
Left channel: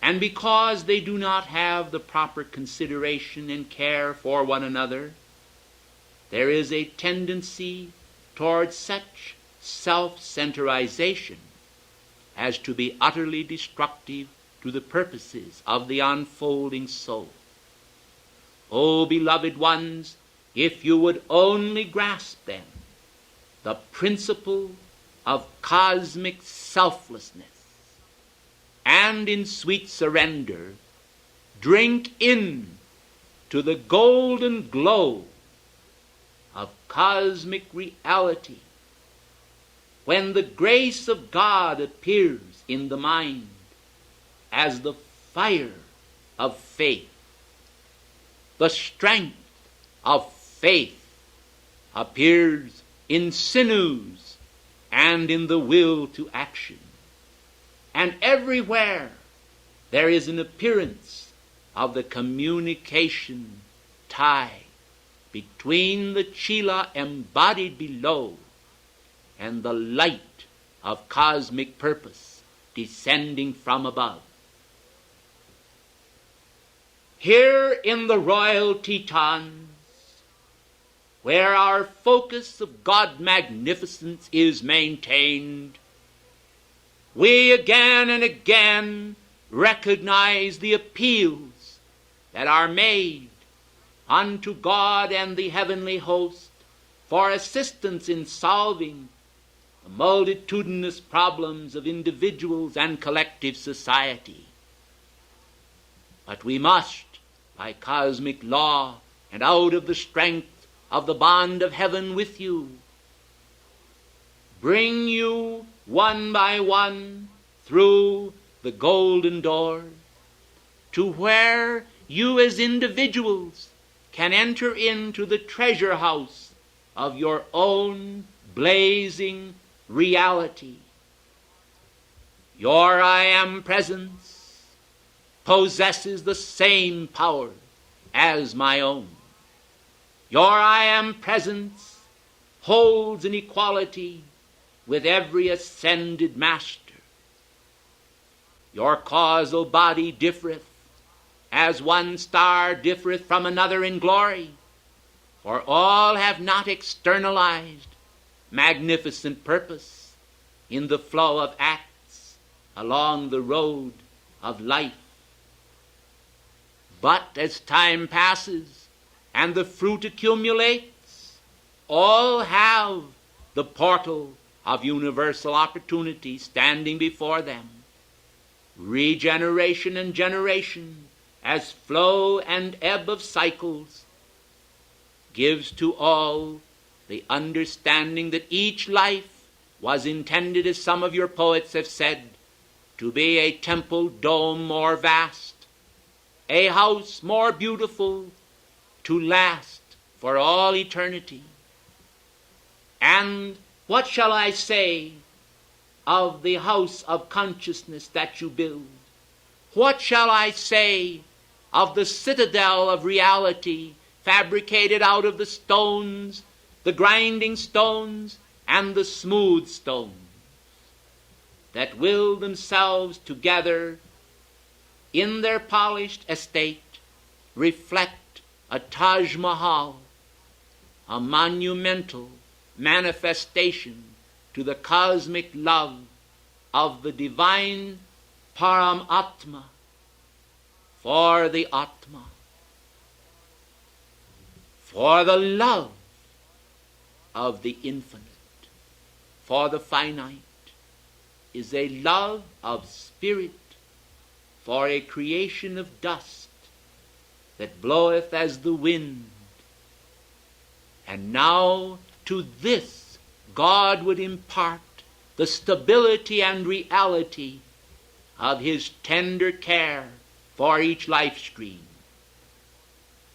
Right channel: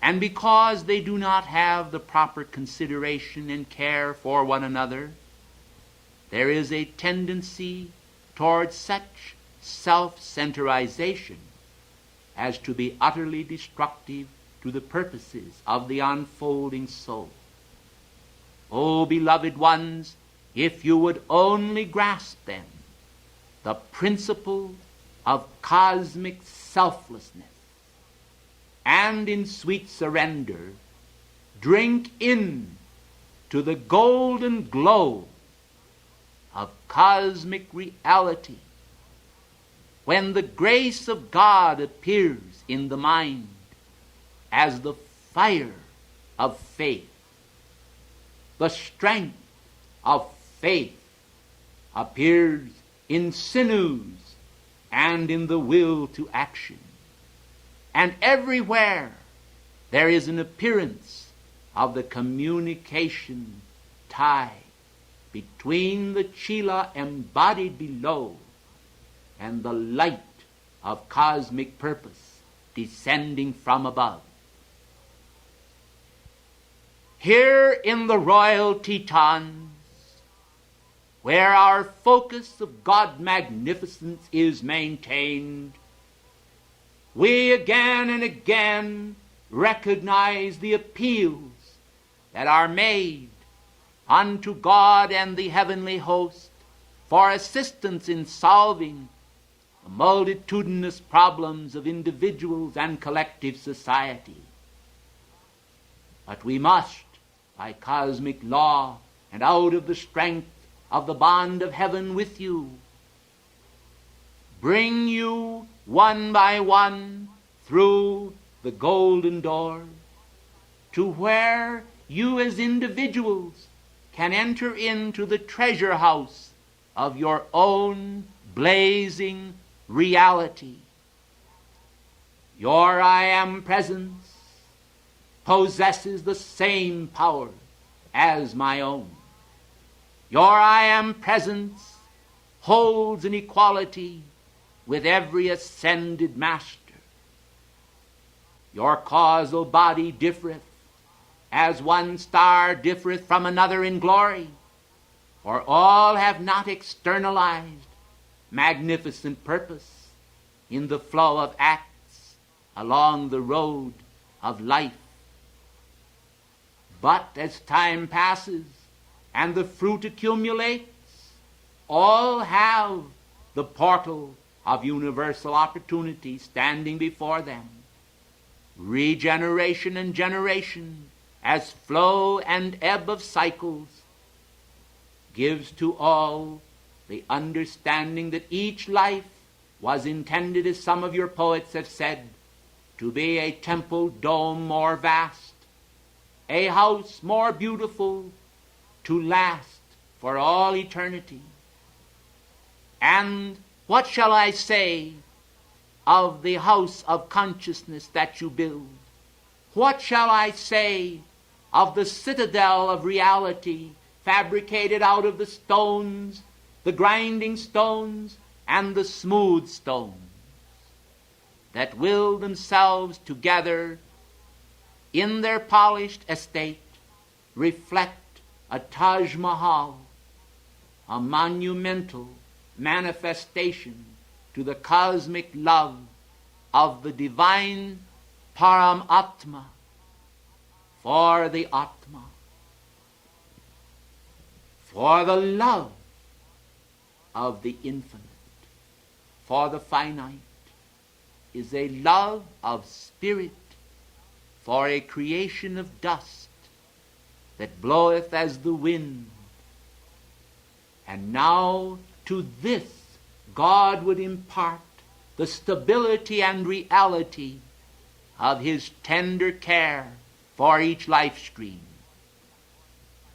And because they do not have the proper consideration and care for one another, there is a tendency towards such self-centerization as to be utterly destructive to the purposes of the unfolding soul. Oh, beloved ones, if you would only grasp then the principle of cosmic selflessness, and in sweet surrender drink in to the golden glow of cosmic reality, when the grace of God appears in the mind as the fire of faith, the strength of faith appears in sinews and in the will to action. And everywhere there is an appearance of the communication tie between the Chila embodied below and the light of cosmic purpose descending from above. Here in the royal Tetons, where our focus of God magnificence is maintained, we again and again recognize the appeals that are made unto God and the heavenly host for assistance in solving the multitudinous problems of individuals and collective society. But we must, by cosmic law and out of the strength of the bond of heaven with you, bring you one by one through the golden door to where you as individuals can enter into the treasure house of your own blazing reality. Your I am presence possesses the same power as my own. Your I am presence holds an equality with every ascended master. Your causal body differeth, as one star differeth from another in glory, for all have not externalized magnificent purpose in the flow of acts along the road of life. But as time passes and the fruit accumulates, all have the portal of universal opportunity standing before them. Regeneration and generation, as flow and ebb of cycles, gives to all the understanding that each life was intended, as some of your poets have said, to be a temple dome more vast, a house more beautiful, to last for all eternity. And what shall I say of the house of consciousness that you build? What shall I say of the citadel of reality fabricated out of the stones, the grinding stones, and the smooth stones, that will themselves together in their polished estate reflect a Taj Mahal, a monumental manifestation to the cosmic love of the divine Paramatma for the Atma. For the love of the infinite, for the finite, is a love of spirit, for a creation of dust that bloweth as the wind. And now to this God would impart the stability and reality of his tender care for each life stream.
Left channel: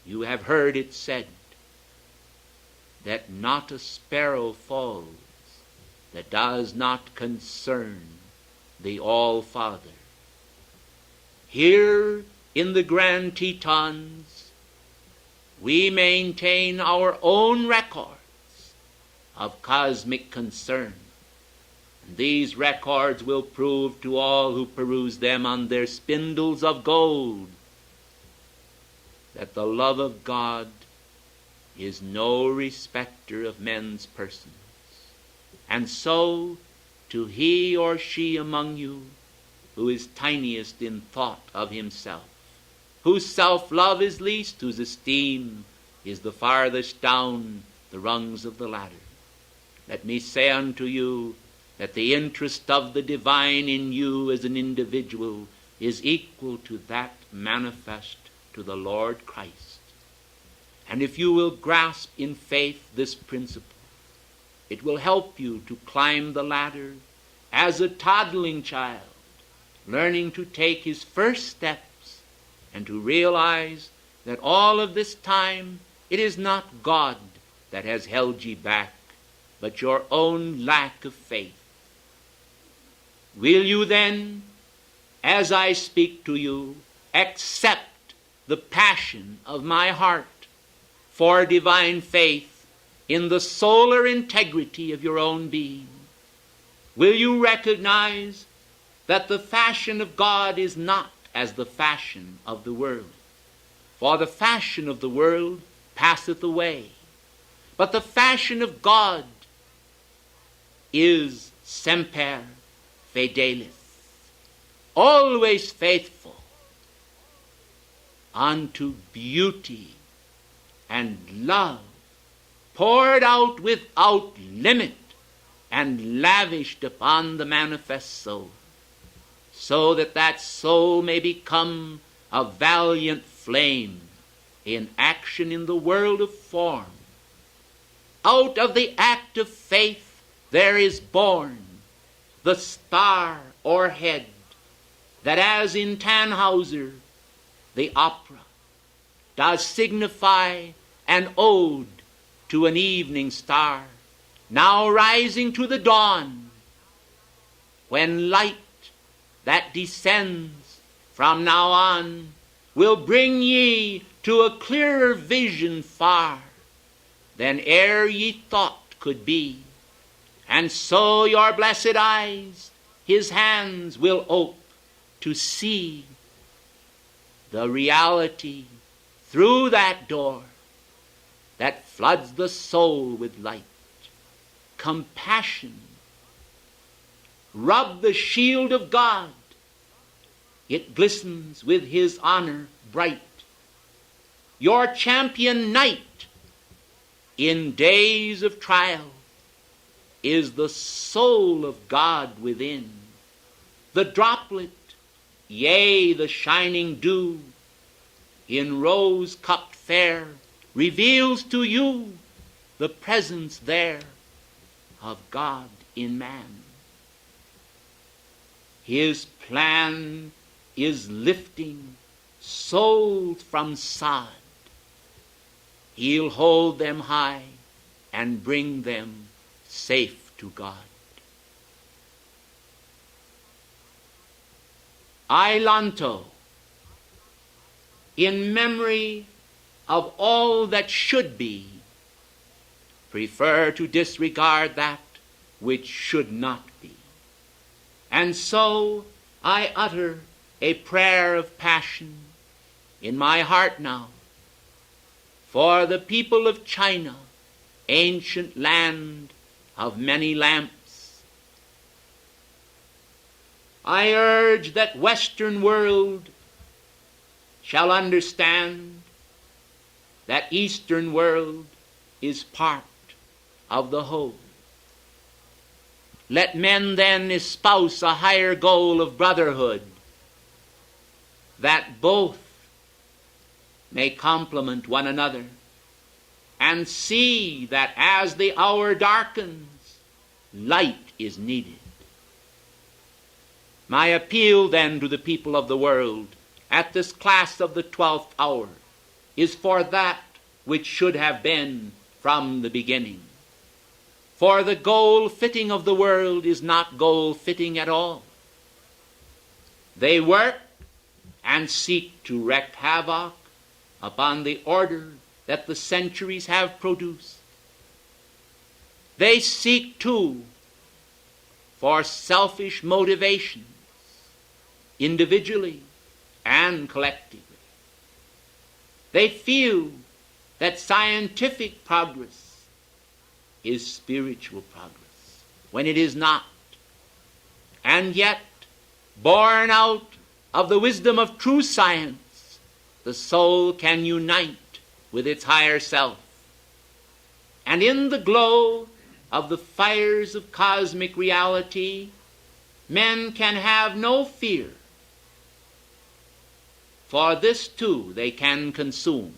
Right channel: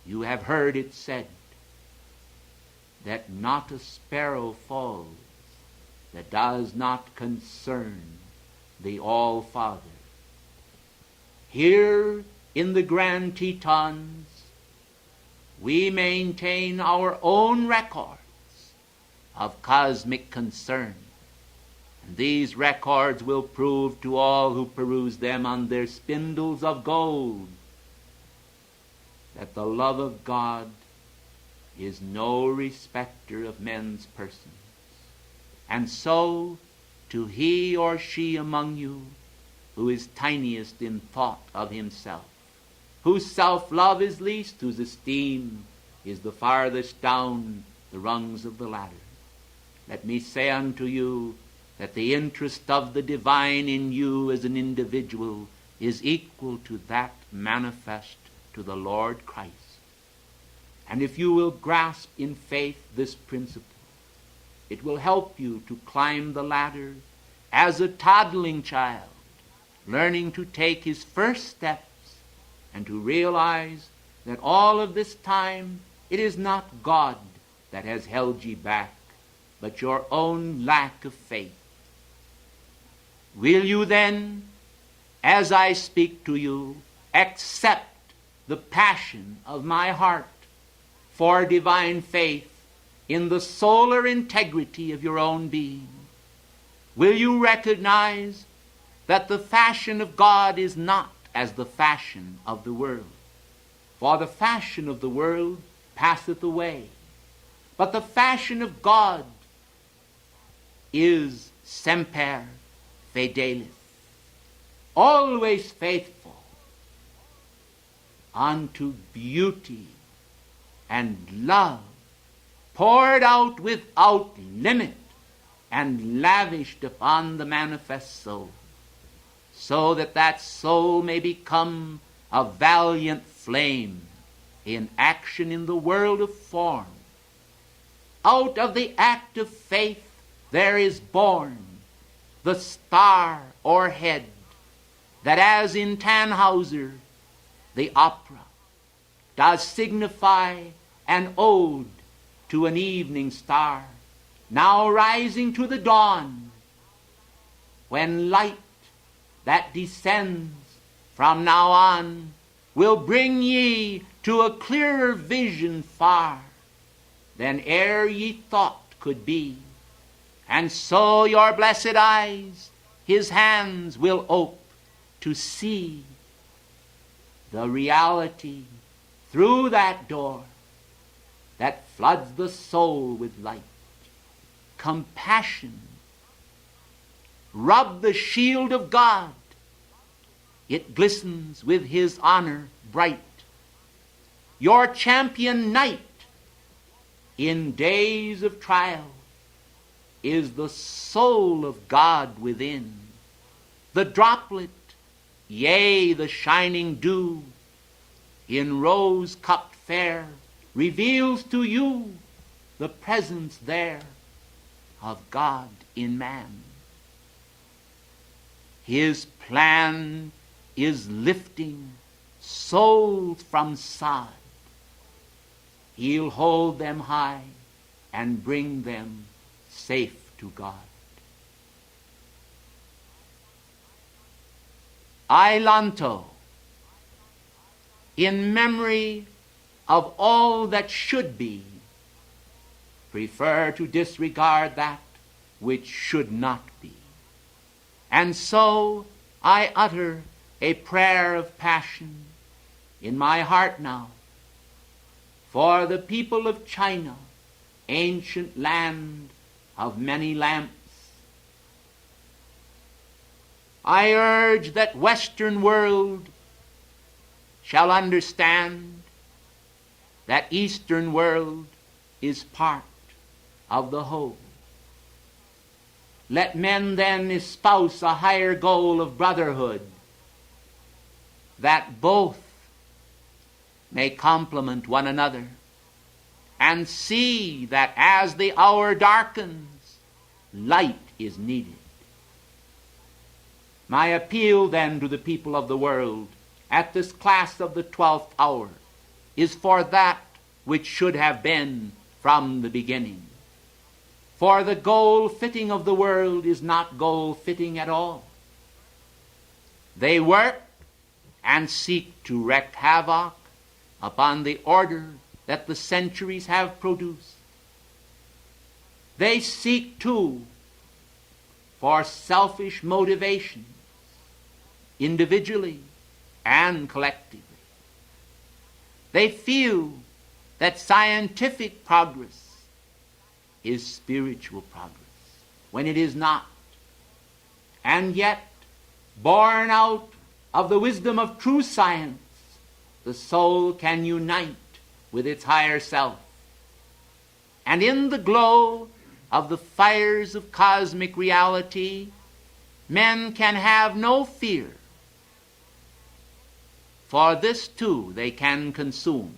You have heard it said that not a sparrow falls that does not concern the All-Father. Here in the Grand Tetons, we maintain our own records of cosmic concern. And these records will prove to all who peruse them on their spindles of gold that the love of God is no respecter of men's persons. And so, to he or she among you who is tiniest in thought of himself, whose self-love is least, whose esteem is the farthest down the rungs of the ladder, let me say unto you that the interest of the divine in you as an individual is equal to that manifest to the Lord Christ. And if you will grasp in faith this principle, it will help you to climb the ladder as a toddling child, learning to take his first steps and to realize that all of this time it is not God that has held ye back, but your own lack of faith. Will you then, as I speak to you, accept the passion of my heart for divine faith in the solar integrity of your own being? Will you recognize that the fashion of God is not as the fashion of the world? For the fashion of the world passeth away, but the fashion of God is semper fidelis, always faithful unto beauty and love, poured out without limit and lavished upon the manifest soul, so that that soul may become a valiant flame in action in the world of form. Out of the act of faith there is born the star or head that, as in Tannhauser, the opera, does signify an ode to an evening star, now rising to the dawn, when light that descends from now on will bring ye to a clearer vision far than e'er ye thought could be. And so your blessed eyes his hands will ope to see the reality through that door that floods the soul with light. Compassion, rub the shield of God, it glistens with his honor bright. Your champion knight in days of trial is the soul of God within. The droplet, yea, the shining dew, in rose-cupped fair, reveals to you the presence there of God in man. His plan is lifting souls from sod. He'll hold them high and bring them safe to God. I, Lanto, in memory of all that should be, prefer to disregard that which should not be. And so I utter a prayer of passion in my heart now for the people of China, ancient land of many lamps. I urge that Western world shall understand that Eastern world is part of the whole. Let men then espouse a higher goal of brotherhood, that both may complement one another, and see that as the hour darkens, light is needed. My appeal then to the people of the world, at this class of the 12th hour is for that which should have been from the beginning. For the goal-fitting of the world is not goal-fitting at all. They work and seek to wreak havoc upon the order that the centuries have produced. They seek, too, for selfish motivations, individually and collectively. They feel that scientific progress is spiritual progress, when it is not. And yet, born out of the wisdom of true science, the soul can unite with its higher self. And in the glow of the fires of cosmic reality, men can have no fear. For this too they can consume.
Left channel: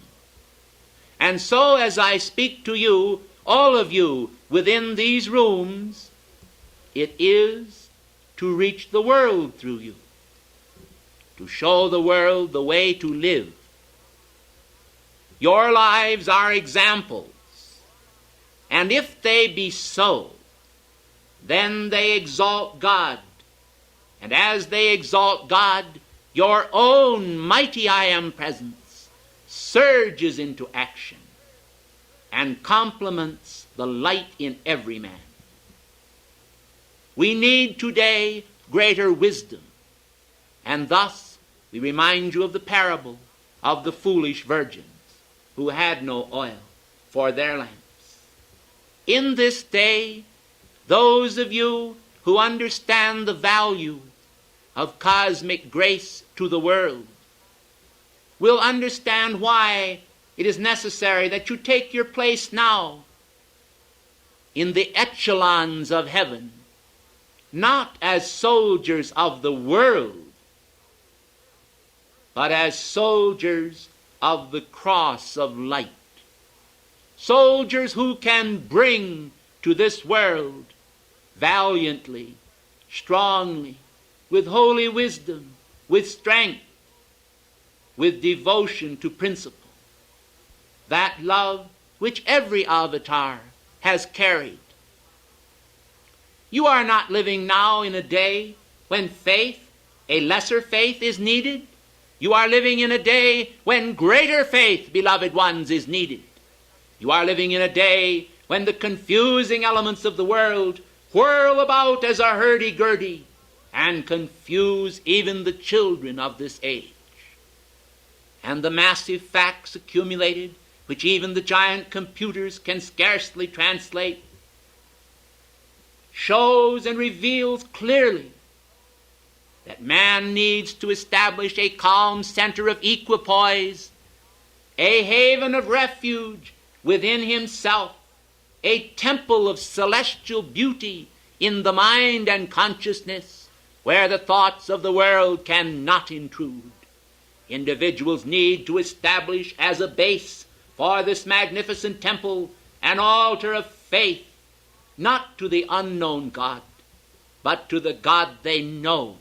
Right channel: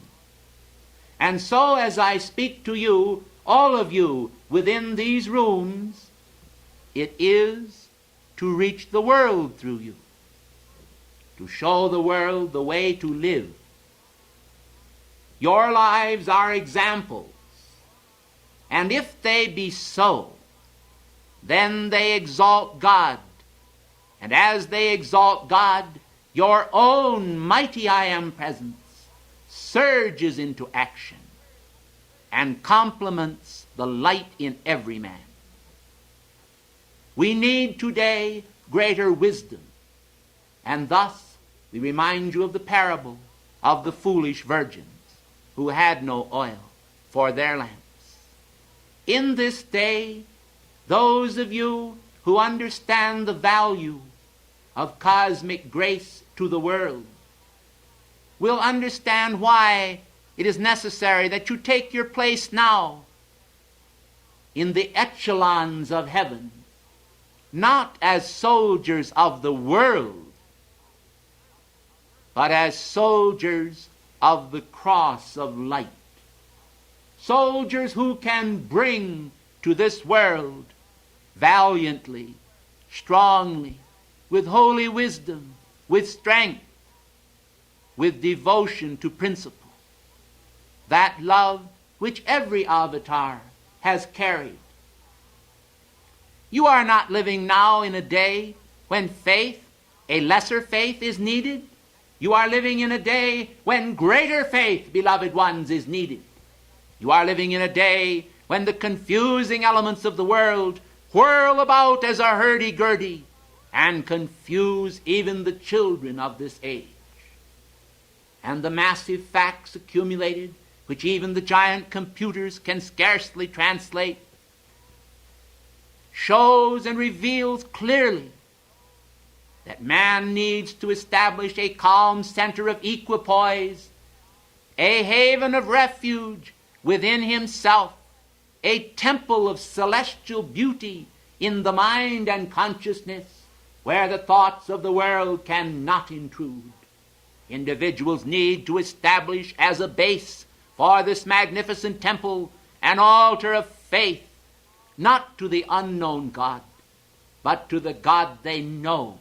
And so as I speak to you, all of you within these rooms, it is to reach the world through you, to show the world the way to live. Your lives are examples, and if they be so, then they exalt God. And as they exalt God, your own mighty I Am presence surges into action and complements the light in every man. We need today greater wisdom, and thus we remind you of the parable of the foolish virgins who had no oil for their lamps. In this day, those of you who understand the value of cosmic grace to the world will understand why it is necessary that you take your place now in the echelons of heaven, not as soldiers of the world, but as soldiers of the cross of light. Soldiers who can bring to this world valiantly, strongly, with holy wisdom, with strength, with devotion to principle, that love which every avatar has carried. You are not living now in a day when faith, a lesser faith, is needed. You are living in a day when greater faith, beloved ones, is needed. You are living in a day when the confusing elements of the world whirl about as a hurdy-gurdy and confuse even the children of this age. And the massive facts accumulated, which even the giant computers can scarcely translate, shows and reveals clearly that man needs to establish a calm center of equipoise, a haven of refuge within himself, a temple of celestial beauty in the mind and consciousness where the thoughts of the world cannot intrude. Individuals need to establish as a base for this magnificent temple an altar of faith, not to the unknown God, but to the God they know,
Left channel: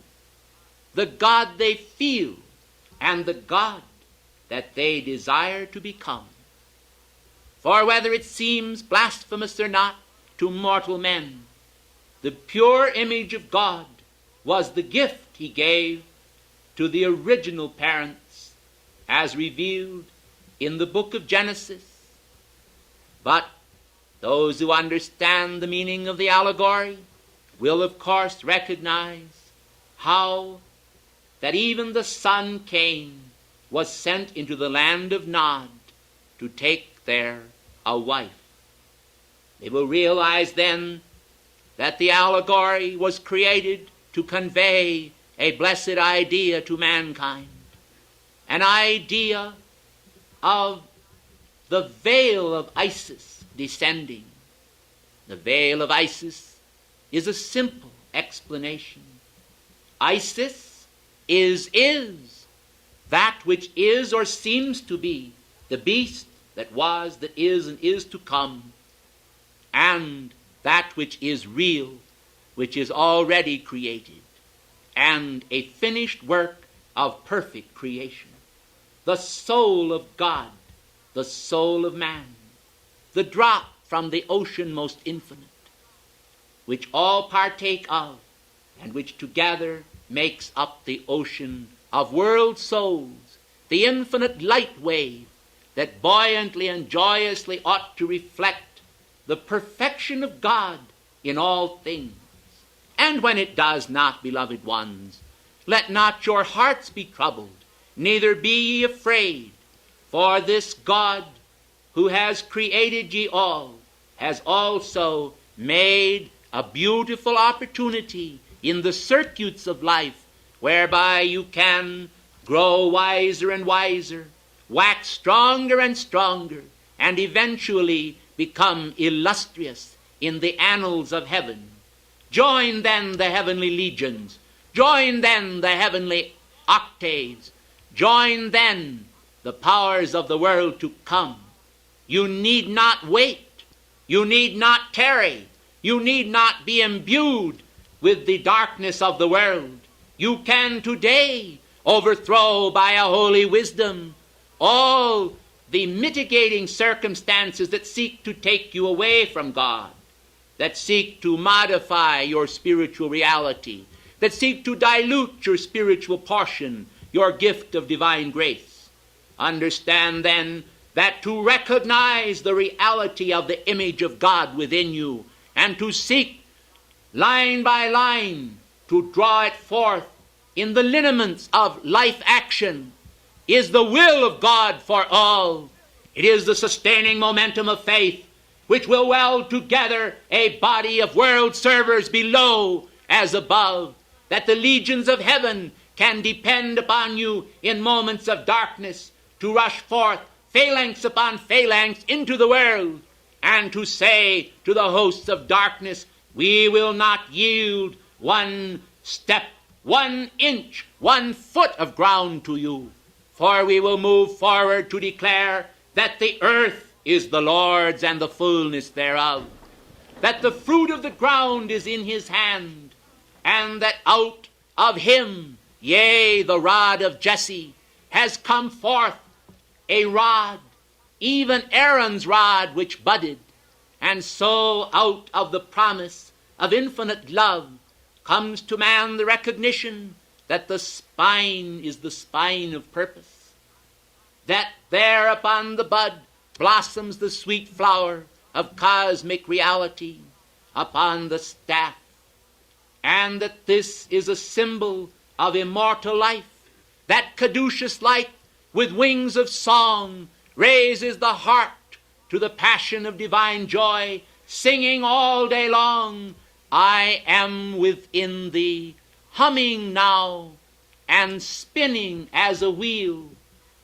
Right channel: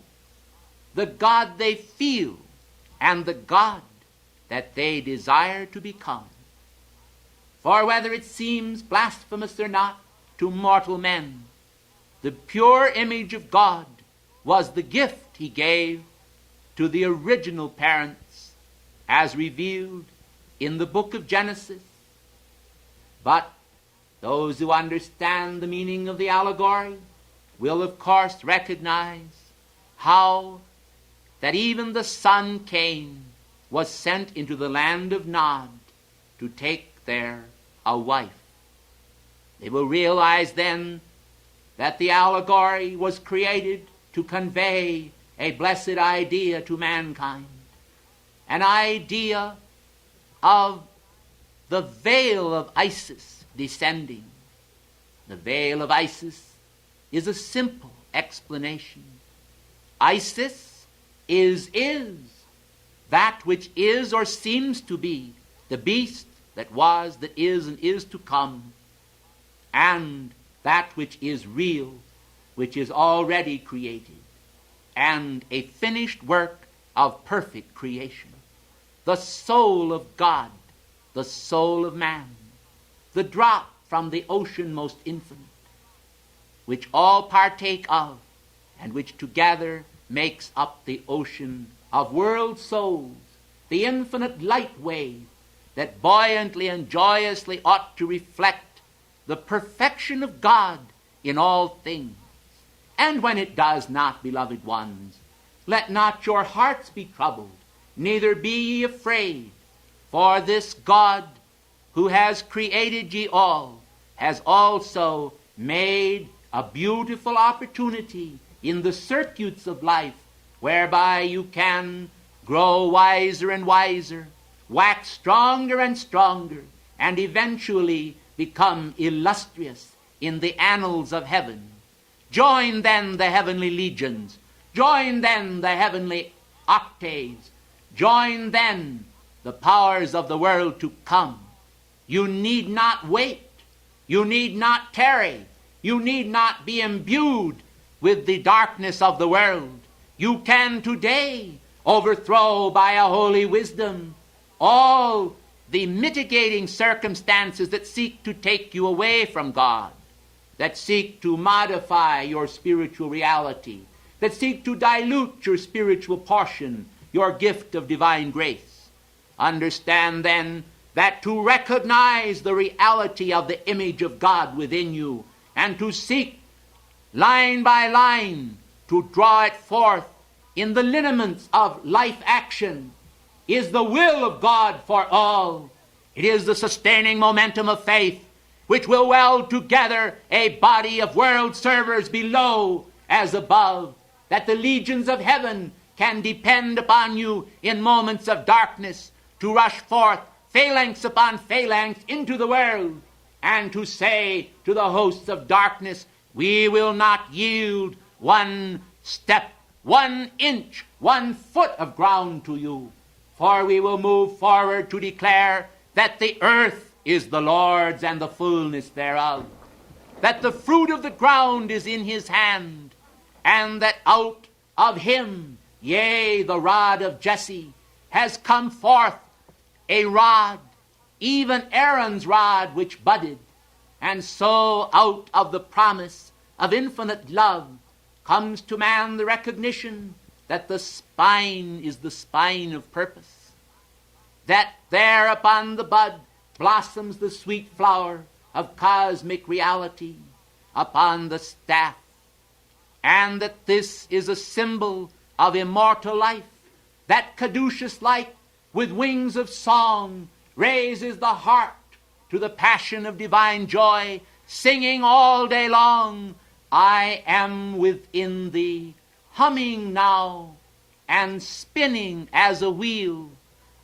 the God they feel, and the God that they desire to become. For whether it seems blasphemous or not to mortal men, the pure image of God was the gift he gave to the original parents as revealed in the book of Genesis. But those who understand the meaning of the allegory will of course recognize how that even the son Cain was sent into the land of Nod to take there a wife. They will realize then that the allegory was created to convey a blessed idea to mankind, an idea of the veil of Isis descending. The veil of Isis is a simple explanation. Isis is that which is or seems to be the beast that was, that is, and is to come, and that which is real, which is already created, and a finished work of perfect creation, the soul of God, the soul of man, the drop from the ocean most infinite, which all partake of, and which together makes up the ocean of world souls, the infinite light wave that buoyantly and joyously ought to reflect the perfection of God in all things. And when it does not, beloved ones, let not your hearts be troubled, neither be ye afraid, for this God who has created ye all has also made a beautiful opportunity in the circuits of life whereby you can grow wiser and wiser, wax stronger and stronger, and eventually become illustrious in the annals of heaven. Join then the heavenly legions. Join then the heavenly octaves. Join then the powers of the world to come. You need not wait. You need not tarry. You need not be imbued with the darkness of the world. You can today overthrow by a holy wisdom all the mitigating circumstances that seek to take you away from God, that seek to modify your spiritual reality, that seek to dilute your spiritual portion, your gift of divine grace. Understand then that to recognize the reality of the image of God within you and to seek line by line to draw it forth in the lineaments of life action is the will of God for all. It is the sustaining momentum of faith which will weld together a body of world servers below as above, that the legions of heaven can depend upon you in moments of darkness to rush forth phalanx upon phalanx into the world and to say to the hosts of darkness, we will not yield one step, 1 inch, 1 foot of ground to you, for we will move forward to declare that the earth is the Lord's and the fullness thereof, that the fruit of the ground is in his hand, and that out of him, yea, the rod of Jesse, has come forth a rod, even Aaron's rod which budded, and so out of the promise of infinite love comes to man the recognition that the spine is the spine of purpose, that there upon the bud blossoms the sweet flower of cosmic reality upon the staff, and that this is a symbol of immortal life, that caduceus light with wings of song raises the heart to the passion of divine joy, singing all day long, I am within thee, humming now and spinning as a wheel.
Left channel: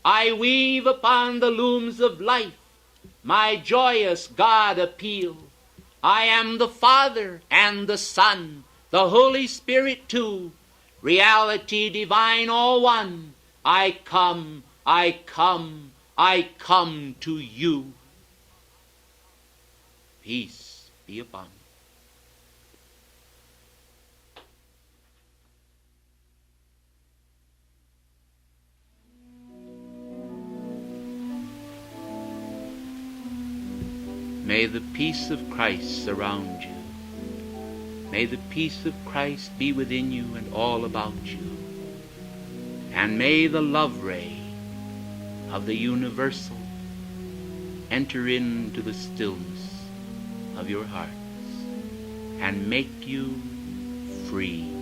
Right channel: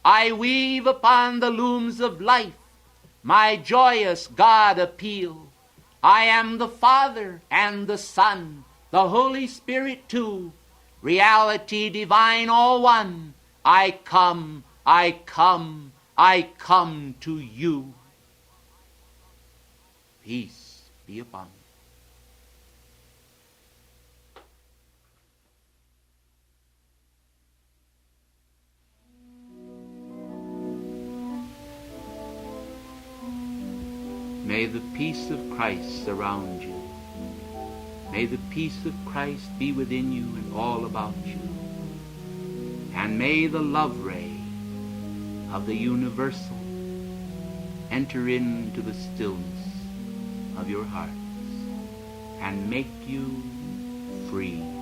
I weave upon the looms of life my joyous God appeal. I am the Father and the Son, the Holy Spirit too, reality divine all one. I come, I come, I come to you. Peace be upon you. May the peace of Christ surround you. May the peace of Christ be within you and all about you. And may the love ray of the universal enter into the stillness of your hearts and make you free.